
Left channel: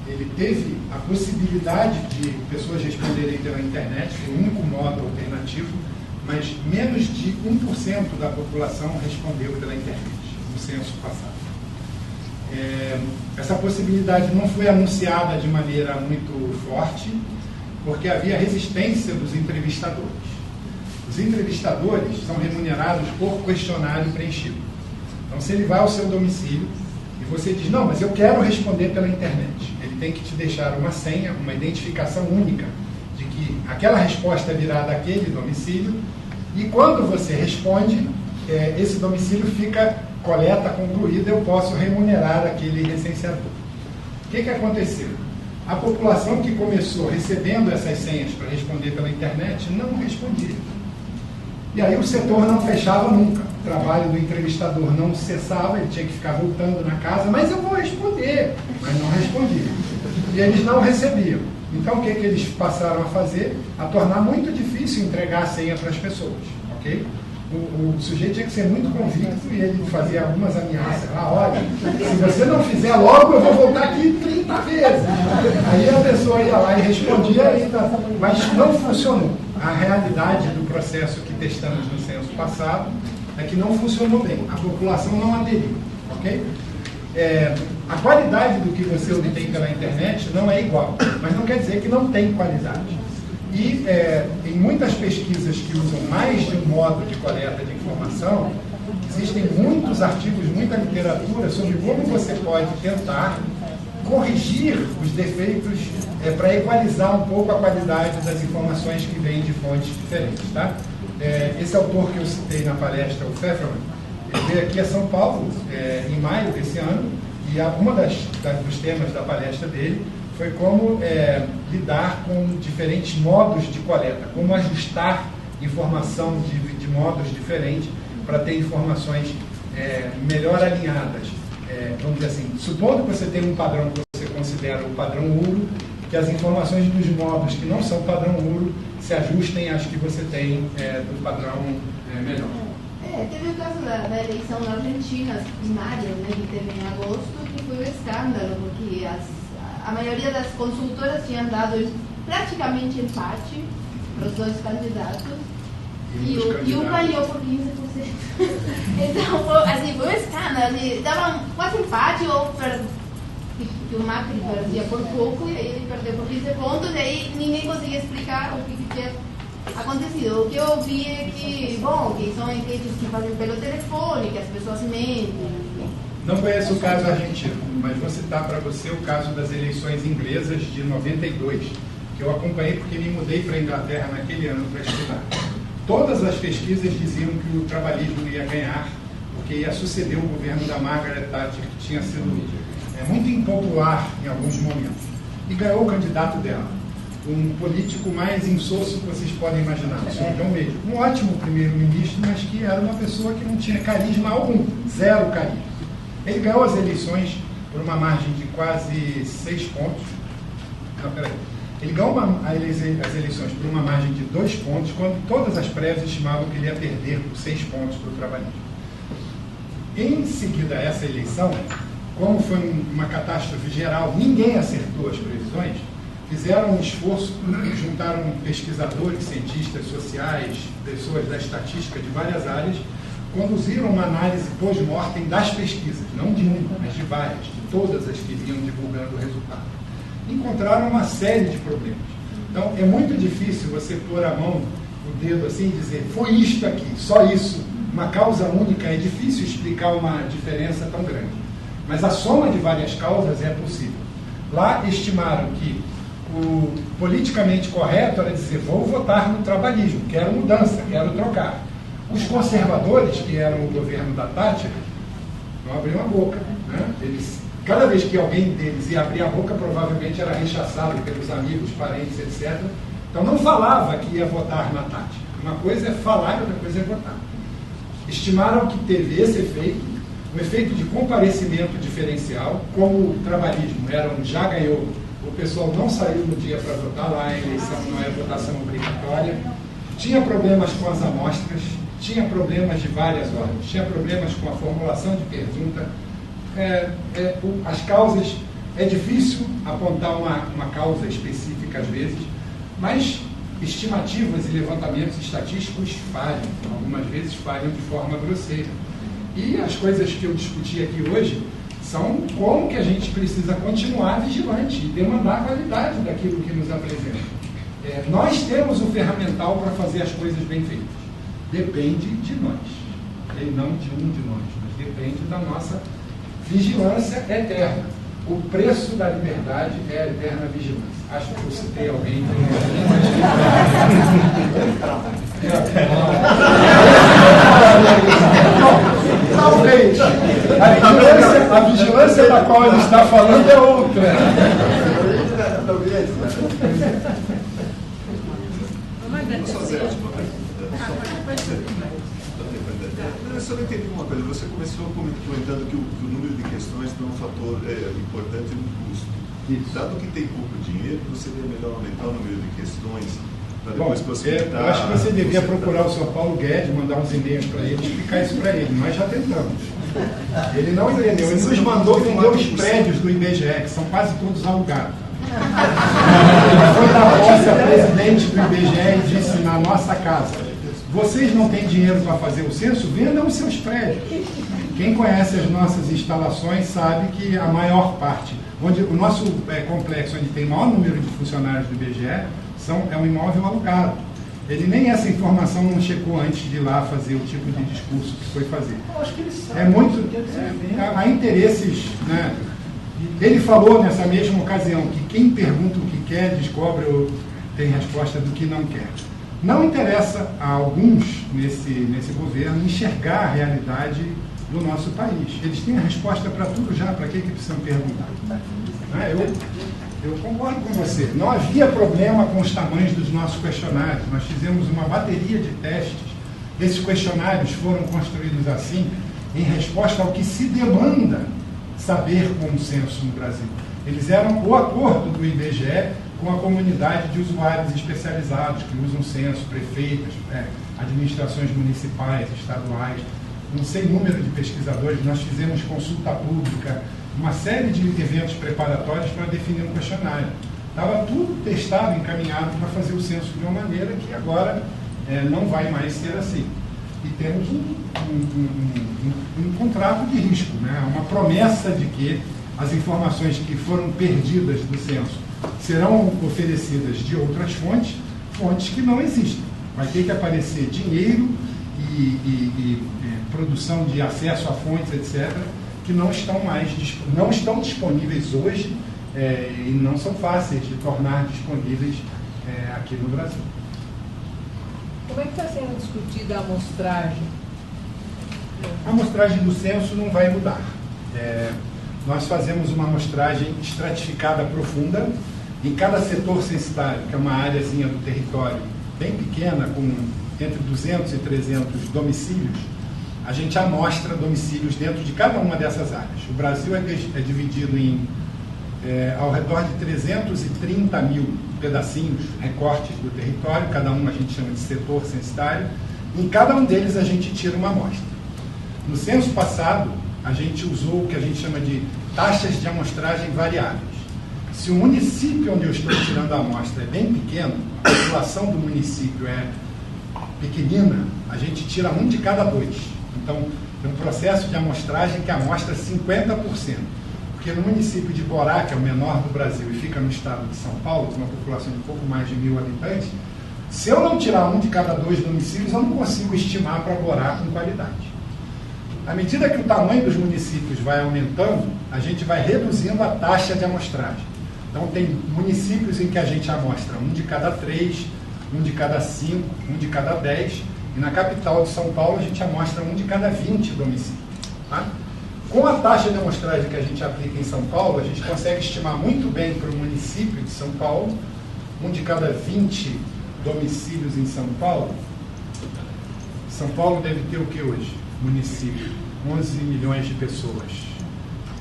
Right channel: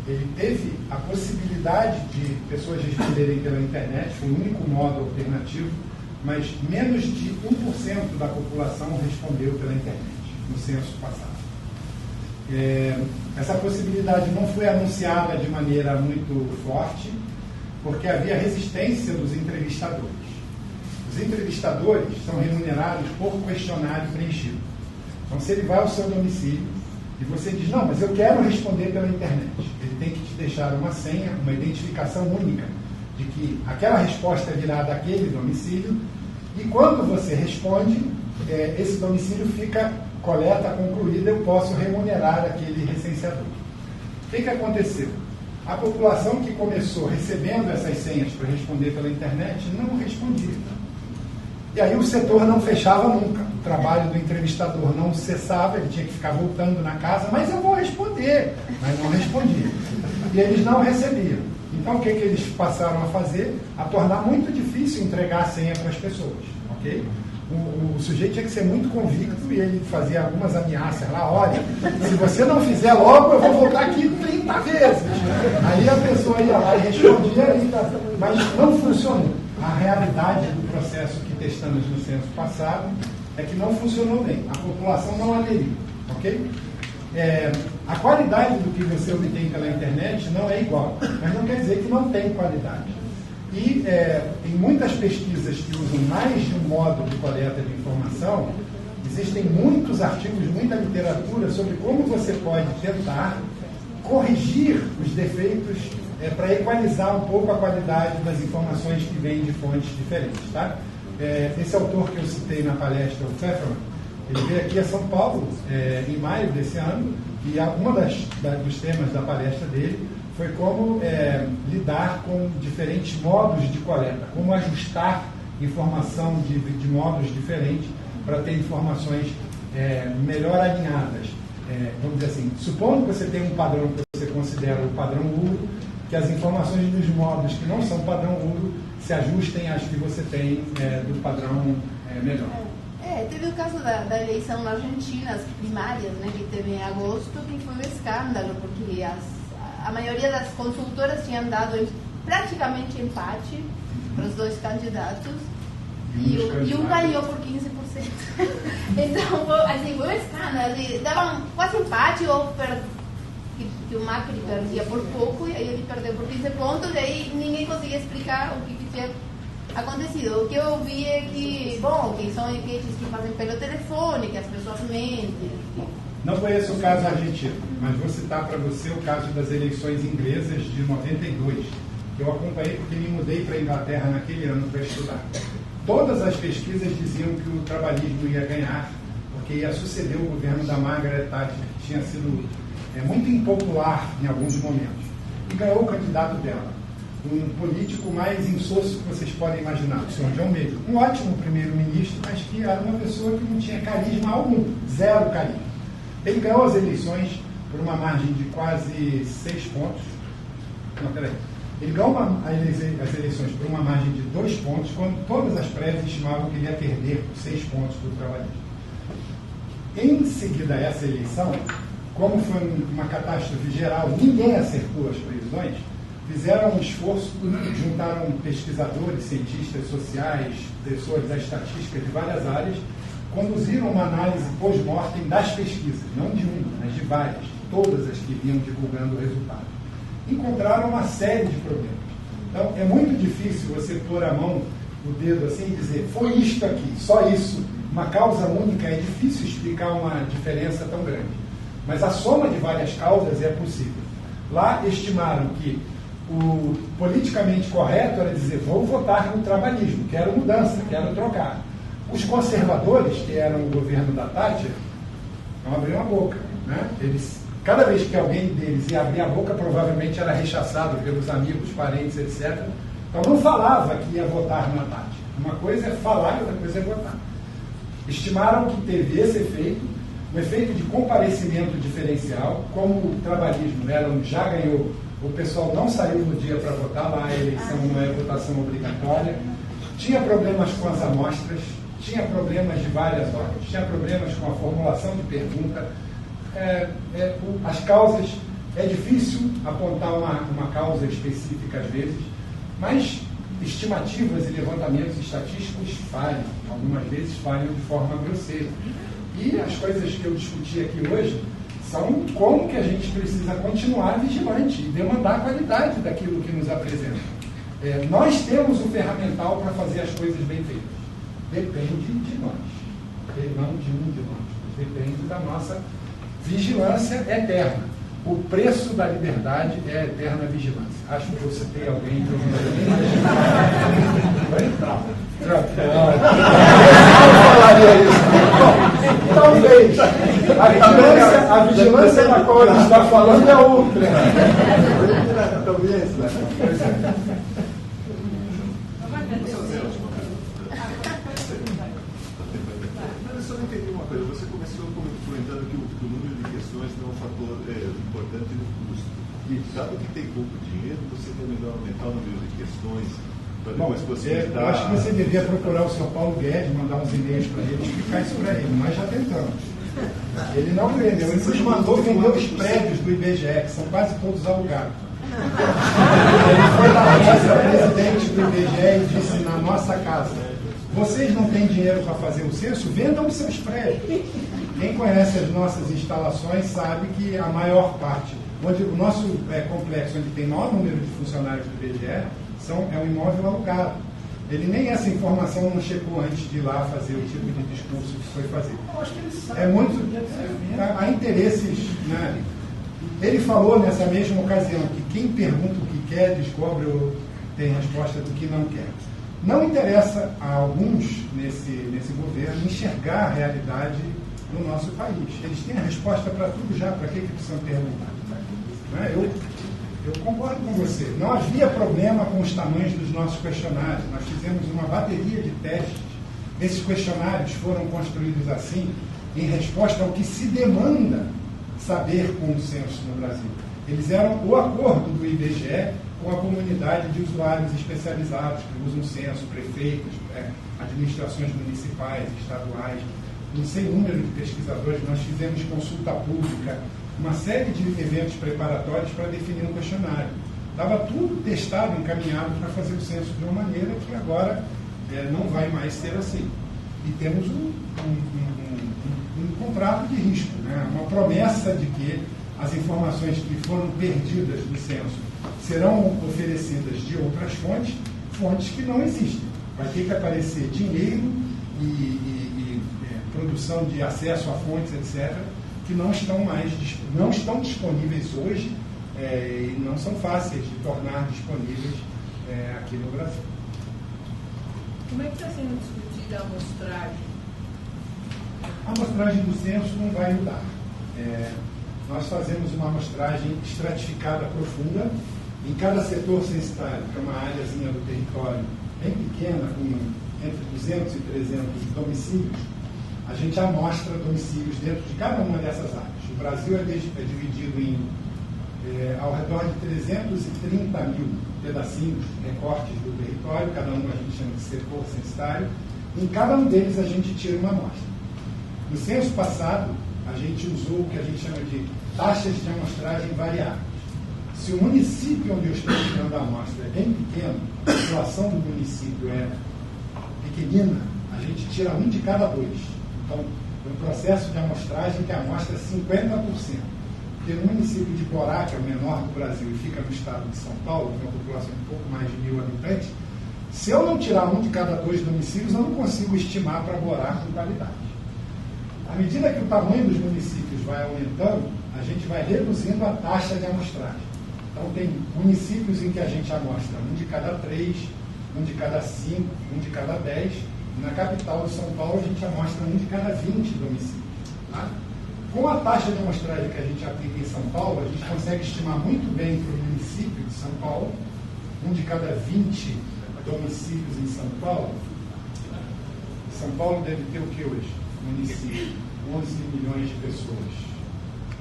ele teve a possibilidade de pessoas responderem pela internet, um único modo alternativo, mas menos de 1% da população respondeu pela internet no censo passado. Essa possibilidade não foi anunciada de maneira muito forte, porque havia resistência dos entrevistadores. Os entrevistadores são remunerados por questionário preenchido. Então, se ele vai ao seu domicílio e você diz, não, mas eu quero responder pela internet, ele tem que te deixar uma senha, uma identificação única de que aquela resposta virá daquele domicílio, e quando você responde, esse domicílio fica coleta concluída, eu posso remunerar aquele recenseador. O que aconteceu? A população que começou recebendo essas senhas para responder pela internet não respondia. E aí o setor não fechava nunca. O trabalho do entrevistador não cessava, ele tinha que ficar voltando na casa, mas eu vou responder, mas não respondia. E eles não recebiam. Então o que eles passaram a fazer? A tornar muito difícil entregar a senha para as pessoas. Okay? O sujeito tinha que ser muito convicto e ele fazia algumas ameaças lá, olha, se você não fizer logo, eu vou voltar aqui 30 vezes. Aí a pessoa ia lá e respondia ainda, mas não funcionou. A realidade do processo que testamos no censo passado é que não funcionou bem. A população não aderiu, ok? A qualidade do que você obtém pela internet não é igual, mas não quer dizer que não tem qualidade. E em muitas pesquisas que usam mais de um modo de coleta de informação, existem muitos artigos, muita literatura sobre como você pode tentar corrigir os defeitos para equalizar um pouco a qualidade das informações que vêm de fontes diferentes. Tá? Esse autor que eu citei na palestra, o Pfefferman, ele veio aqui a São Paulo em maio desse ano, e uma dos temas da palestra dele foi como lidar com diferentes modos de coleta, como ajustar informação de modos diferentes para ter informações melhor alinhadas. Vamos dizer assim, supondo que você tem um padrão que você considera o padrão URO, que as informações dos modos que não são padrão URO se ajustem às que você tem do padrão melhor. Teve o caso da eleição na Argentina, as primárias, né, que teve em agosto, que foi um escândalo, porque a maioria das consultoras tinham dado praticamente empate para os dois candidatos e um ganhou por 15%. Então, assim, foi um escândalo. Davam quase empate ou o Macri perdia por pouco e aí ele perdeu por 15 pontos e aí ninguém conseguia explicar o que tinha acontecido. O que eu ouvi é que, bom, que são enquetes que fazem pelo telefone, que as pessoas mentem. Não conheço o caso argentino, mas vou citar para você o caso das eleições inglesas de 92, que eu acompanhei porque me mudei para a Inglaterra naquele ano para estudar. Todas as pesquisas diziam que o trabalhismo ia ganhar, porque ia suceder o governo da Margaret Thatcher, que tinha sido muito impopular em alguns momentos. E ganhou o candidato dela, um político mais insosso que vocês podem imaginar, o senhor John Major. Um ótimo primeiro-ministro, mas que era uma pessoa que não tinha carisma algum, zero carisma. Ele ganhou as eleições por uma margem de quase 6 pontos. Não, peraí. Ele ganhou as eleições por uma margem de 2 pontos, quando todas as prévias estimavam que ele ia perder por 6 pontos para o trabalhismo. Em seguida a essa eleição, como foi uma catástrofe geral, ninguém acertou as previsões, fizeram um esforço, juntaram pesquisadores, cientistas sociais, pessoas da estatística de várias áreas, conduziram uma análise pós-mortem das pesquisas, não de uma, mas de várias, de todas as que vinham divulgando o resultado. Encontraram uma série de problemas. Então, é muito difícil você pôr a mão, o dedo assim e dizer, foi isto aqui, só isso, uma causa única, é difícil explicar uma diferença tão grande. Mas a soma de várias causas é possível. Lá estimaram que o politicamente correto era dizer, vou votar no trabalhismo, quero mudança, quero trocar. Os conservadores, que eram o governo da Thatcher, não abriam a boca. Né? Cada vez que alguém deles ia abrir a boca, provavelmente era rechaçado pelos amigos, parentes, etc. Então não falava que ia votar na Thatcher. Uma coisa é falar e outra coisa é votar. Estimaram que teve esse efeito, um efeito de comparecimento diferencial, como o trabalhismo já ganhou, o pessoal não saiu no dia para votar, lá a eleição não é votação obrigatória. tinha problemas com as amostras, tinha problemas de várias ordens, tinha problemas com a formulação de pergunta. As causas, é difícil apontar uma causa específica às vezes, mas estimativas e levantamentos estatísticos falham, algumas vezes falham de forma grosseira. E as coisas que eu discuti aqui hoje são como que a gente precisa continuar vigilante e demandar a qualidade daquilo que nos apresenta. Nós temos o ferramental para fazer as coisas bem feitas. Depende de nós. E não de um de nós, mas depende da nossa vigilância eterna. O preço da liberdade é a eterna vigilância. Acho que eu citei alguém que eu não talvez. A vigilância da qual ele está falando é outra. Eu só não entendi uma coisa. Você começou comentando que o número de questões não é um fator importante no custo. Isso. Dado que tem pouco dinheiro, não seria melhor aumentar o número de questões para Bom, depois possibilitar... eu acho que você devia procurar o Sr. Paulo Guedes, mandar uns e-mails para ele, explicar isso para ele. Nós já tentamos. Ele não entendeu. Ele nos mandou vender os prédios do IBGE, que são quase todos alugados. Ele foi na nossa presidente do IBGE e disse, na nossa casa, vocês não têm dinheiro para fazer o censo? Vendam os seus prédios. Quem conhece as nossas instalações sabe que a maior parte, onde o nosso complexo, onde tem maior número de funcionários do IBGE, é um imóvel alugado. Ele nem essa informação não checou antes de ir lá fazer o tipo de discurso que foi fazer. É muito... há interesses, né? Ele falou nessa mesma ocasião que quem pergunta o que quer, descobre ou tem resposta do que não quer. Não interessa a alguns nesse governo enxergar a realidade do nosso país. Eles têm a resposta para tudo já, para que precisam perguntar? Eu concordo com você. Não havia problema com os tamanhos dos nossos questionários. Nós fizemos uma bateria de testes. Esses questionários foram construídos assim, em resposta ao que se demanda saber com o censo no Brasil. Eles eram o acordo do IBGE com a comunidade de usuários especializados que usam censo, prefeitos, administrações municipais, estaduais, um sem número de pesquisadores. Nós fizemos consulta pública, uma série de eventos preparatórios para definir um questionário. Estava tudo testado, encaminhado para fazer o censo de uma maneira que agora não vai mais ser assim. E temos um contrato de risco, né? Uma promessa de que as informações que foram perdidas do censo serão oferecidas de outras fontes, fontes que não existem. Vai ter que aparecer dinheiro e produção de acesso a fontes, etc., que não estão disponíveis hoje e não são fáceis de tornar disponíveis aqui no Brasil. Como é que está sendo discutida a amostragem? A amostragem do censo não vai mudar. Nós fazemos uma amostragem estratificada profunda em cada setor censitário, que é uma áreazinha do território bem pequena, com entre 200 e 300 domicílios. A gente amostra domicílios dentro de cada uma dessas áreas. O Brasil é dividido em ao redor de 330 mil pedacinhos, recortes do território, cada um a gente chama de setor censitário, e em cada um deles a gente tira uma amostra. No censo passado, a gente usou o que a gente chama de taxas de amostragem variáveis. Se o município onde eu estou tirando a amostra é bem pequeno, a população do município é pequenina, a gente tira um de cada dois. Então, é um processo de amostragem que amostra 50%. Porque no município de Borá, que é o menor do Brasil e fica no estado de São Paulo, com uma população de um pouco mais de 1.000 habitantes, se eu não tirar um de cada dois domicílios, eu não consigo estimar para Borá com qualidade. À medida que o tamanho dos municípios vai aumentando, a gente vai reduzindo a taxa de amostragem. Então, tem municípios em que a gente amostra um de cada 3, um de cada 5, um de cada 10, e na capital de São Paulo a gente amostra um de cada 20 domicílios. Tá? Com a taxa de amostragem que a gente aplica em São Paulo, a gente consegue estimar muito bem para o município de São Paulo, um de cada 20 domicílios em São Paulo. São Paulo deve ter o que hoje? Município, 11 milhões de pessoas.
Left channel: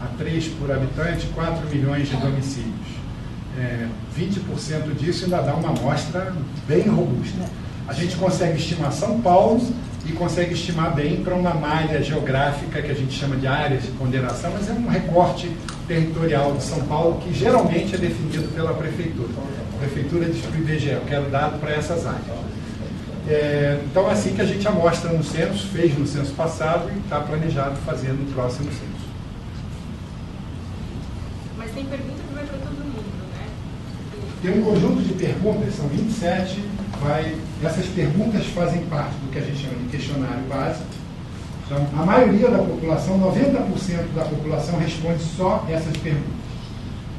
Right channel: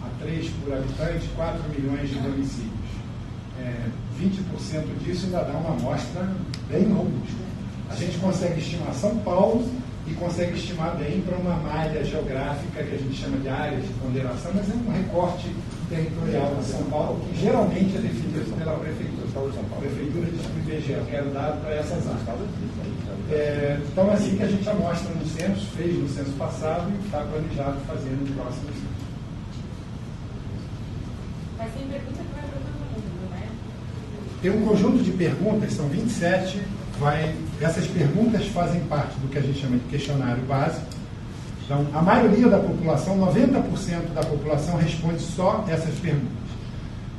A 3 por habitante, 4 milhões de domicílios. 20% disso ainda dá uma amostra bem robusta. A gente consegue estimar São Paulo e consegue estimar bem para uma malha geográfica que a gente chama de áreas de ponderação, mas é um recorte territorial de São Paulo que geralmente é definido pela prefeitura. A prefeitura diz para o IBGE, eu quero dado para essas áreas. Então é assim que a gente amostra no censo, fez no censo passado e está planejado fazer no próximo censo. Mas tem pergunta que vai para todo mundo, né? Tem um conjunto de perguntas, são 27, essas perguntas fazem parte do que a gente chama de questionário básico. Então, a maioria da população, 90% da população responde só essas perguntas.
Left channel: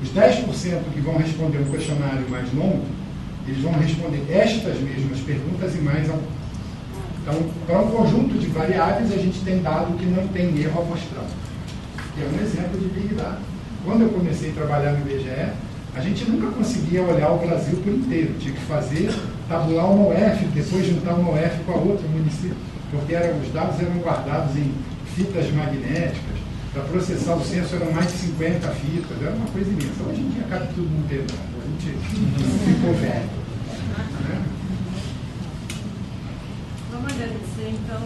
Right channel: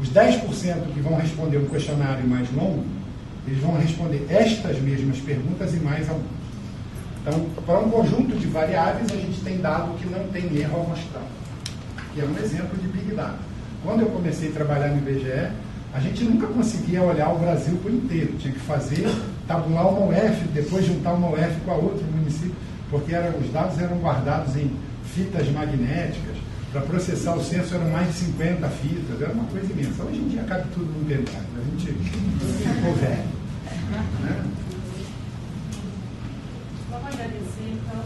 Os 10% que vão responder o questionário mais longo, eles vão responder estas mesmas perguntas e mais algumas. Então, para um conjunto de variáveis, a gente tem dado que não tem erro amostral, que é um exemplo de Big Data. Quando eu comecei a trabalhar no IBGE, a gente nunca conseguia olhar o Brasil por inteiro. Tinha que tabular uma UF, depois juntar uma UF com a outra município, porque os dados eram guardados em fitas magnéticas. Para processar o censo eram mais de 50 fitas, era uma coisa imensa. Hoje em dia cabe tudo no pendrive, a gente ficou velho. Né? Vamos agradecer, então,